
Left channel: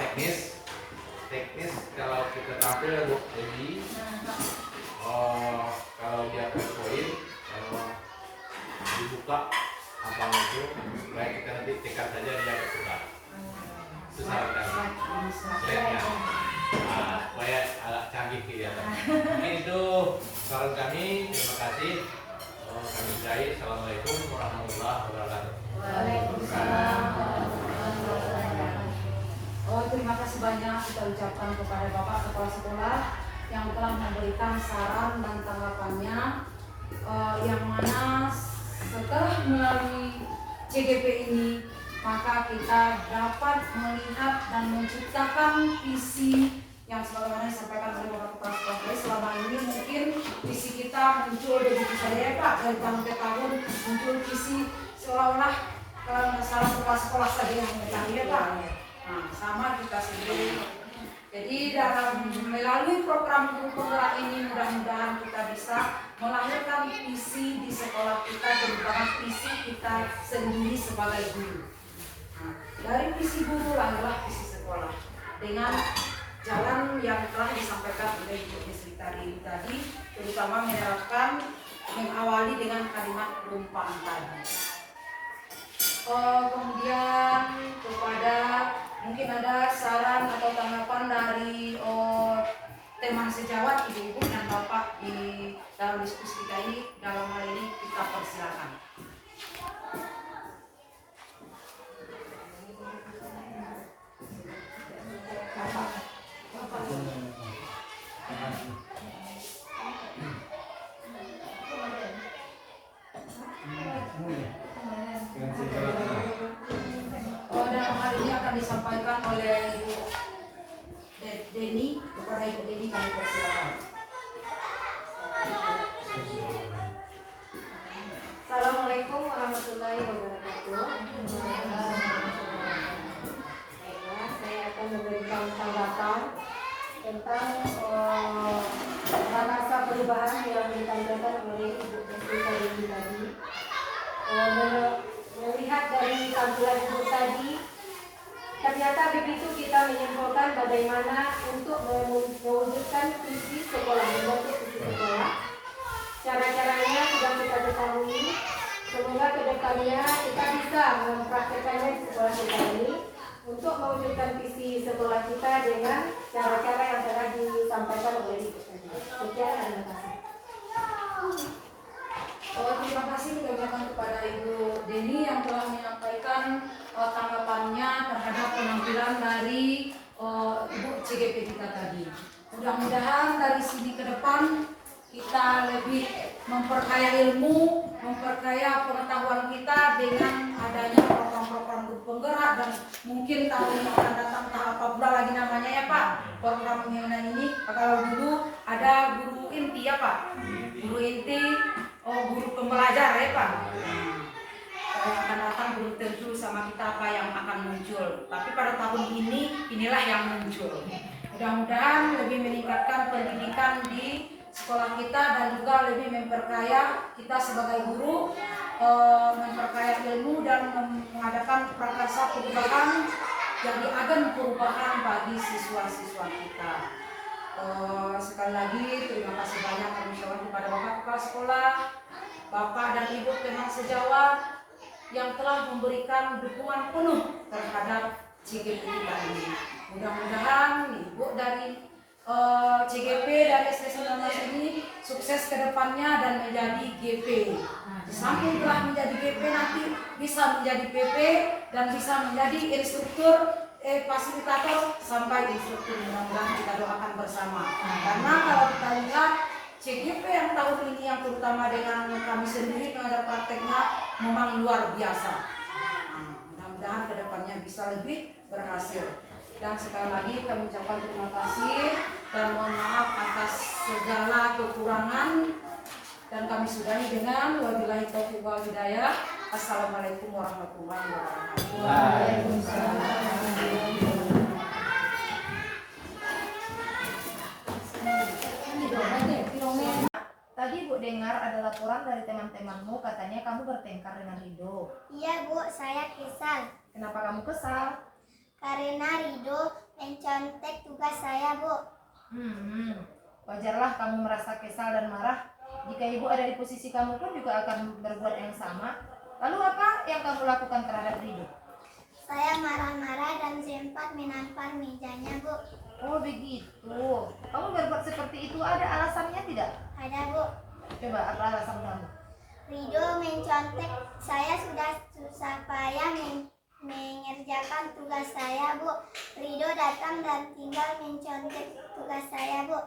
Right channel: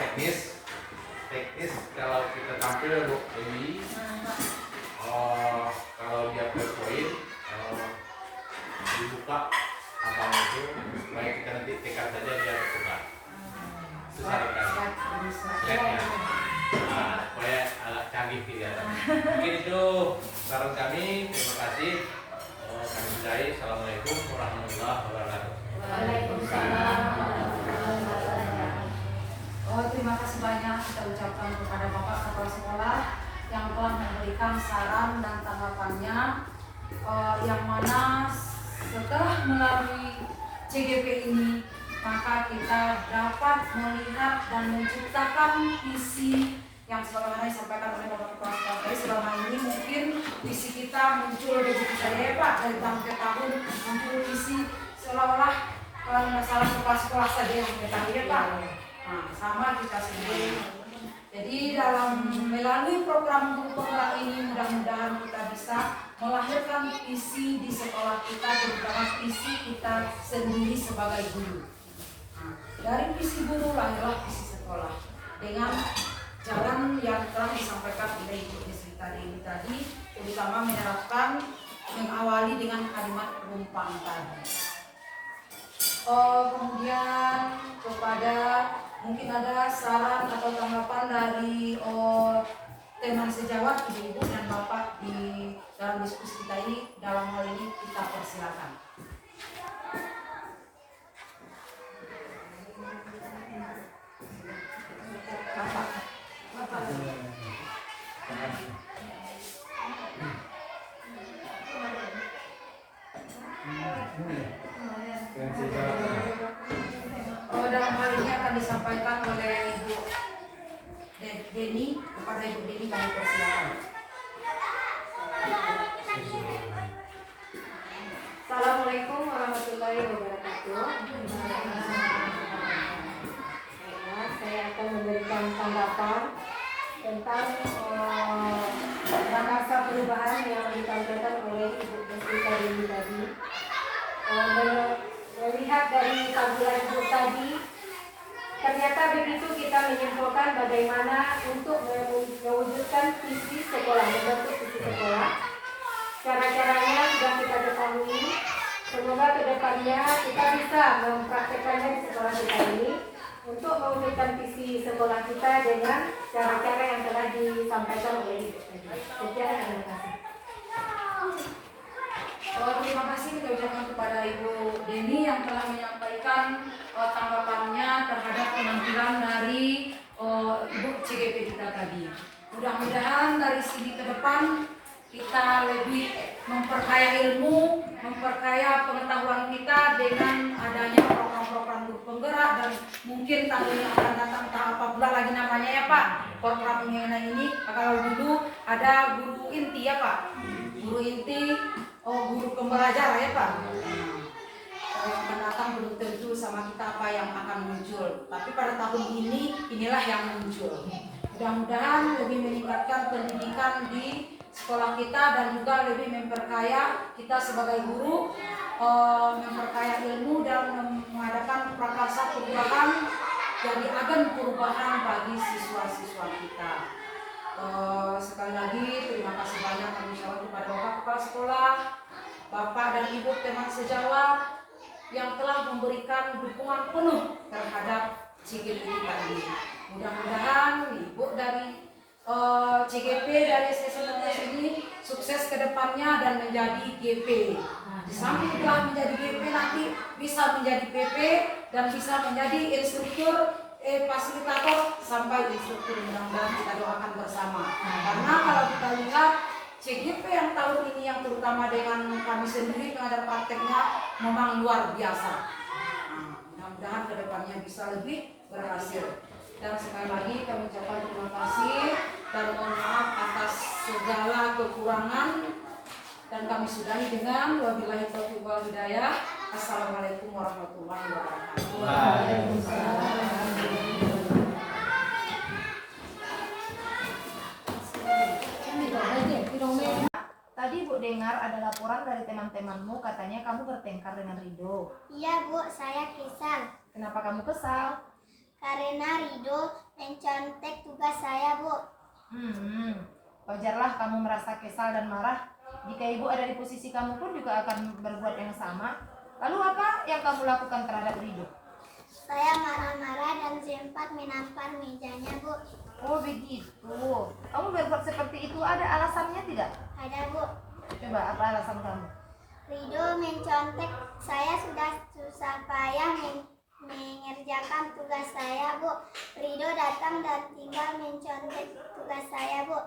teknis kalau kita tampil untuk ini kalau dia PowerPoint dibuka apa itu baik kita nanti tekan saja dia bertukar. Itu saran kami. Slide-nya. Nah, supaya agak canggih kelihatan. Mungkin itu saran kami. Terima kasih. Kami ucapkan Assalamualaikum warahmatullahi wabarakatuh. Waalaikumsalam warahmatullahi wabarakatuh. Terima kasih banyak kita ucapkan kepada Bapak Kepala Sekolah yang telah memberikan saran dan tanggapannya, yang mana setelah melalui CGP ini maka kita dapat melihat dan menciptakan visi yang sebagaimana disampaikan oleh Bapak Kepala Sekolah tadi. Selama ini mungkin visi kita muncul begitu saja ya Pak, dari tahun ke tahun muncul visi seolah-olah masalah kepala sekolah saja yang mengetahui ya Pak. Nah, sama kita sendiri. Jadi dalam melalui program guru penggerak ini mudah-mudahan kita bisa melahirkan visi di sekolah kita, terutama visi kita sendiri sebagai guru. Nah, dari visi guru lahirlah visi sekolah. dengan jalan yang telah disampaikan oleh Ibu Desrita ini tadi, terutama menerapkan mengawali dengan kalimat perumpamaan tadi. Kemudian kepada mungkin ada saran atau tanggapan dari teman sejawat ibu-ibu dan bapak di dalam diskusi kita ini, dalam hal ini kita persilakan. Bapak. Dalam hal ini akan disampaikan oleh Ibu Deni. Kepada Ibu Deni kami persilakan. Assalamualaikum warahmatullahi wabarakatuh. Saya akan memberikan tanggapan tentang bahasa perubahan yang disampaikan oleh Ibu Desrita Deni tadi. Melihat dari tampilan Ibu tadi, ternyata begitu kita menyimpulkan bagaimana untuk mewujudkan visi sekolah, membentuk visi sekolah. Cara-caranya sudah kita ketahui. Semoga kedepannya kita bisa mempraktekannya di sekolah kita ini untuk mewujudkan visi sekolah kita dengan cara-cara yang telah disampaikan oleh Ibu tadi. Sekian, terima kasih. Terima kasih kita ucapkan kepada Ibu Deni yang telah menyampaikan tanggapannya terhadap penampilan dari Ibu CGP kita tadi. Mudah-mudahan dari sini ke depan kita lebih memperkaya ilmu, memperkaya pengetahuan kita dengan adanya program-program guru penggerak, dan mungkin tahun yang akan datang apa pula lagi namanya ya Pak, program mengenai ini. Kalau dulu ada guru inti ya Pak, guru inti, guru pembelajar ya Pak. Akan datang belum tentu sama kita apa yang akan muncul, tapi pada tahun ini inilah yang muncul. Mudah-mudahan lebih meningkatkan pendidikan di sekolah kita dan juga lebih memperkaya kita sebagai guru, memperkaya ilmu dan mengadakan prakarsa perubahan, jadi agen perubahan bagi siswa-siswa kita. Sekali lagi terima kasih banyak kami ucapkan kepada Bapak Kepala Sekolah, Bapak dan Ibu teman sejawat yang telah memberikan dukungan penuh terhadap CGP kita ini. Mudah-mudahan Ibu dari CGP dari SD19 ini sukses ke depannya dan menjadi GP. Di samping telah menjadi GP, nanti bisa menjadi PP dan bisa menjadi instruktur, fasilitator sampai instruktur. Mudah-mudahan kita doakan bersama. Karena kalau kita lihat CGP yang tahun ini, yang terutama dengan kami sendiri pengajar prakteknya memang luar biasa. Mudah-mudahan ke depannya bisa lebih berhasil. Dan sekali lagi kami ucapkan terima kasih dan mohon maaf atas segala kekurangan, dan kami sudahi dengan wabillahi taufiq wal hidayah. Assalamualaikum warahmatullahi wabarakatuh. Tadi Bu dengar ada laporan dari teman-temanmu, katanya kamu bertengkar dengan Rido. Iya Bu, saya kesal. Kenapa kamu kesal? Karena Rido mencontek tugas saya Bu. Wajarlah kamu merasa kesal dan marah. Jika ibu ada di posisi kamu pun juga akan berbuat yang sama. Lalu apa yang kamu lakukan terhadap Rido? Saya marah-marah dan sempat menampar mejanya Bu. Oh begitu. Kamu berbuat seperti itu ada alasannya tidak? Ada Bu. Coba apa alasan kamu? Rido mencontek saya, sudah susah payah mengerjakan tugas saya Bu. Rido datang dan tinggal mencontek tugas saya Bu.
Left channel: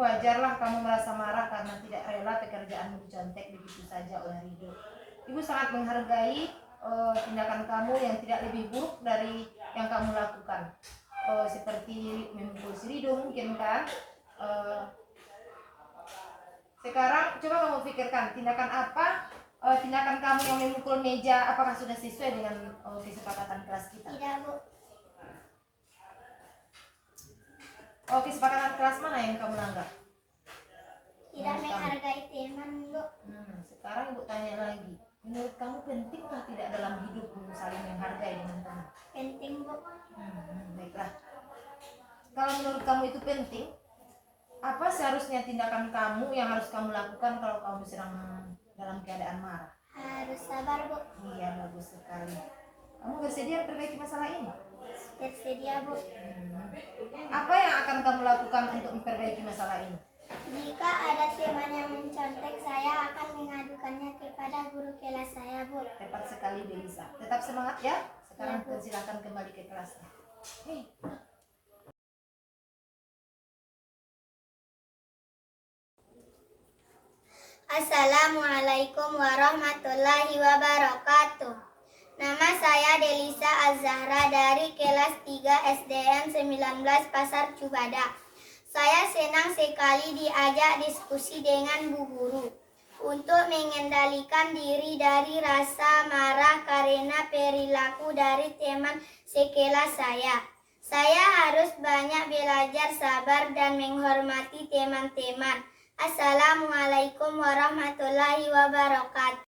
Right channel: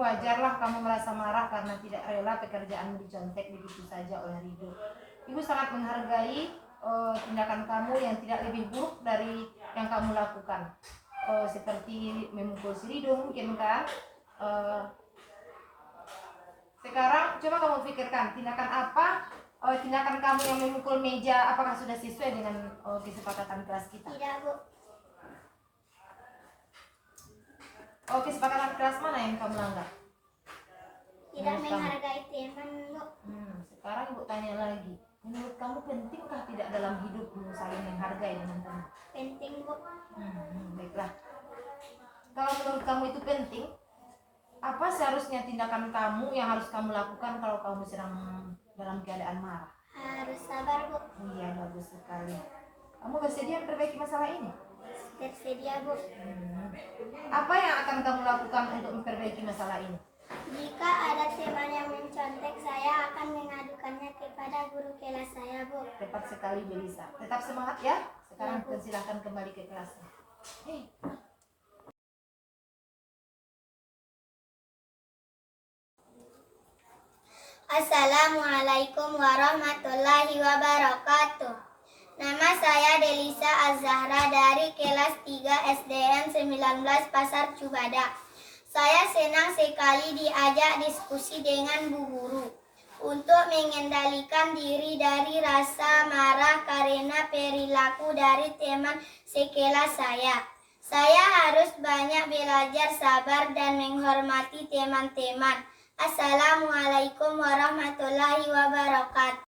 Wajarlah kamu merasa marah karena tidak rela pekerjaanmu dicontek begitu saja oleh Rido. Ibu sangat menghargai tindakan kamu yang tidak lebih buruk dari yang kamu lakukan. Seperti memukul si Rido mungkin kan. Sekarang coba kamu pikirkan tindakan apa, tindakan kamu yang memukul meja, apakah sudah sesuai dengan kesepakatan kelas kita? Tidak Bu. Kesepakatan kelas mana yang kamu langgar? Tidak menghargai teman Bu. Sekarang Ibu tanya lagi, menurut kamu pentingkah tidak dalam hidupmu saling menghargai dengan teman? Penting Bu. Baiklah, menurut kamu itu penting? Apa seharusnya tindakan kamu yang harus kamu lakukan kalau kamu sedang dalam keadaan marah? Harus sabar, Bu. Iya, bagus sekali. Kamu bersedia memperbaiki masalah ini? Bersedia, Bu. Apa yang akan kamu lakukan untuk memperbaiki masalah ini? Jika ada teman yang mencontek, saya akan mengadukannya kepada guru kelas saya, Bu. Tepat sekali, Belisa. Tetap semangat ya. Sekarang Ya, Bu. silakan kembali ke kelasnya. Hei. Assalamualaikum warahmatullahi wabarakatuh. Nama saya Delisa Azahra dari kelas 3 SDN 19 Pasar Cubada. Saya senang sekali diajak diskusi dengan Bu Guru untuk mengendalikan diri dari rasa marah karena perilaku dari teman sekelas saya. Saya harus banyak belajar sabar dan menghormati teman-teman. Assalamualaikum warahmatullahi wabarakatuh.